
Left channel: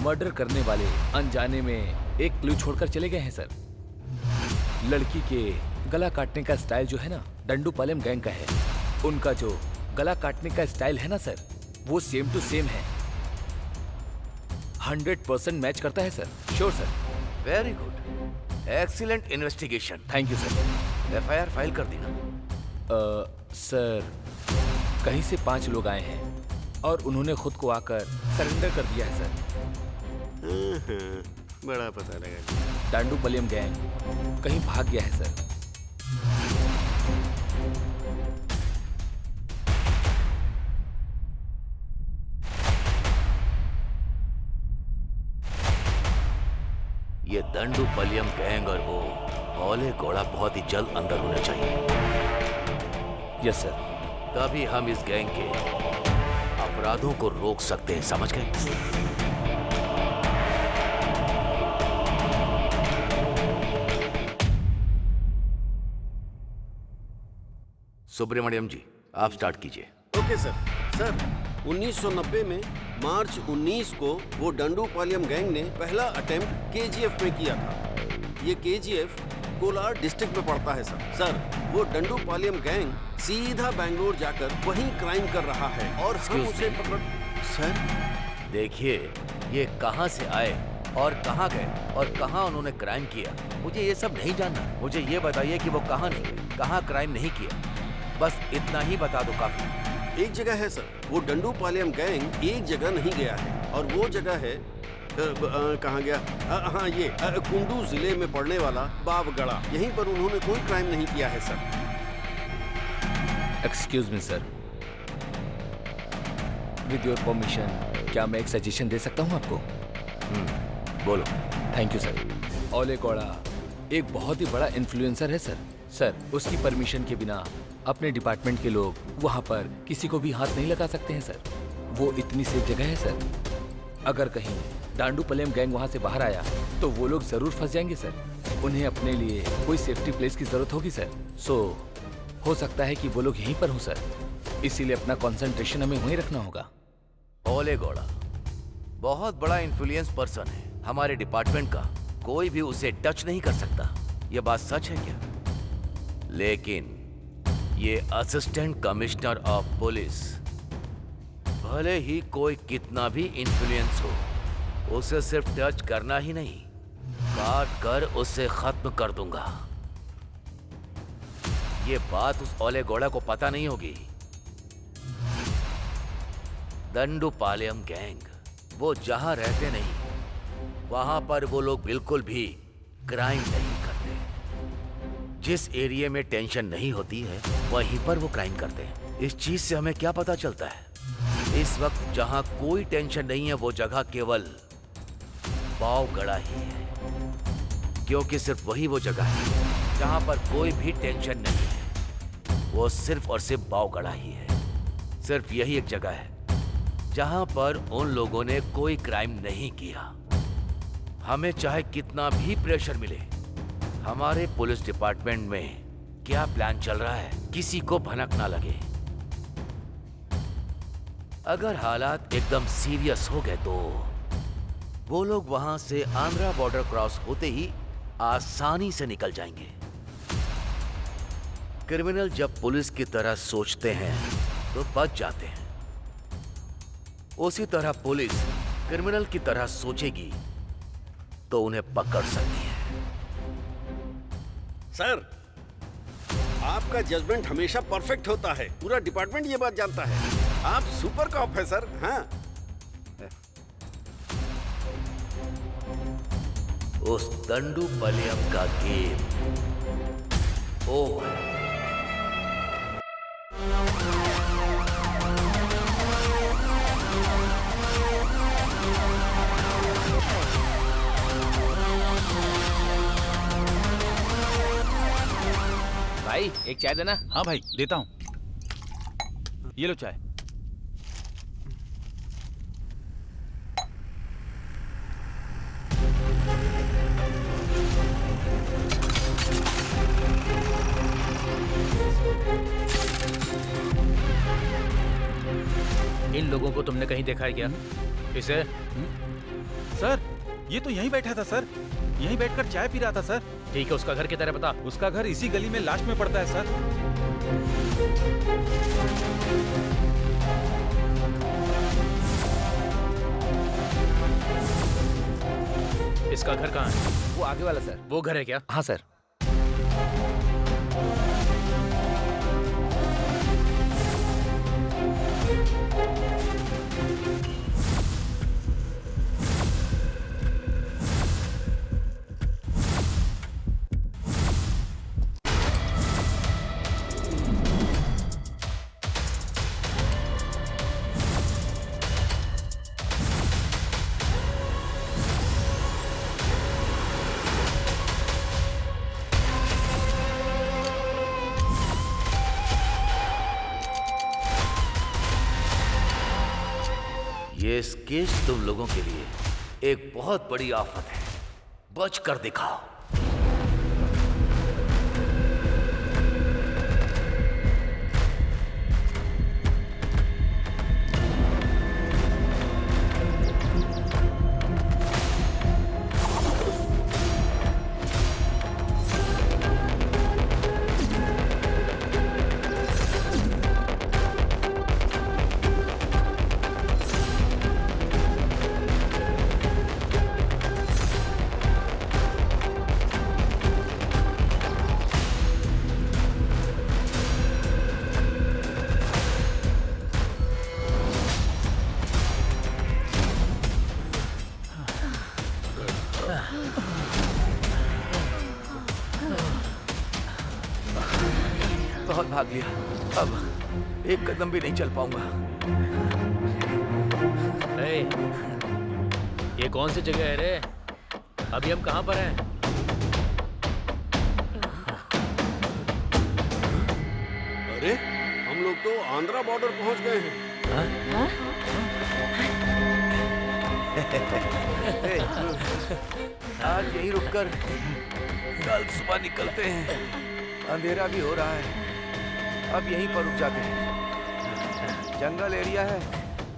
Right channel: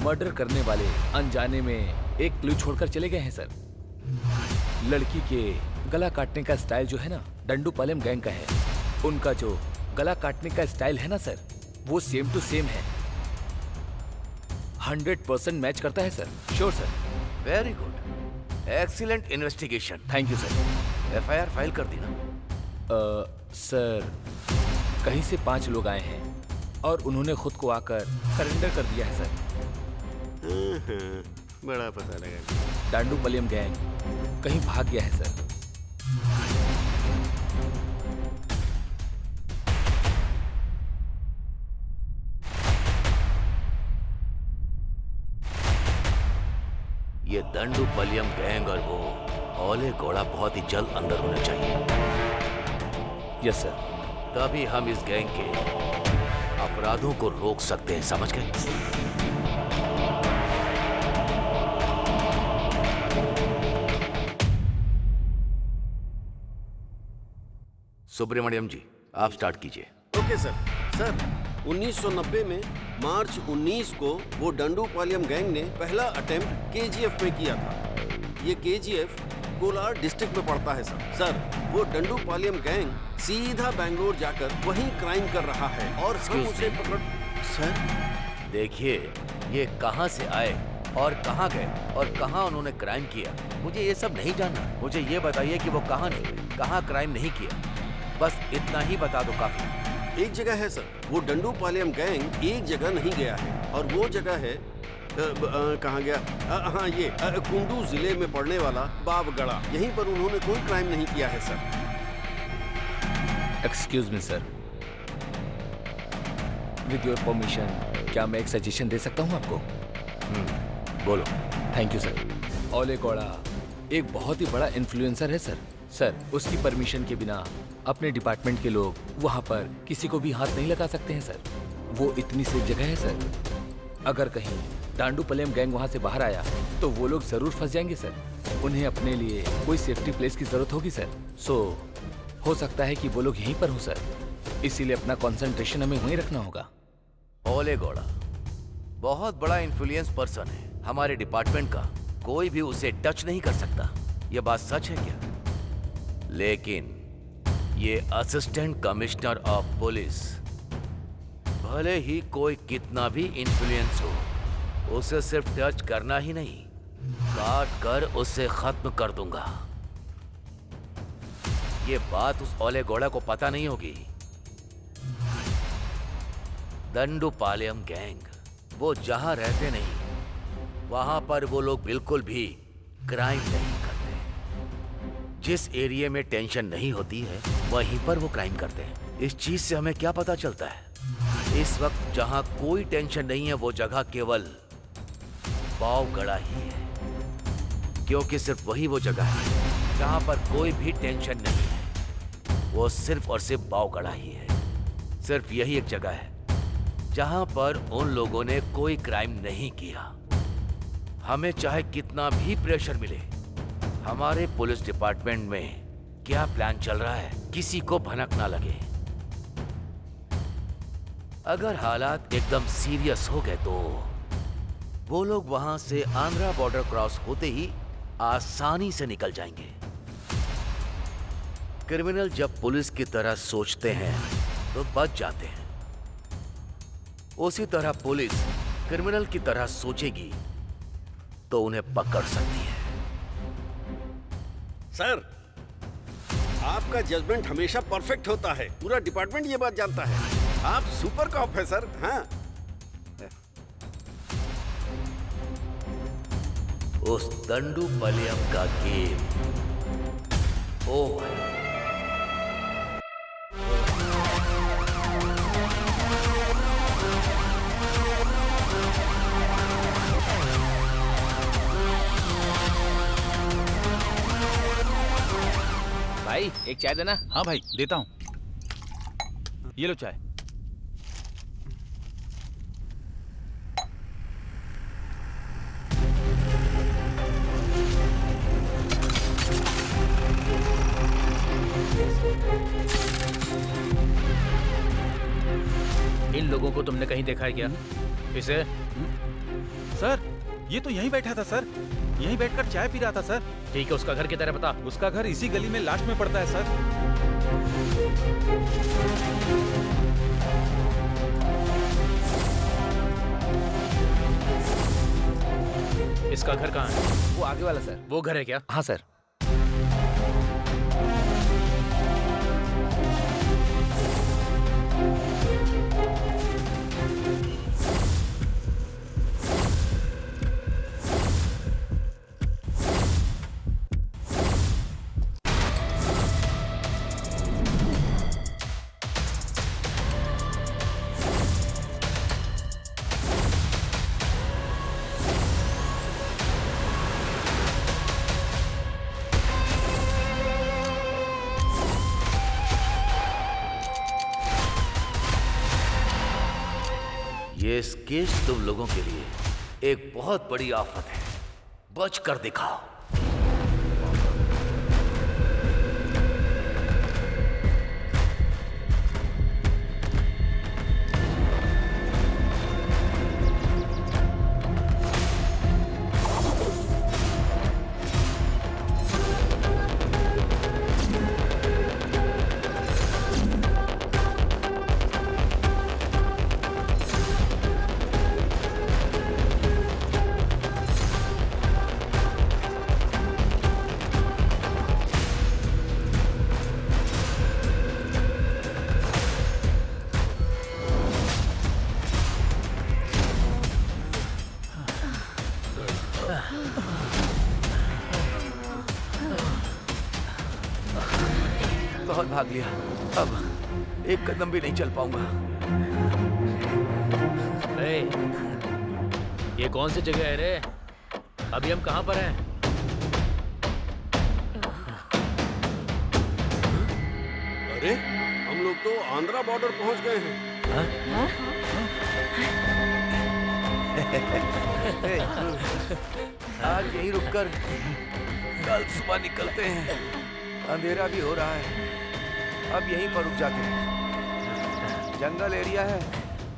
मर्डर करने वाले अनजाने में एक क्लू छोड़कर चले गए हैं सर। लड़की के गला काटने का स्टाइल जो है ना, डंडूपालम गैंग का है। उनका जो गला काटने का स्टाइल है ना सर, वो सेम टू सेम है। 100% मैच करता है sir. Sure sir. Very good, excellent investigation. Thank you sir. FIR file कर दी ना? सर, कहीं से 5 लोग आए हैं और उन्होंने खुद को आकर सरेंडर कर दिया है सर। बड़ा पता लगा। डांडूपलियम गैंग कहीं भाग गया है सर। ये दंडूपलियम गैंग और वो ओले गौड़ा बहुत ही जल्द अंदर होने चाहिए। Yes sir. तभी हम इस गैंग के अपराधों को रोक सकते हैं, समझ गए? सुब्रमण्यम जी, आप स्टार्ट कीजिए। Okay sir. सर, 1990 में मार्च 19 को वो डंडूपालयम गैंग ने पहला अटेम्प्ट केजीएफ में किया था। ये केजीएफ कोलार डिस्ट्रिक्ट में पड़ता है सर। सर, वो डंडूपालयम गैंग सीधा बैंगलोर जाकर वहीं क्राइम कर रहा है और हम उसे पकड़। सर देखिए, ये कहां से आए और कहां गए और कहां उन्होंने क्राइम किया, मुझे ये सब नहीं जानना। मुझे ये बताइए कि वो कहां नहीं गए, कहां क्राइम नहीं किया, बस इतना ही बता दो काफी। एक जगह है सर, वो डंडूपालयम गैंग एक जगह नहीं गया है और वो जगह है कहाँ गया? हाँ, ये कुंडू जिले में पड़ने वाला बावगढ़ा। यहीं पर उन्होंने कोई क्राइम नहीं किया है sir. Excuse me sir, with your permission क्या मैं एक सजेशन दे सकता हूँ आपको? बोलो। Thank you sir. ओले गौड़ा एक बहुत ही बड़ा इन्फ्लुएंसर है सर। सर, उसकी परमिशन के बिना अपने डिपार्टमेंट के लोग वहां पर किसी को भी हाथ नहीं लगा सकते हैं सर। वो इतनी सेफ जगह है सर। अगर कहीं डांडूपलियम गैंग वहां से बाहर आया तो वो लोग जरूर फंस जाएंगे सर। उन्हें अपने लिए कोई सेफ्टी प्लेस की जरूरत होगी सर। सो हो सकता है कि वो लोग यहीं पर हो सर। इसीलिए अपना कंसंट्रेशन हमें वहीं रखना होगा। ओले गौड़ा बहुत बड़ा इन्फ्लुएंस पर्सन है हमारे डिपार्टमेंट का, कोई भी उसे टच नहीं कर सकता। ये बात सच है क्या? लेकिन ये असिस्टेंट कमिश्नर ऑफ पुलिस, भले ही कोई कितना भी इन्फ्लुएंस हो, उसे सिर्फ टच करना ही नहीं, काट कर उसे खत्म कर दूंगा। ये बात उस ओले गौड़ा को पता नहीं होगी। दंडूपालयम गैंग, वो जहां रहते नहीं, वहां पर वो लोग बिल्कुल भी क्राइम नहीं करते। जिस एरिया में टेंशन नहीं होती है, वहीं पर वो क्राइम करते हैं। इस चीज से हमें क्या पता चलता है? इस वक्त जहां कोई टेंशन नहीं है, वो जगह केवल बावगढ़ा ही है, क्योंकि सिर्फ वही वो जगह है जहां पर कोई भी टेंशन नहीं है। वो सिर्फ और सिर्फ बावगढ़ा ही है। सिर्फ यही एक जगह है जहां पर उन लोगों ने कोई क्राइम नहीं किया। हमें चाहे कितना भी प्रेशर मिले, हमारे पुलिस डिपार्टमेंट में क्या प्लान चल रहा है, किसी को भनक ना लगे। अगर हालात एकदम सीरियस हो गए तो वो लोग वहां से आंध्रा बॉर्डर क्रॉस होते ही आसानी से निकल जाएंगे। क्रिमिनल जब पुलिस की तरह सोचते हैं तो बच जाते हैं, उसी तरह पुलिस क्रिमिनल की तरह सोचेगी तो उन्हें पकड़ सकती है। सर, आपका जजमेंट हमेशा परफेक्ट होता है। पूरा डिपार्टमेंट ये बात जानता है। आप सुपर कॉप है सर। हाँ, उस दंडू पलेयम का गेम ओवर। भाई एक चाय देना। हाँ भाई देता हूँ, ये लो चाय। इन लोगों को तुमने कहीं देखा है क्या? इसे? सर, ये तो यहीं बैठा था सर, यहीं बैठकर चाय पी रहा था सर। ठीक है, उसका घर किधर है बता। उसका घर इसी गली में लास्ट में पड़ता है सर। इसका घर कहाँ है? वो आगे वाला सर। वो घर है क्या? हाँ सर। ये स्केच तुम लोगों के लिए एक बहुत बड़ी आफत है, बच कर दिखाओ। बहुत भाग लिया, अब एक कदम भी नहीं चल पाऊंगा। ये कौन सी जगह है रे? अभी हम कहाँ पर हैं? अरे हम लोग तो आंध्रा बॉर्डर पहुंच गए हैं। आज यहीं रुककर कल सुबह निकलते हैं। अंधेरा भी हो रहा है, अब यहीं पर रुक जाते हैं। जंगल एरिया है,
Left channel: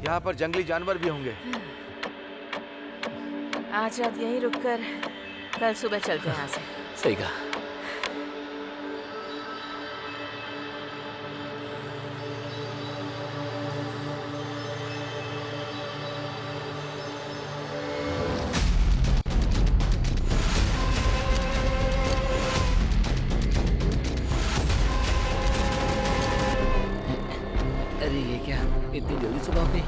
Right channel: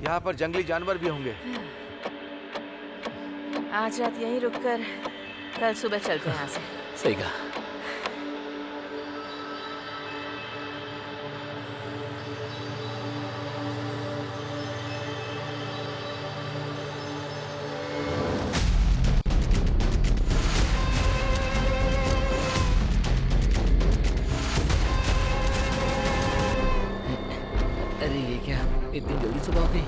यहाँ पर जंगली जानवर भी होंगे। आज रात यहीं रुककर कल सुबह चलते हैं यहाँ से। सही कहा। अरे ये क्या, इतनी जल्दी सुबह हो गई?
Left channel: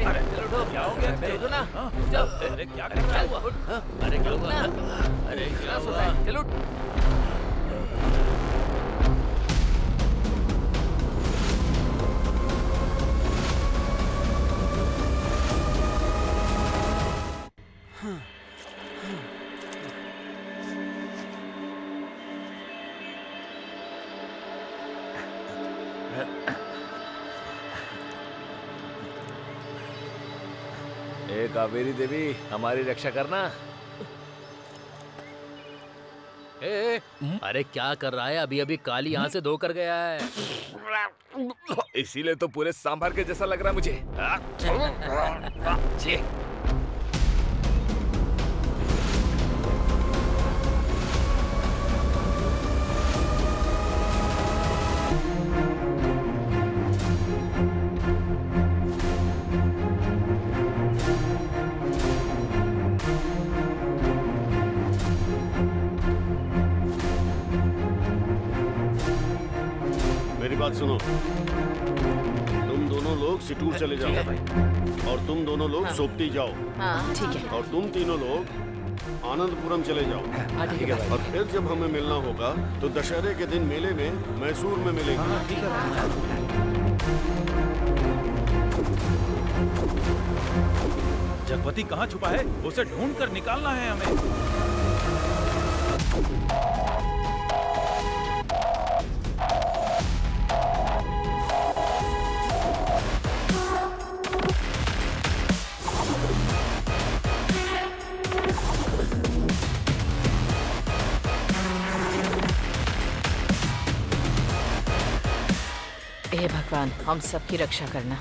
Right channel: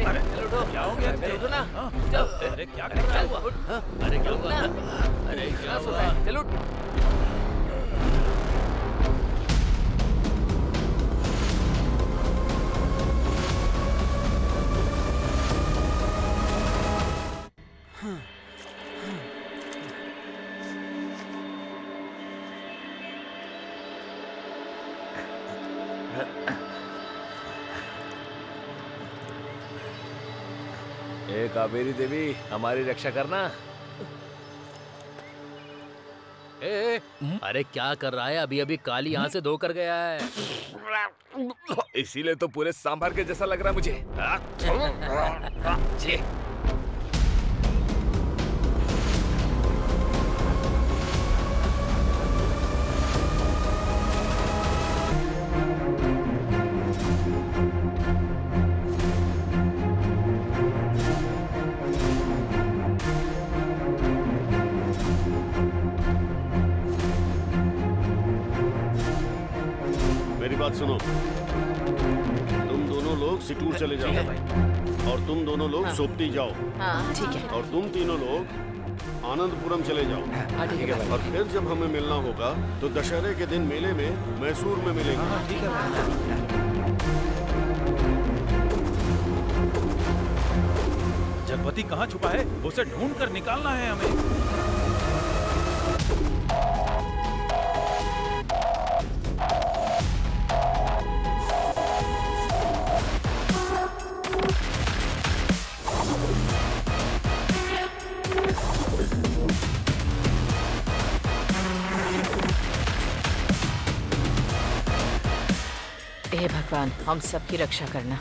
अरे चलो उठो। क्या हो गया? चलो उठो ना। अरे क्या कर रहा है? अरे क्या हुआ? अरे क्या हुआ? चलो। ए कावेरी देवी, हमारी रक्षा करना। अरे क्या कर रहा है? अभी अभी काली यहाँ से धोकर गया है। इसीलिए तो पूरे सांभर के जैसा लग रहा है मुझे। छी। मेरी बात सुनो, तुम दोनों लोग सिटूर चले जाओ और तुम दोनों लोग सोपती जाओ। हाँ ठीक है। और तुम तीनों लोग आनंदपुरम चले जाओ। हाँ ठीक है भाई। और फिर जब हमें मिलना होगा तो दशहरे के दिन मेले में मैसूर में मिलेंगे। ठीक है भाई। जगपति कहाँ छुपा है? उसे ढूंढ कर निकालना है हमें। हे भगवान, हम सबकी रक्षा करना।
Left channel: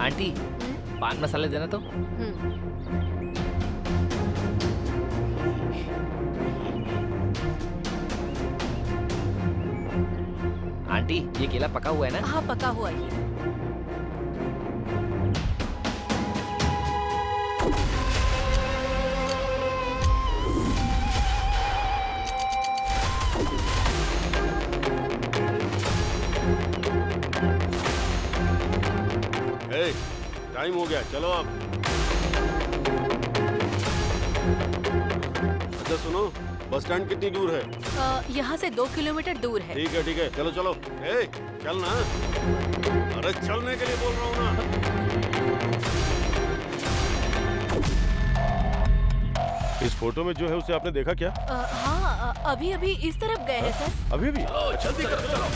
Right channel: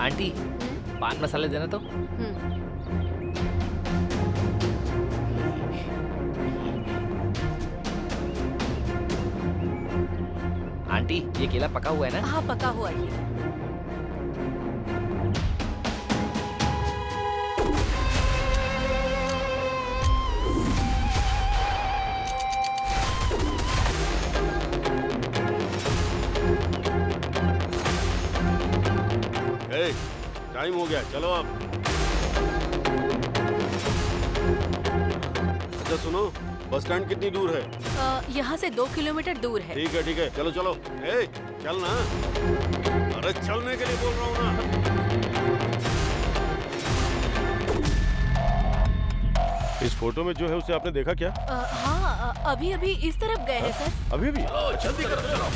आंटी, पान मसाले देना तो। आंटी, ये केला पका हुआ है ना? हाँ पका हुआ ही है। ए, टाइम हो गया, चलो अब। अच्छा सुनो, बस स्टैंड कितनी दूर है? यहाँ से 2 किलोमीटर दूर है। ठीक है, चलो चलो। ए, चल ना। अरे चलने के लिए बोल रहा हूँ ना। इस फोटो में जो है उसे आपने देखा क्या? हाँ अभी अभी इस तरफ गए हैं सर। अभी भी? जल्दी करो, चलो।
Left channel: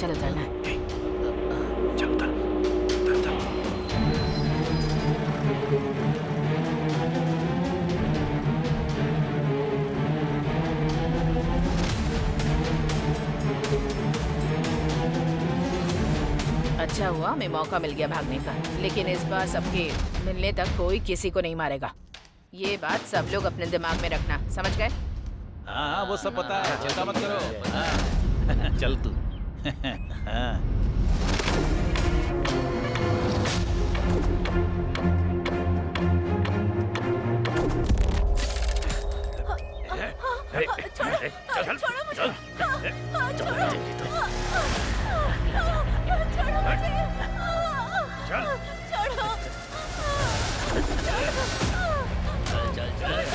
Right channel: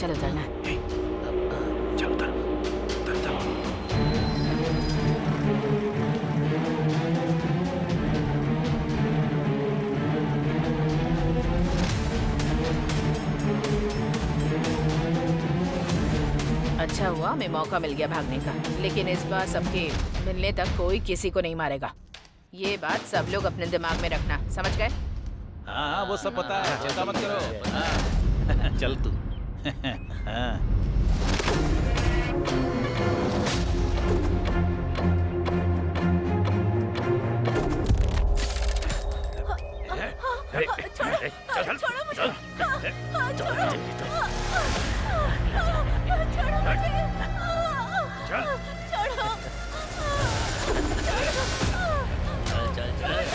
चलो उतरना। चल उतर, उतर, उतर। अच्छा हुआ हमें मौका मिल गया भागने का, लेकिन इस बार सबके मिलने तक कोई किसी को नहीं मारेगा। ये बात सब लोग अपने दिमाग में रखना, समझ गए? हाँ वो सब पता है, चिंता मत करो। हाँ। चल तू। हाँ। छोड़ो मुझे। छोड़ो मुझे। चल छोड़ो। चल चल चल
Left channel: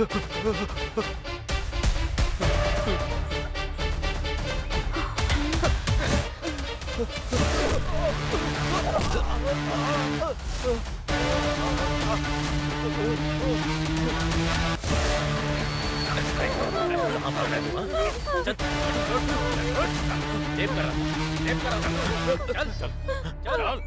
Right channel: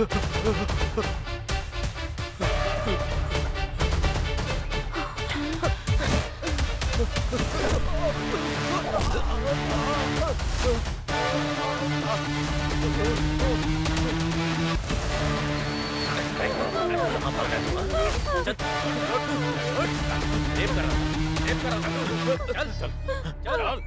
कहाँ भाग रहा है तू, हाँ? चल, रेप कर रहा था, रेप कर रहा था। चल चल चल।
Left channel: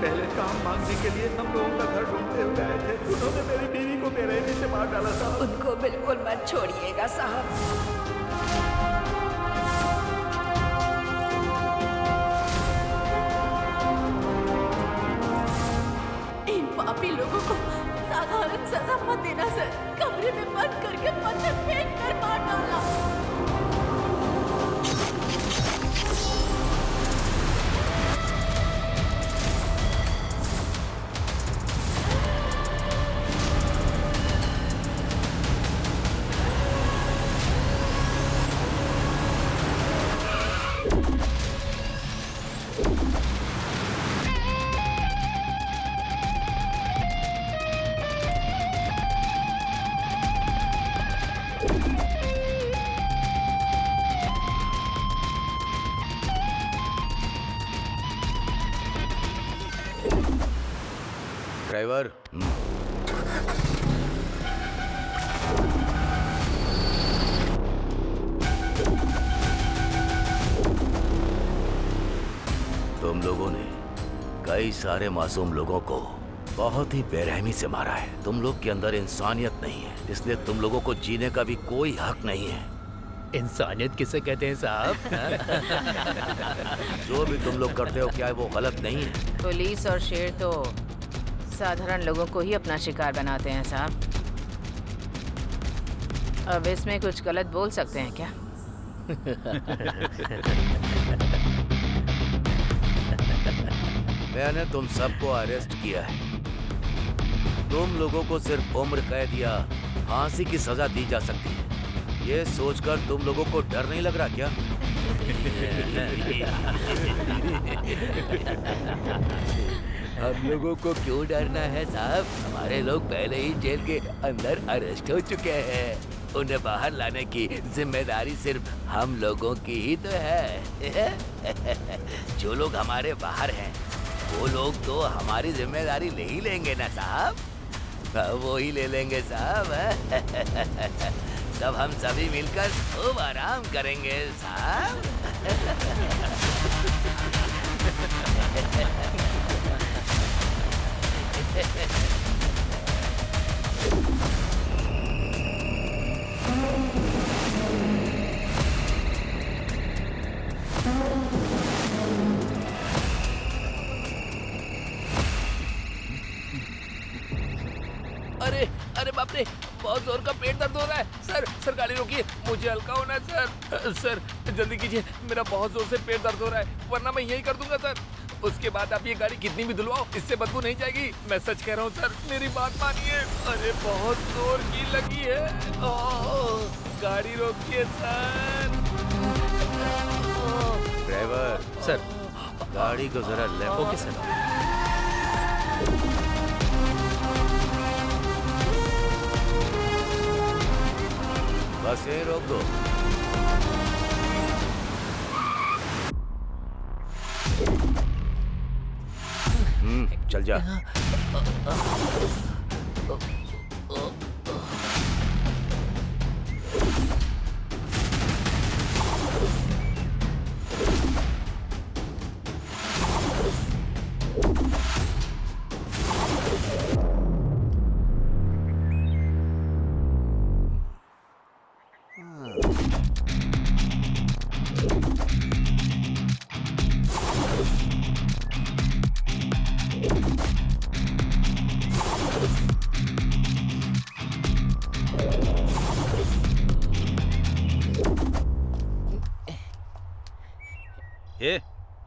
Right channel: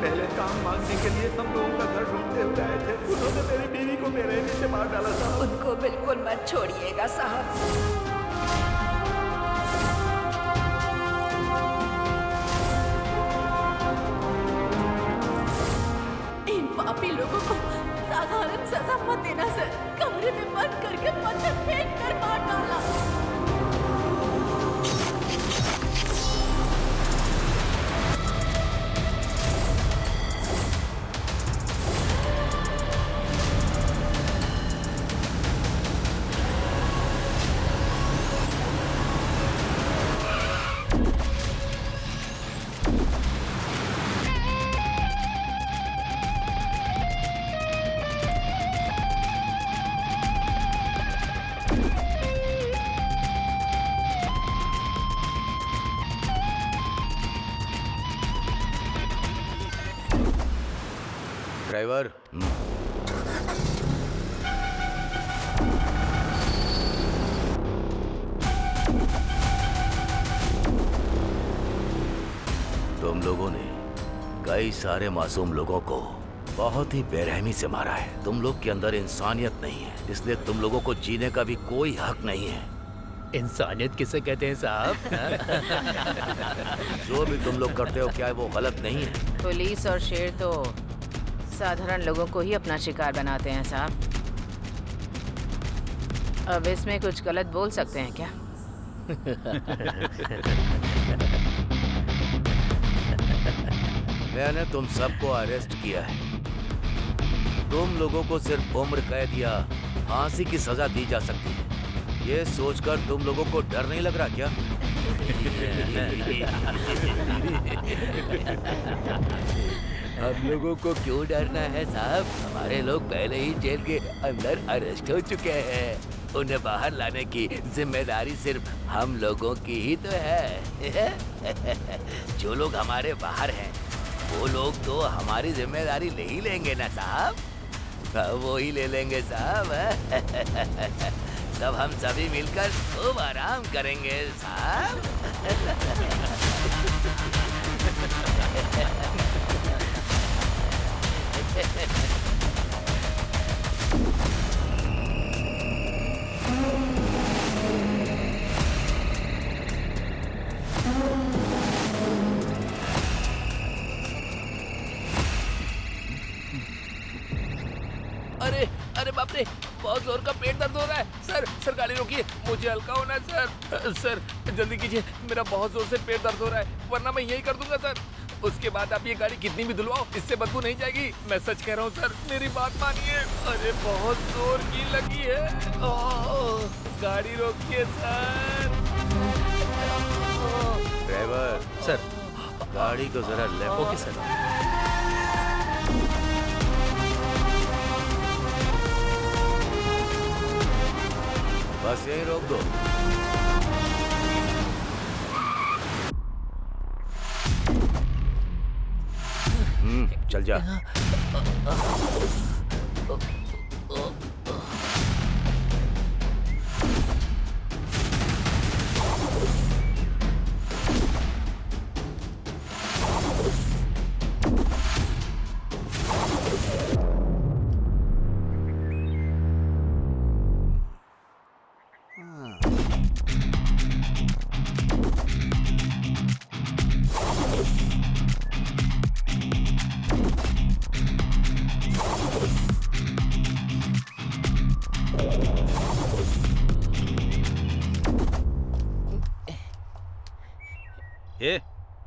पहले काम मांगने के लिए हम लोगों का घर ढूंढते हुए आए थे। उन्होंने मेरी बीवी को बेरहमी से मार डाला साहब। उनको बिल्कुल मत छोड़िएगा साहब। इन पापी लोगों को साधारण सजा मत देना सर। कमरे में बंद करके पत्थर फेंक कर मार डाला। ड्राइवर, तुम लोगों ने कई सारे मासूम लोगों को बहुत ही बेरहमी से मारा है। तुम लोग के अंदर इंसानियत नहीं है, इसलिए तुम लोगों को जीने का भी कोई हक नहीं है। इंसानियत किसे कहते हैं साहब? जो भी तुम लोग करते हो क्या वो गलत नहीं है? पुलिस और शेर तो साधारण लोगों को ही अपना शिकार बनाते हैं साहब। अब इसमें कुछ गलत बोल सकते हैं क्या? मैंने तुम सबको अरेस्ट किया है। तुम लोगों को सिर्फ उम्र कैद या फांसी की सजा दी जा सकती है। ये सोचकर तुम लोगों को डर नहीं लग रहा क्या? हम लोगों को क्यों डरना है साहब? हमारे लोग पहले ही जेल के अंदर अरेस्ट हो चुके हैं। उन्हें बाहर लाने की जिम्मेदारी सिर्फ हम लोगों की ही तो है। जो लोग हमारे बाहर हैं वो लोग तो हमारी जिम्मेदारी ले ही लेंगे ना साहब। वो ही ले लेंगे साहब। तब हम सभी मिलकर खूब आराम करेंगे साहब। अरे अरे बाप रे, बहुत जोर का पेट दर्द हो रहा है। सर गाड़ी रोकिए, मुझे हल्का होना है सर जल्दी कीजिए, मेरा बहुत जोर से पेट दर्द हो रहा है, वरना मैं यही कर दूंगा सर। उसके बाद आप ये गाड़ी कितनी भी धुलवाओ, इससे बदबू नहीं जाएगी। मैं सच कह रहा हूँ सर, मेरी बात मानिए। अरे बहुत जोर की लगी है। गाड़ी रोकिए सर। ड्राइवर सर, गाड़ी को जरा लेफ्ट। Okay sir. बस यही रोक दो। चल जा।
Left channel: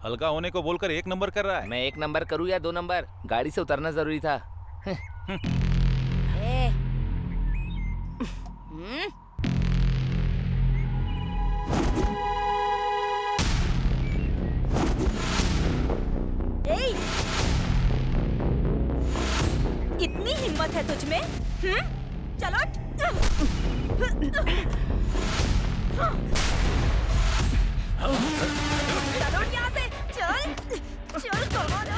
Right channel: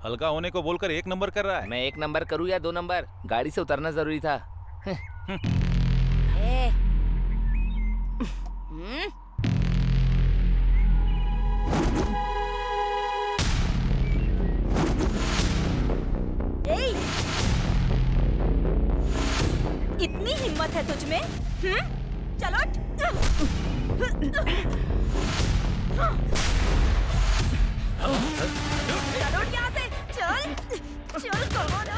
हल्का होने को बोलकर 1 नंबर कर रहा है। मैं 1 नंबर करूँ या 2 नंबर, गाड़ी से उतरना जरूरी था। इतनी हिम्मत है तुझ में? चलो चलो यहाँ से, चल चल, कम ऑन।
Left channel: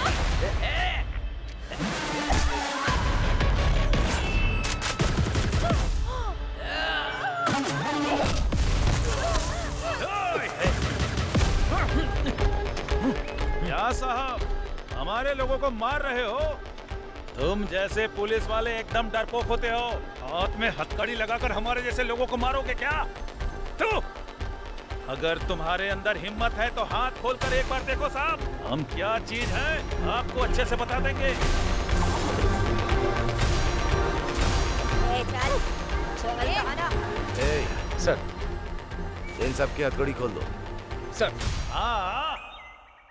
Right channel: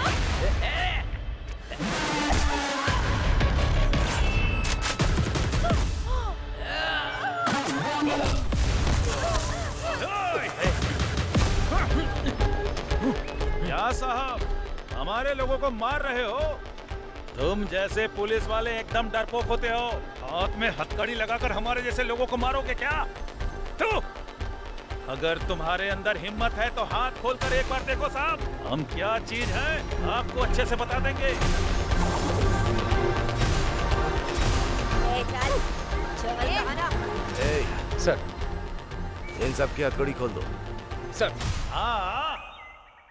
क्या साहब, हमारे लोगों को मार रहे हो? तुम जैसे पुलिस वाले एकदम डरपोक होते हो। हाथ में हथकड़ी लगाकर हमारे जैसे लोगों को मारोगे क्या? तू अगर तुम्हारे अंदर हिम्मत है तो हाथ खोलकर एक बार देखो साहब, हम क्या चीज हैं आपको अच्छे से बता देंगे। चल चल कहाना। सर, इन सब की हथकड़ी खोल दो। सर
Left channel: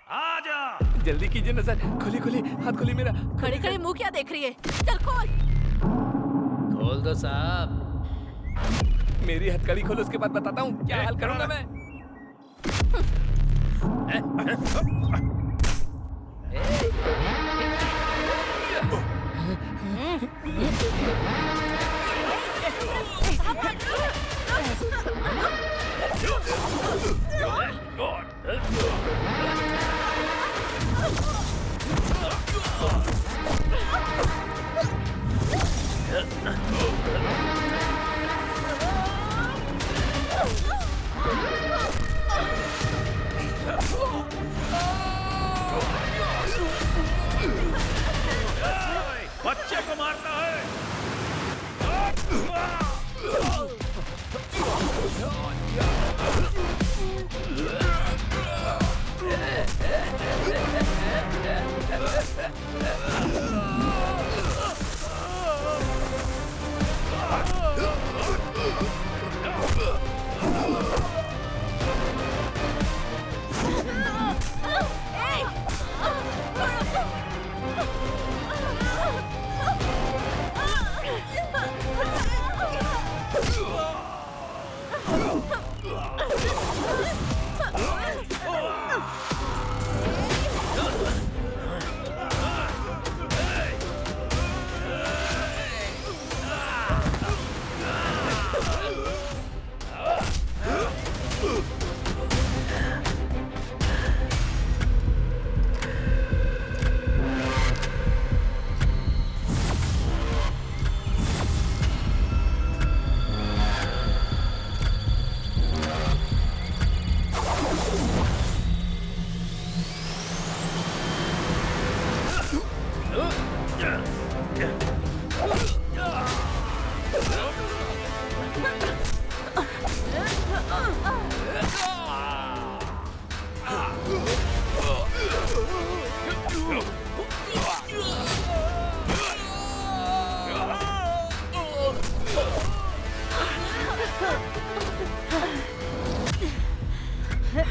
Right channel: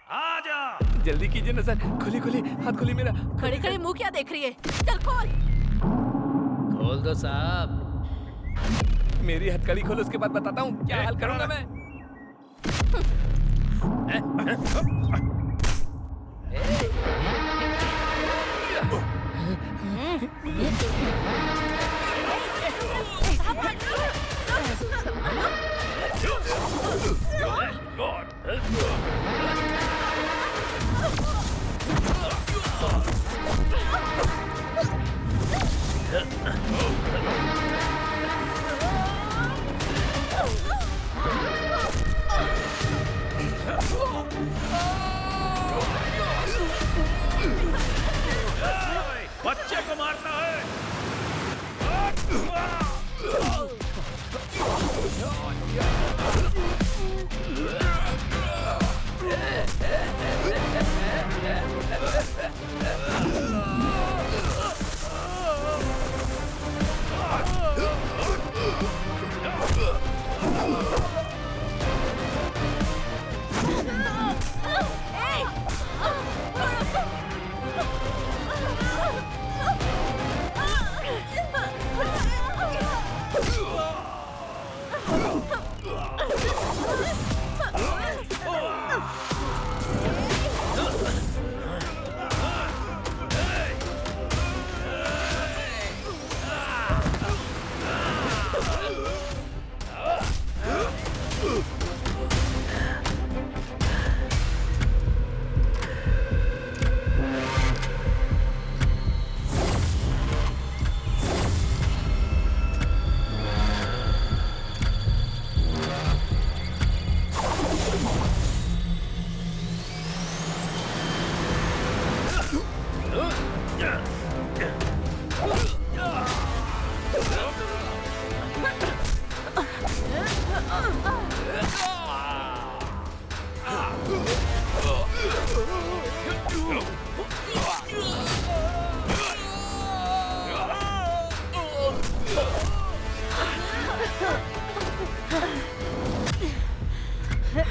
आ जा, जल्दी कीजिए ना सर, खोली खोली, हाथ खोली मेरा। खड़े खड़े मुंह क्या देख रही है? चल खोल। खोल दो साहब। मेरी हथकड़ी खोलो, उसके बाद बताता हूँ क्या हाल करूंगा मैं। बच्चे को मारता है।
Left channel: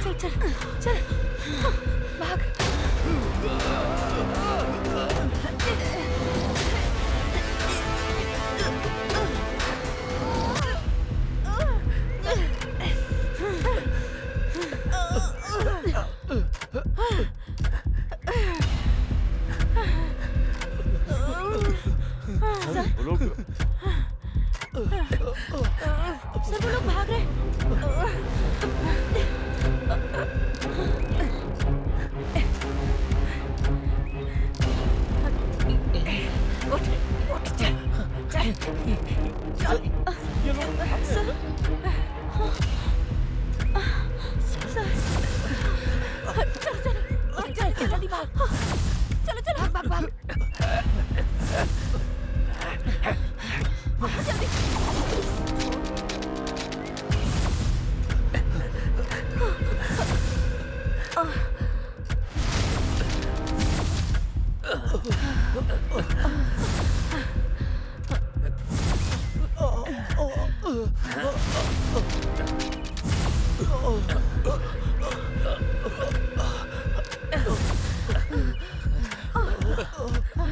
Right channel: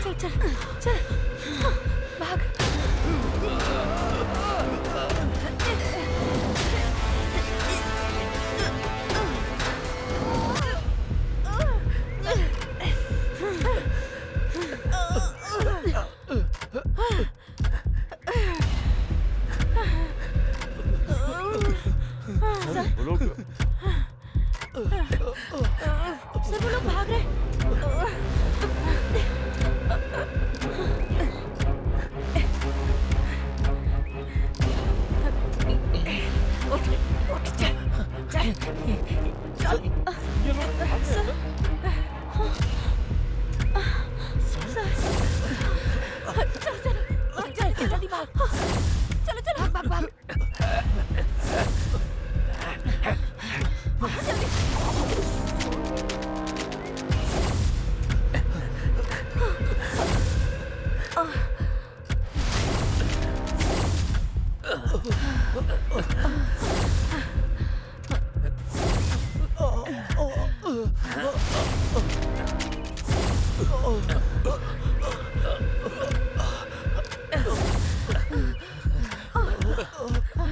चल चल चल, भाग। सर वो लोग भाग रहे। उठ उठ, चल चल चल। ये लोग भाग रहे हैं, सर चल चल चल, जल्दी भाग। चलो चलो, भाग भाग भाग, जल्दी।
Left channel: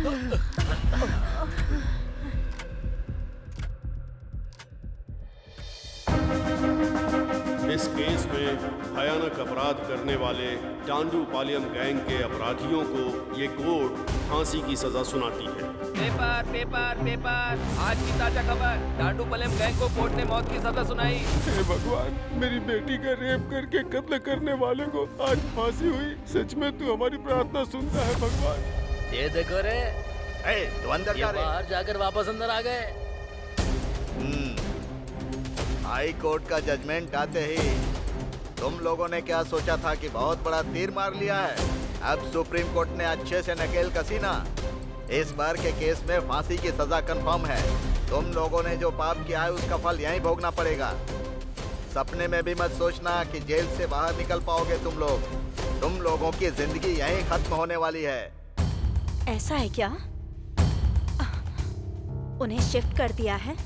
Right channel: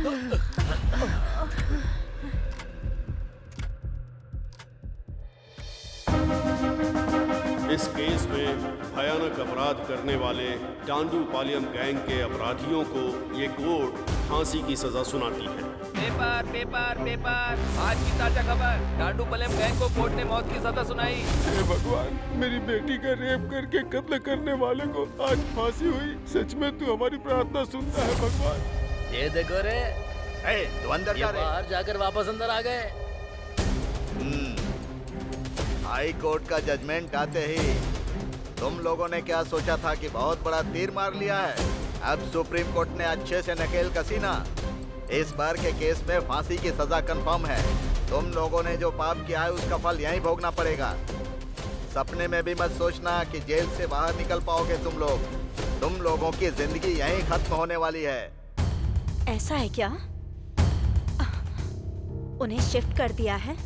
इस केस में भयानक अपराध करने वाले डांडू पालियम गैंग के अपराधियों को ये कोर्ट फांसी की सजा सुनाती है। पेपर पेपर पेपर, आज की ताजा खबर, डांडू पालियम गैंग को कोर्ट ने मौत की सजा सुनाई। हे भगवान, मेरी बेटी का रेप करके कत्ल करने वाले को आज फांसी हुई। सच में तू हमारी प्रार्थना सुनता है भगवान। ये देखो रे, तू अंदर जा रे। बाहर जाकर वापस अंदर आ गए। हाई कोर्ट का जजमेंट आते ही तुम लोगों ने क्या सोचा था कि बहुत बड़ा तीर मार लिया है? अब सुप्रीम कोर्ट ने अच्छे से नकेल कसी ना। इस बार के केस में फांसी की सजा कंफर्म है। तुम लोगों ने जो पाप किया है उसका फल यहीं भोगना पड़ेगा। सपने में भी मत सोचना कि जेल से बाहर निकल पाओगे तुम लोग। तुम लोगों की जिंदगी यहीं खत्म होने वाली है। ऐसा है क्या? उन्हें शिफ्ट कर दिया है?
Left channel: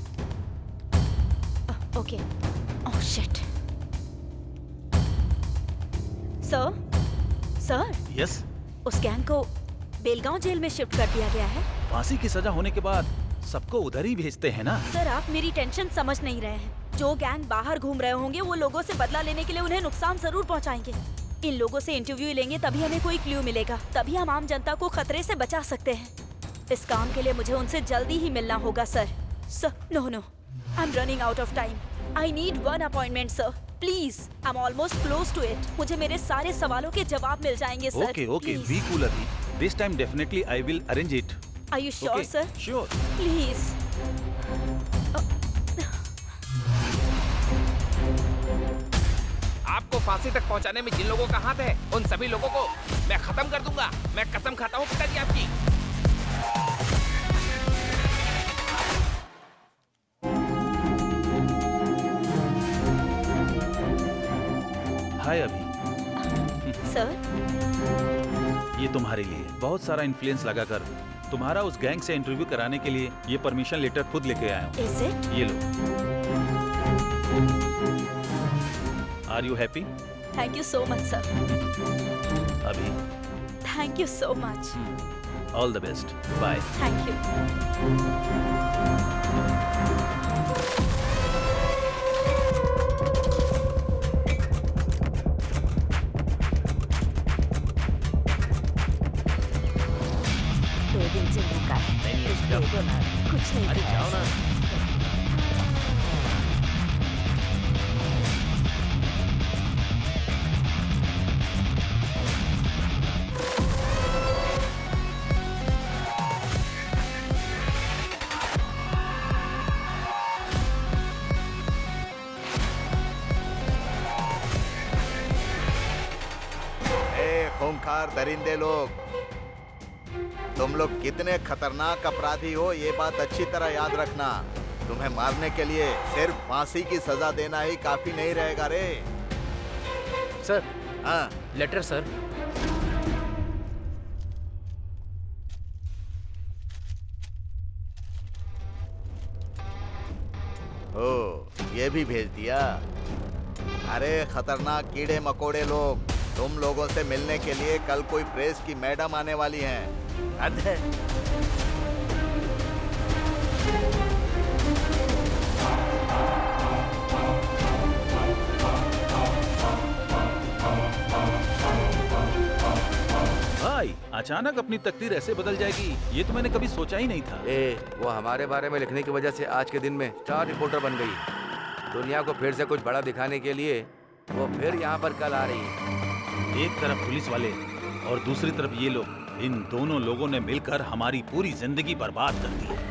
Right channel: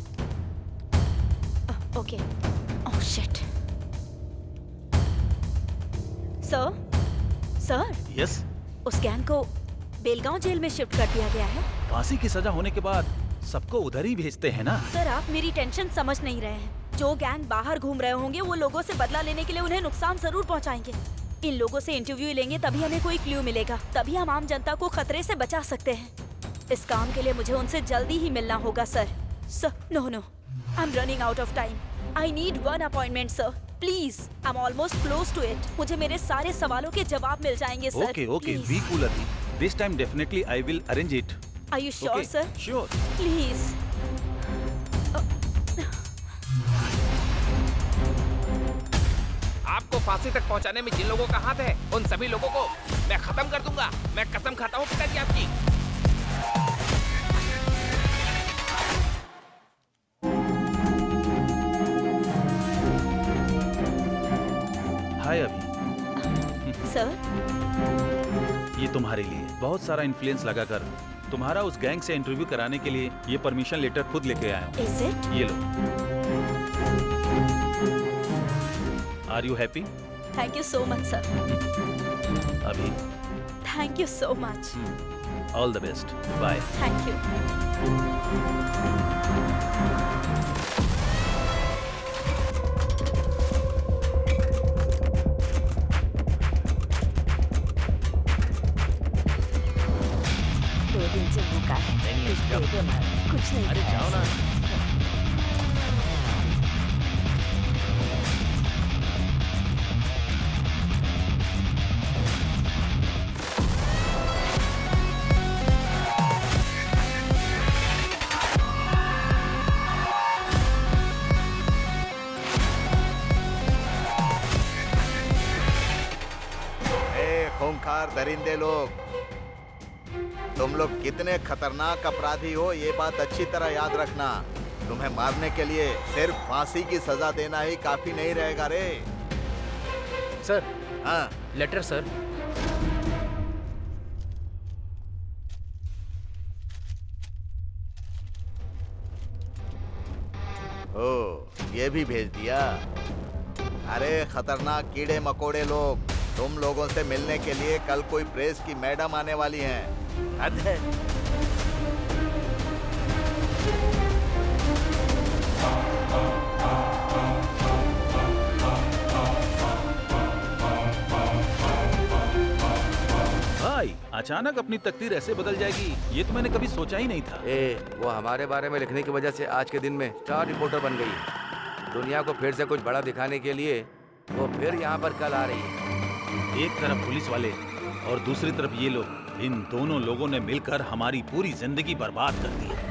Okay. Oh shit. Sir yes, उस गैंग को बेलगांव जेल में शिफ्ट कर दिया गया है। फांसी की सजा होने के बाद सबको उधर ही भेजते हैं ना। सर आप मेरी टेंशन समझ नहीं रहे हैं। जो गैंग बाहर घूम रहे होंगे वो लोगों से बदला लेने के लिए उन्हें नुकसान जरूर पहुंचाएंगे। इन लोगों से इंटरव्यू लेंगे तभी हमें कोई क्लू मिलेगा, तभी हम आम जनता को खतरे से बचा सकते हैं। इस काम के लिए मुझे उनसे जल्दी ही मिलना होगा sir. No, I am running out of time. I need one appointment sir, please. I am almost close to it. मुझे मेरे सारे सवालों के जवाब मिल जाएंगे सर। ओके, बी कूल अभी। This time definitely I will arrange it. Are you sure sir? Sure. Please. आपको फांसी तक पहुंचाने में जिन लोगों का हाथ है, उन सभी लोगों को मैं खत्म कर दूंगा। मैं कसम खाता हूँ पिताजी आपकी। हाय अभी। सर ये तुम्हारे लिए बहुत सारा इन्फ्लुएंस लगाकर तुम्हारा उस गैंग से इंटरव्यू कराने के लिए ये परमिशन लेटर खुद लेके आया हूँ। Is it? ये लो। Are you happy? Thank you so much sir. Abhi thank you so much. All the best. Bye. Thank you. दिन से भूखा है। नहीं, कुछ दे दो ना। कुछ नहीं अरे खाया जाओ ना। खूंखार दरिंदे लोग, तुम लोग कितने खतरनाक अपराधी हो ये बात अच्छी तरह याद रखना। तुम्हें मारने के लिए सिर्फ फांसी की सजा देना ही काफी नहीं रहेगा रे। सर। हाँ लेटर सर। ओ ये भी भेज दिया। अरे खतरनाक कीड़े मकोड़े लोग, तुम लोगों से मिलने के लिए कल कोई प्रेस की मैडम आने वाली हैं। हद है। भाई अचानक अपनी तकदीर ऐसे बदल जाएगी ये तो मैंने कभी सोचा ही नहीं था। वो हमारे बारे में लिखने की वजह से आज के दिन में स्टार रिपोर्टर बन गई है। दुनिया को फिर से कुछ बड़ा दिखाने के लिए वो फिर यहाँ पर कल आ रही है। एक तरफ पुलिस वाले और दूसरी तरफ ये लोग, इन दोनों लोगों ने मिलकर हमारी पूरी जिंदगी बर्बाद कर दी है।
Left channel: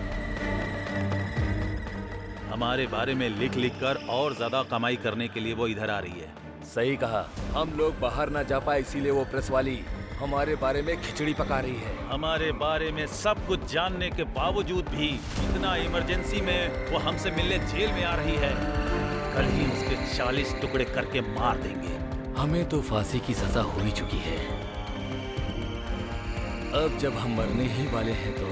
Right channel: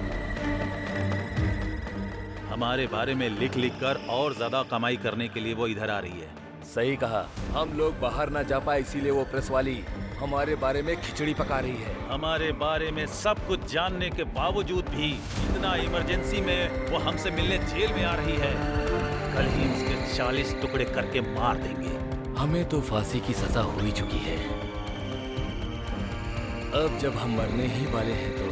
हमारे बारे में लिख लिख कर और ज्यादा कमाई करने के लिए वो इधर आ रही है। सही कहा। हम लोग बाहर ना जा पाए इसीलिए वो प्रेस वाली हमारे बारे में खिचड़ी पका रही है। हमारे बारे में सब कुछ जानने के बावजूद भी इतना इमरजेंसी में वो हमसे मिलने जेल में आ रही है। कल ही उसके 40 टुकड़े करके मार देंगे। हमें तो फांसी की सजा हो ही चुकी है। अब जब हम मरने ही वाले हैं तो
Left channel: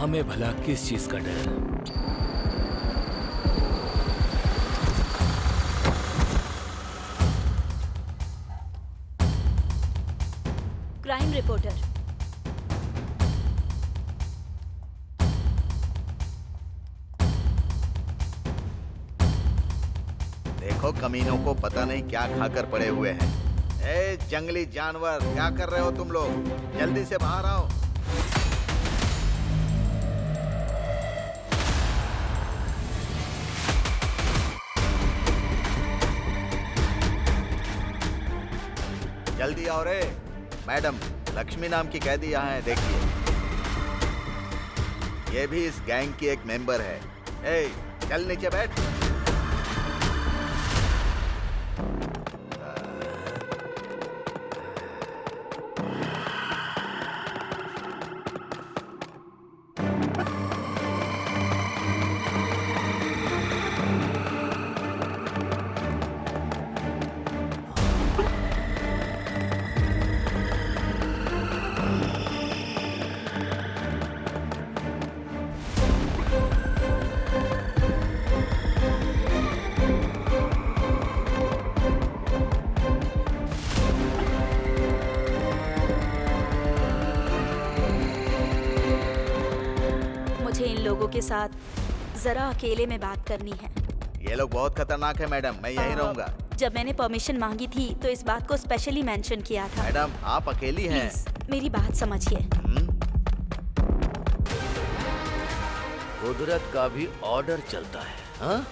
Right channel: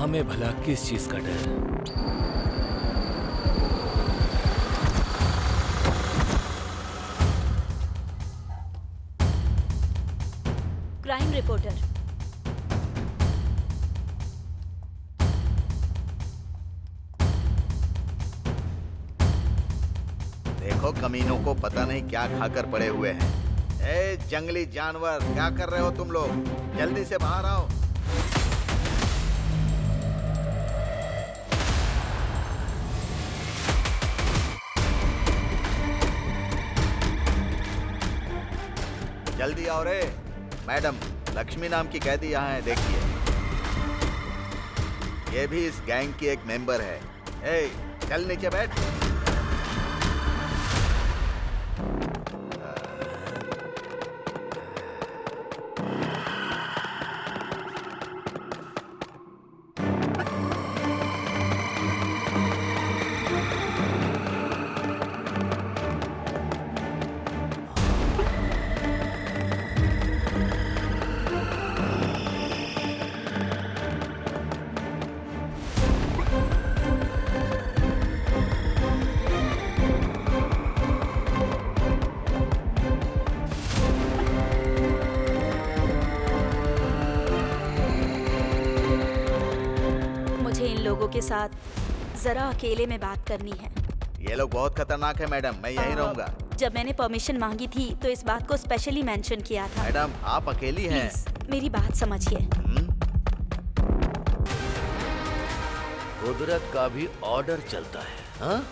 हमें भला किस चीज का डर। Crime reporter. देखो कमीनों को पता नहीं क्या खाकर पड़े हुए हैं। ए जंगली जानवर, क्या कर रहे हो तुम लोग? जल्दी से बाहर आओ। जल्दी आओ रे। मैडम, लक्ष्मी नाम की कैदी यहाँ है, देखिए। ये भी इस गैंग की एक मेंबर है। ए, चल नीचे बैठ। मुझे इन लोगों के साथ जरा अकेले में बात करनी है। ये लोग बहुत खतरनाक है मैडम, मैं यहीं रहूंगा। जब मैंने परमिशन मांगी थी तो इस बात को स्पेशली मेंशन किया था। मैडम, आप अकेली हैं। प्लीज मेरी बात समझिए। कुदरत का भी ऑर्डर चलता है, हाँ?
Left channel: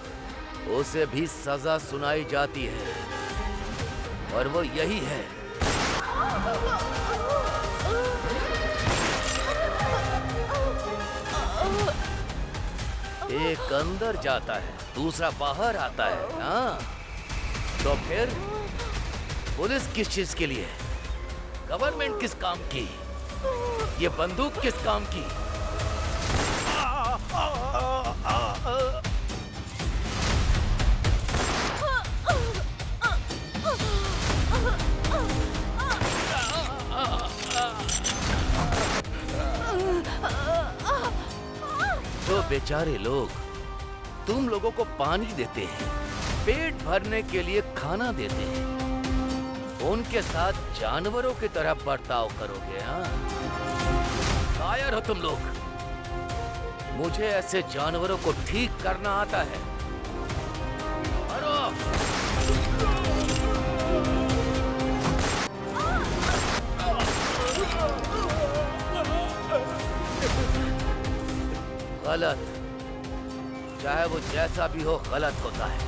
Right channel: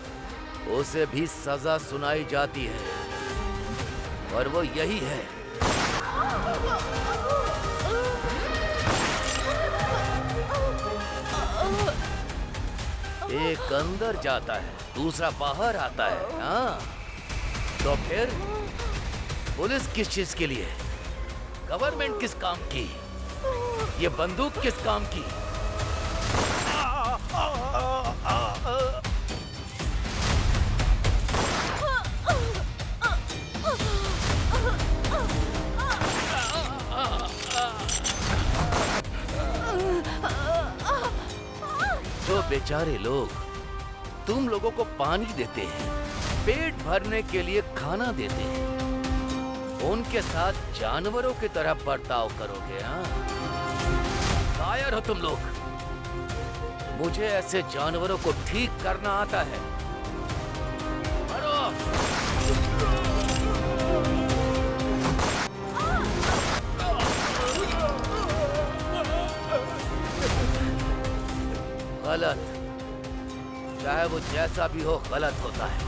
उसे भी सजा सुनाई जाती है और वो यही है। एक अंदर जाता है, दूसरा बाहर आता है, हाँ? तो फिर पुलिस किस चीज के लिए? गवर्नमेंट किस काम की? ये बंदूक किस काम की? जो बेचारे लोग तुम लोगों को पानी देते हैं, पेट भरने के लिए खाना देते हैं, उनके साथ जानवरों की तरह बर्ताव करोगे, हाँ? कायर हो तुम लोग। मुझे ऐसे जानवरों को ठीक करना आता है। मारो! गलत, चाहे वो जैसा भी हो, गलत होता है।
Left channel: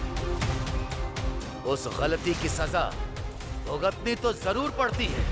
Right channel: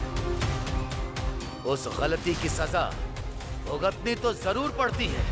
उस गलती की सजा भुगतनी तो जरूर पड़ती है।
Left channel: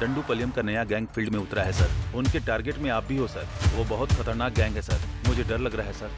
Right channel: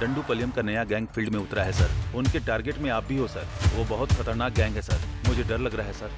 डंडूपलियम का नया गैंग फील्ड में उतरा है सर। उनके टारगेट में आप भी हो सर। वो बहुत खतरनाक गैंग है सर। मुझे डर लग रहा है सर।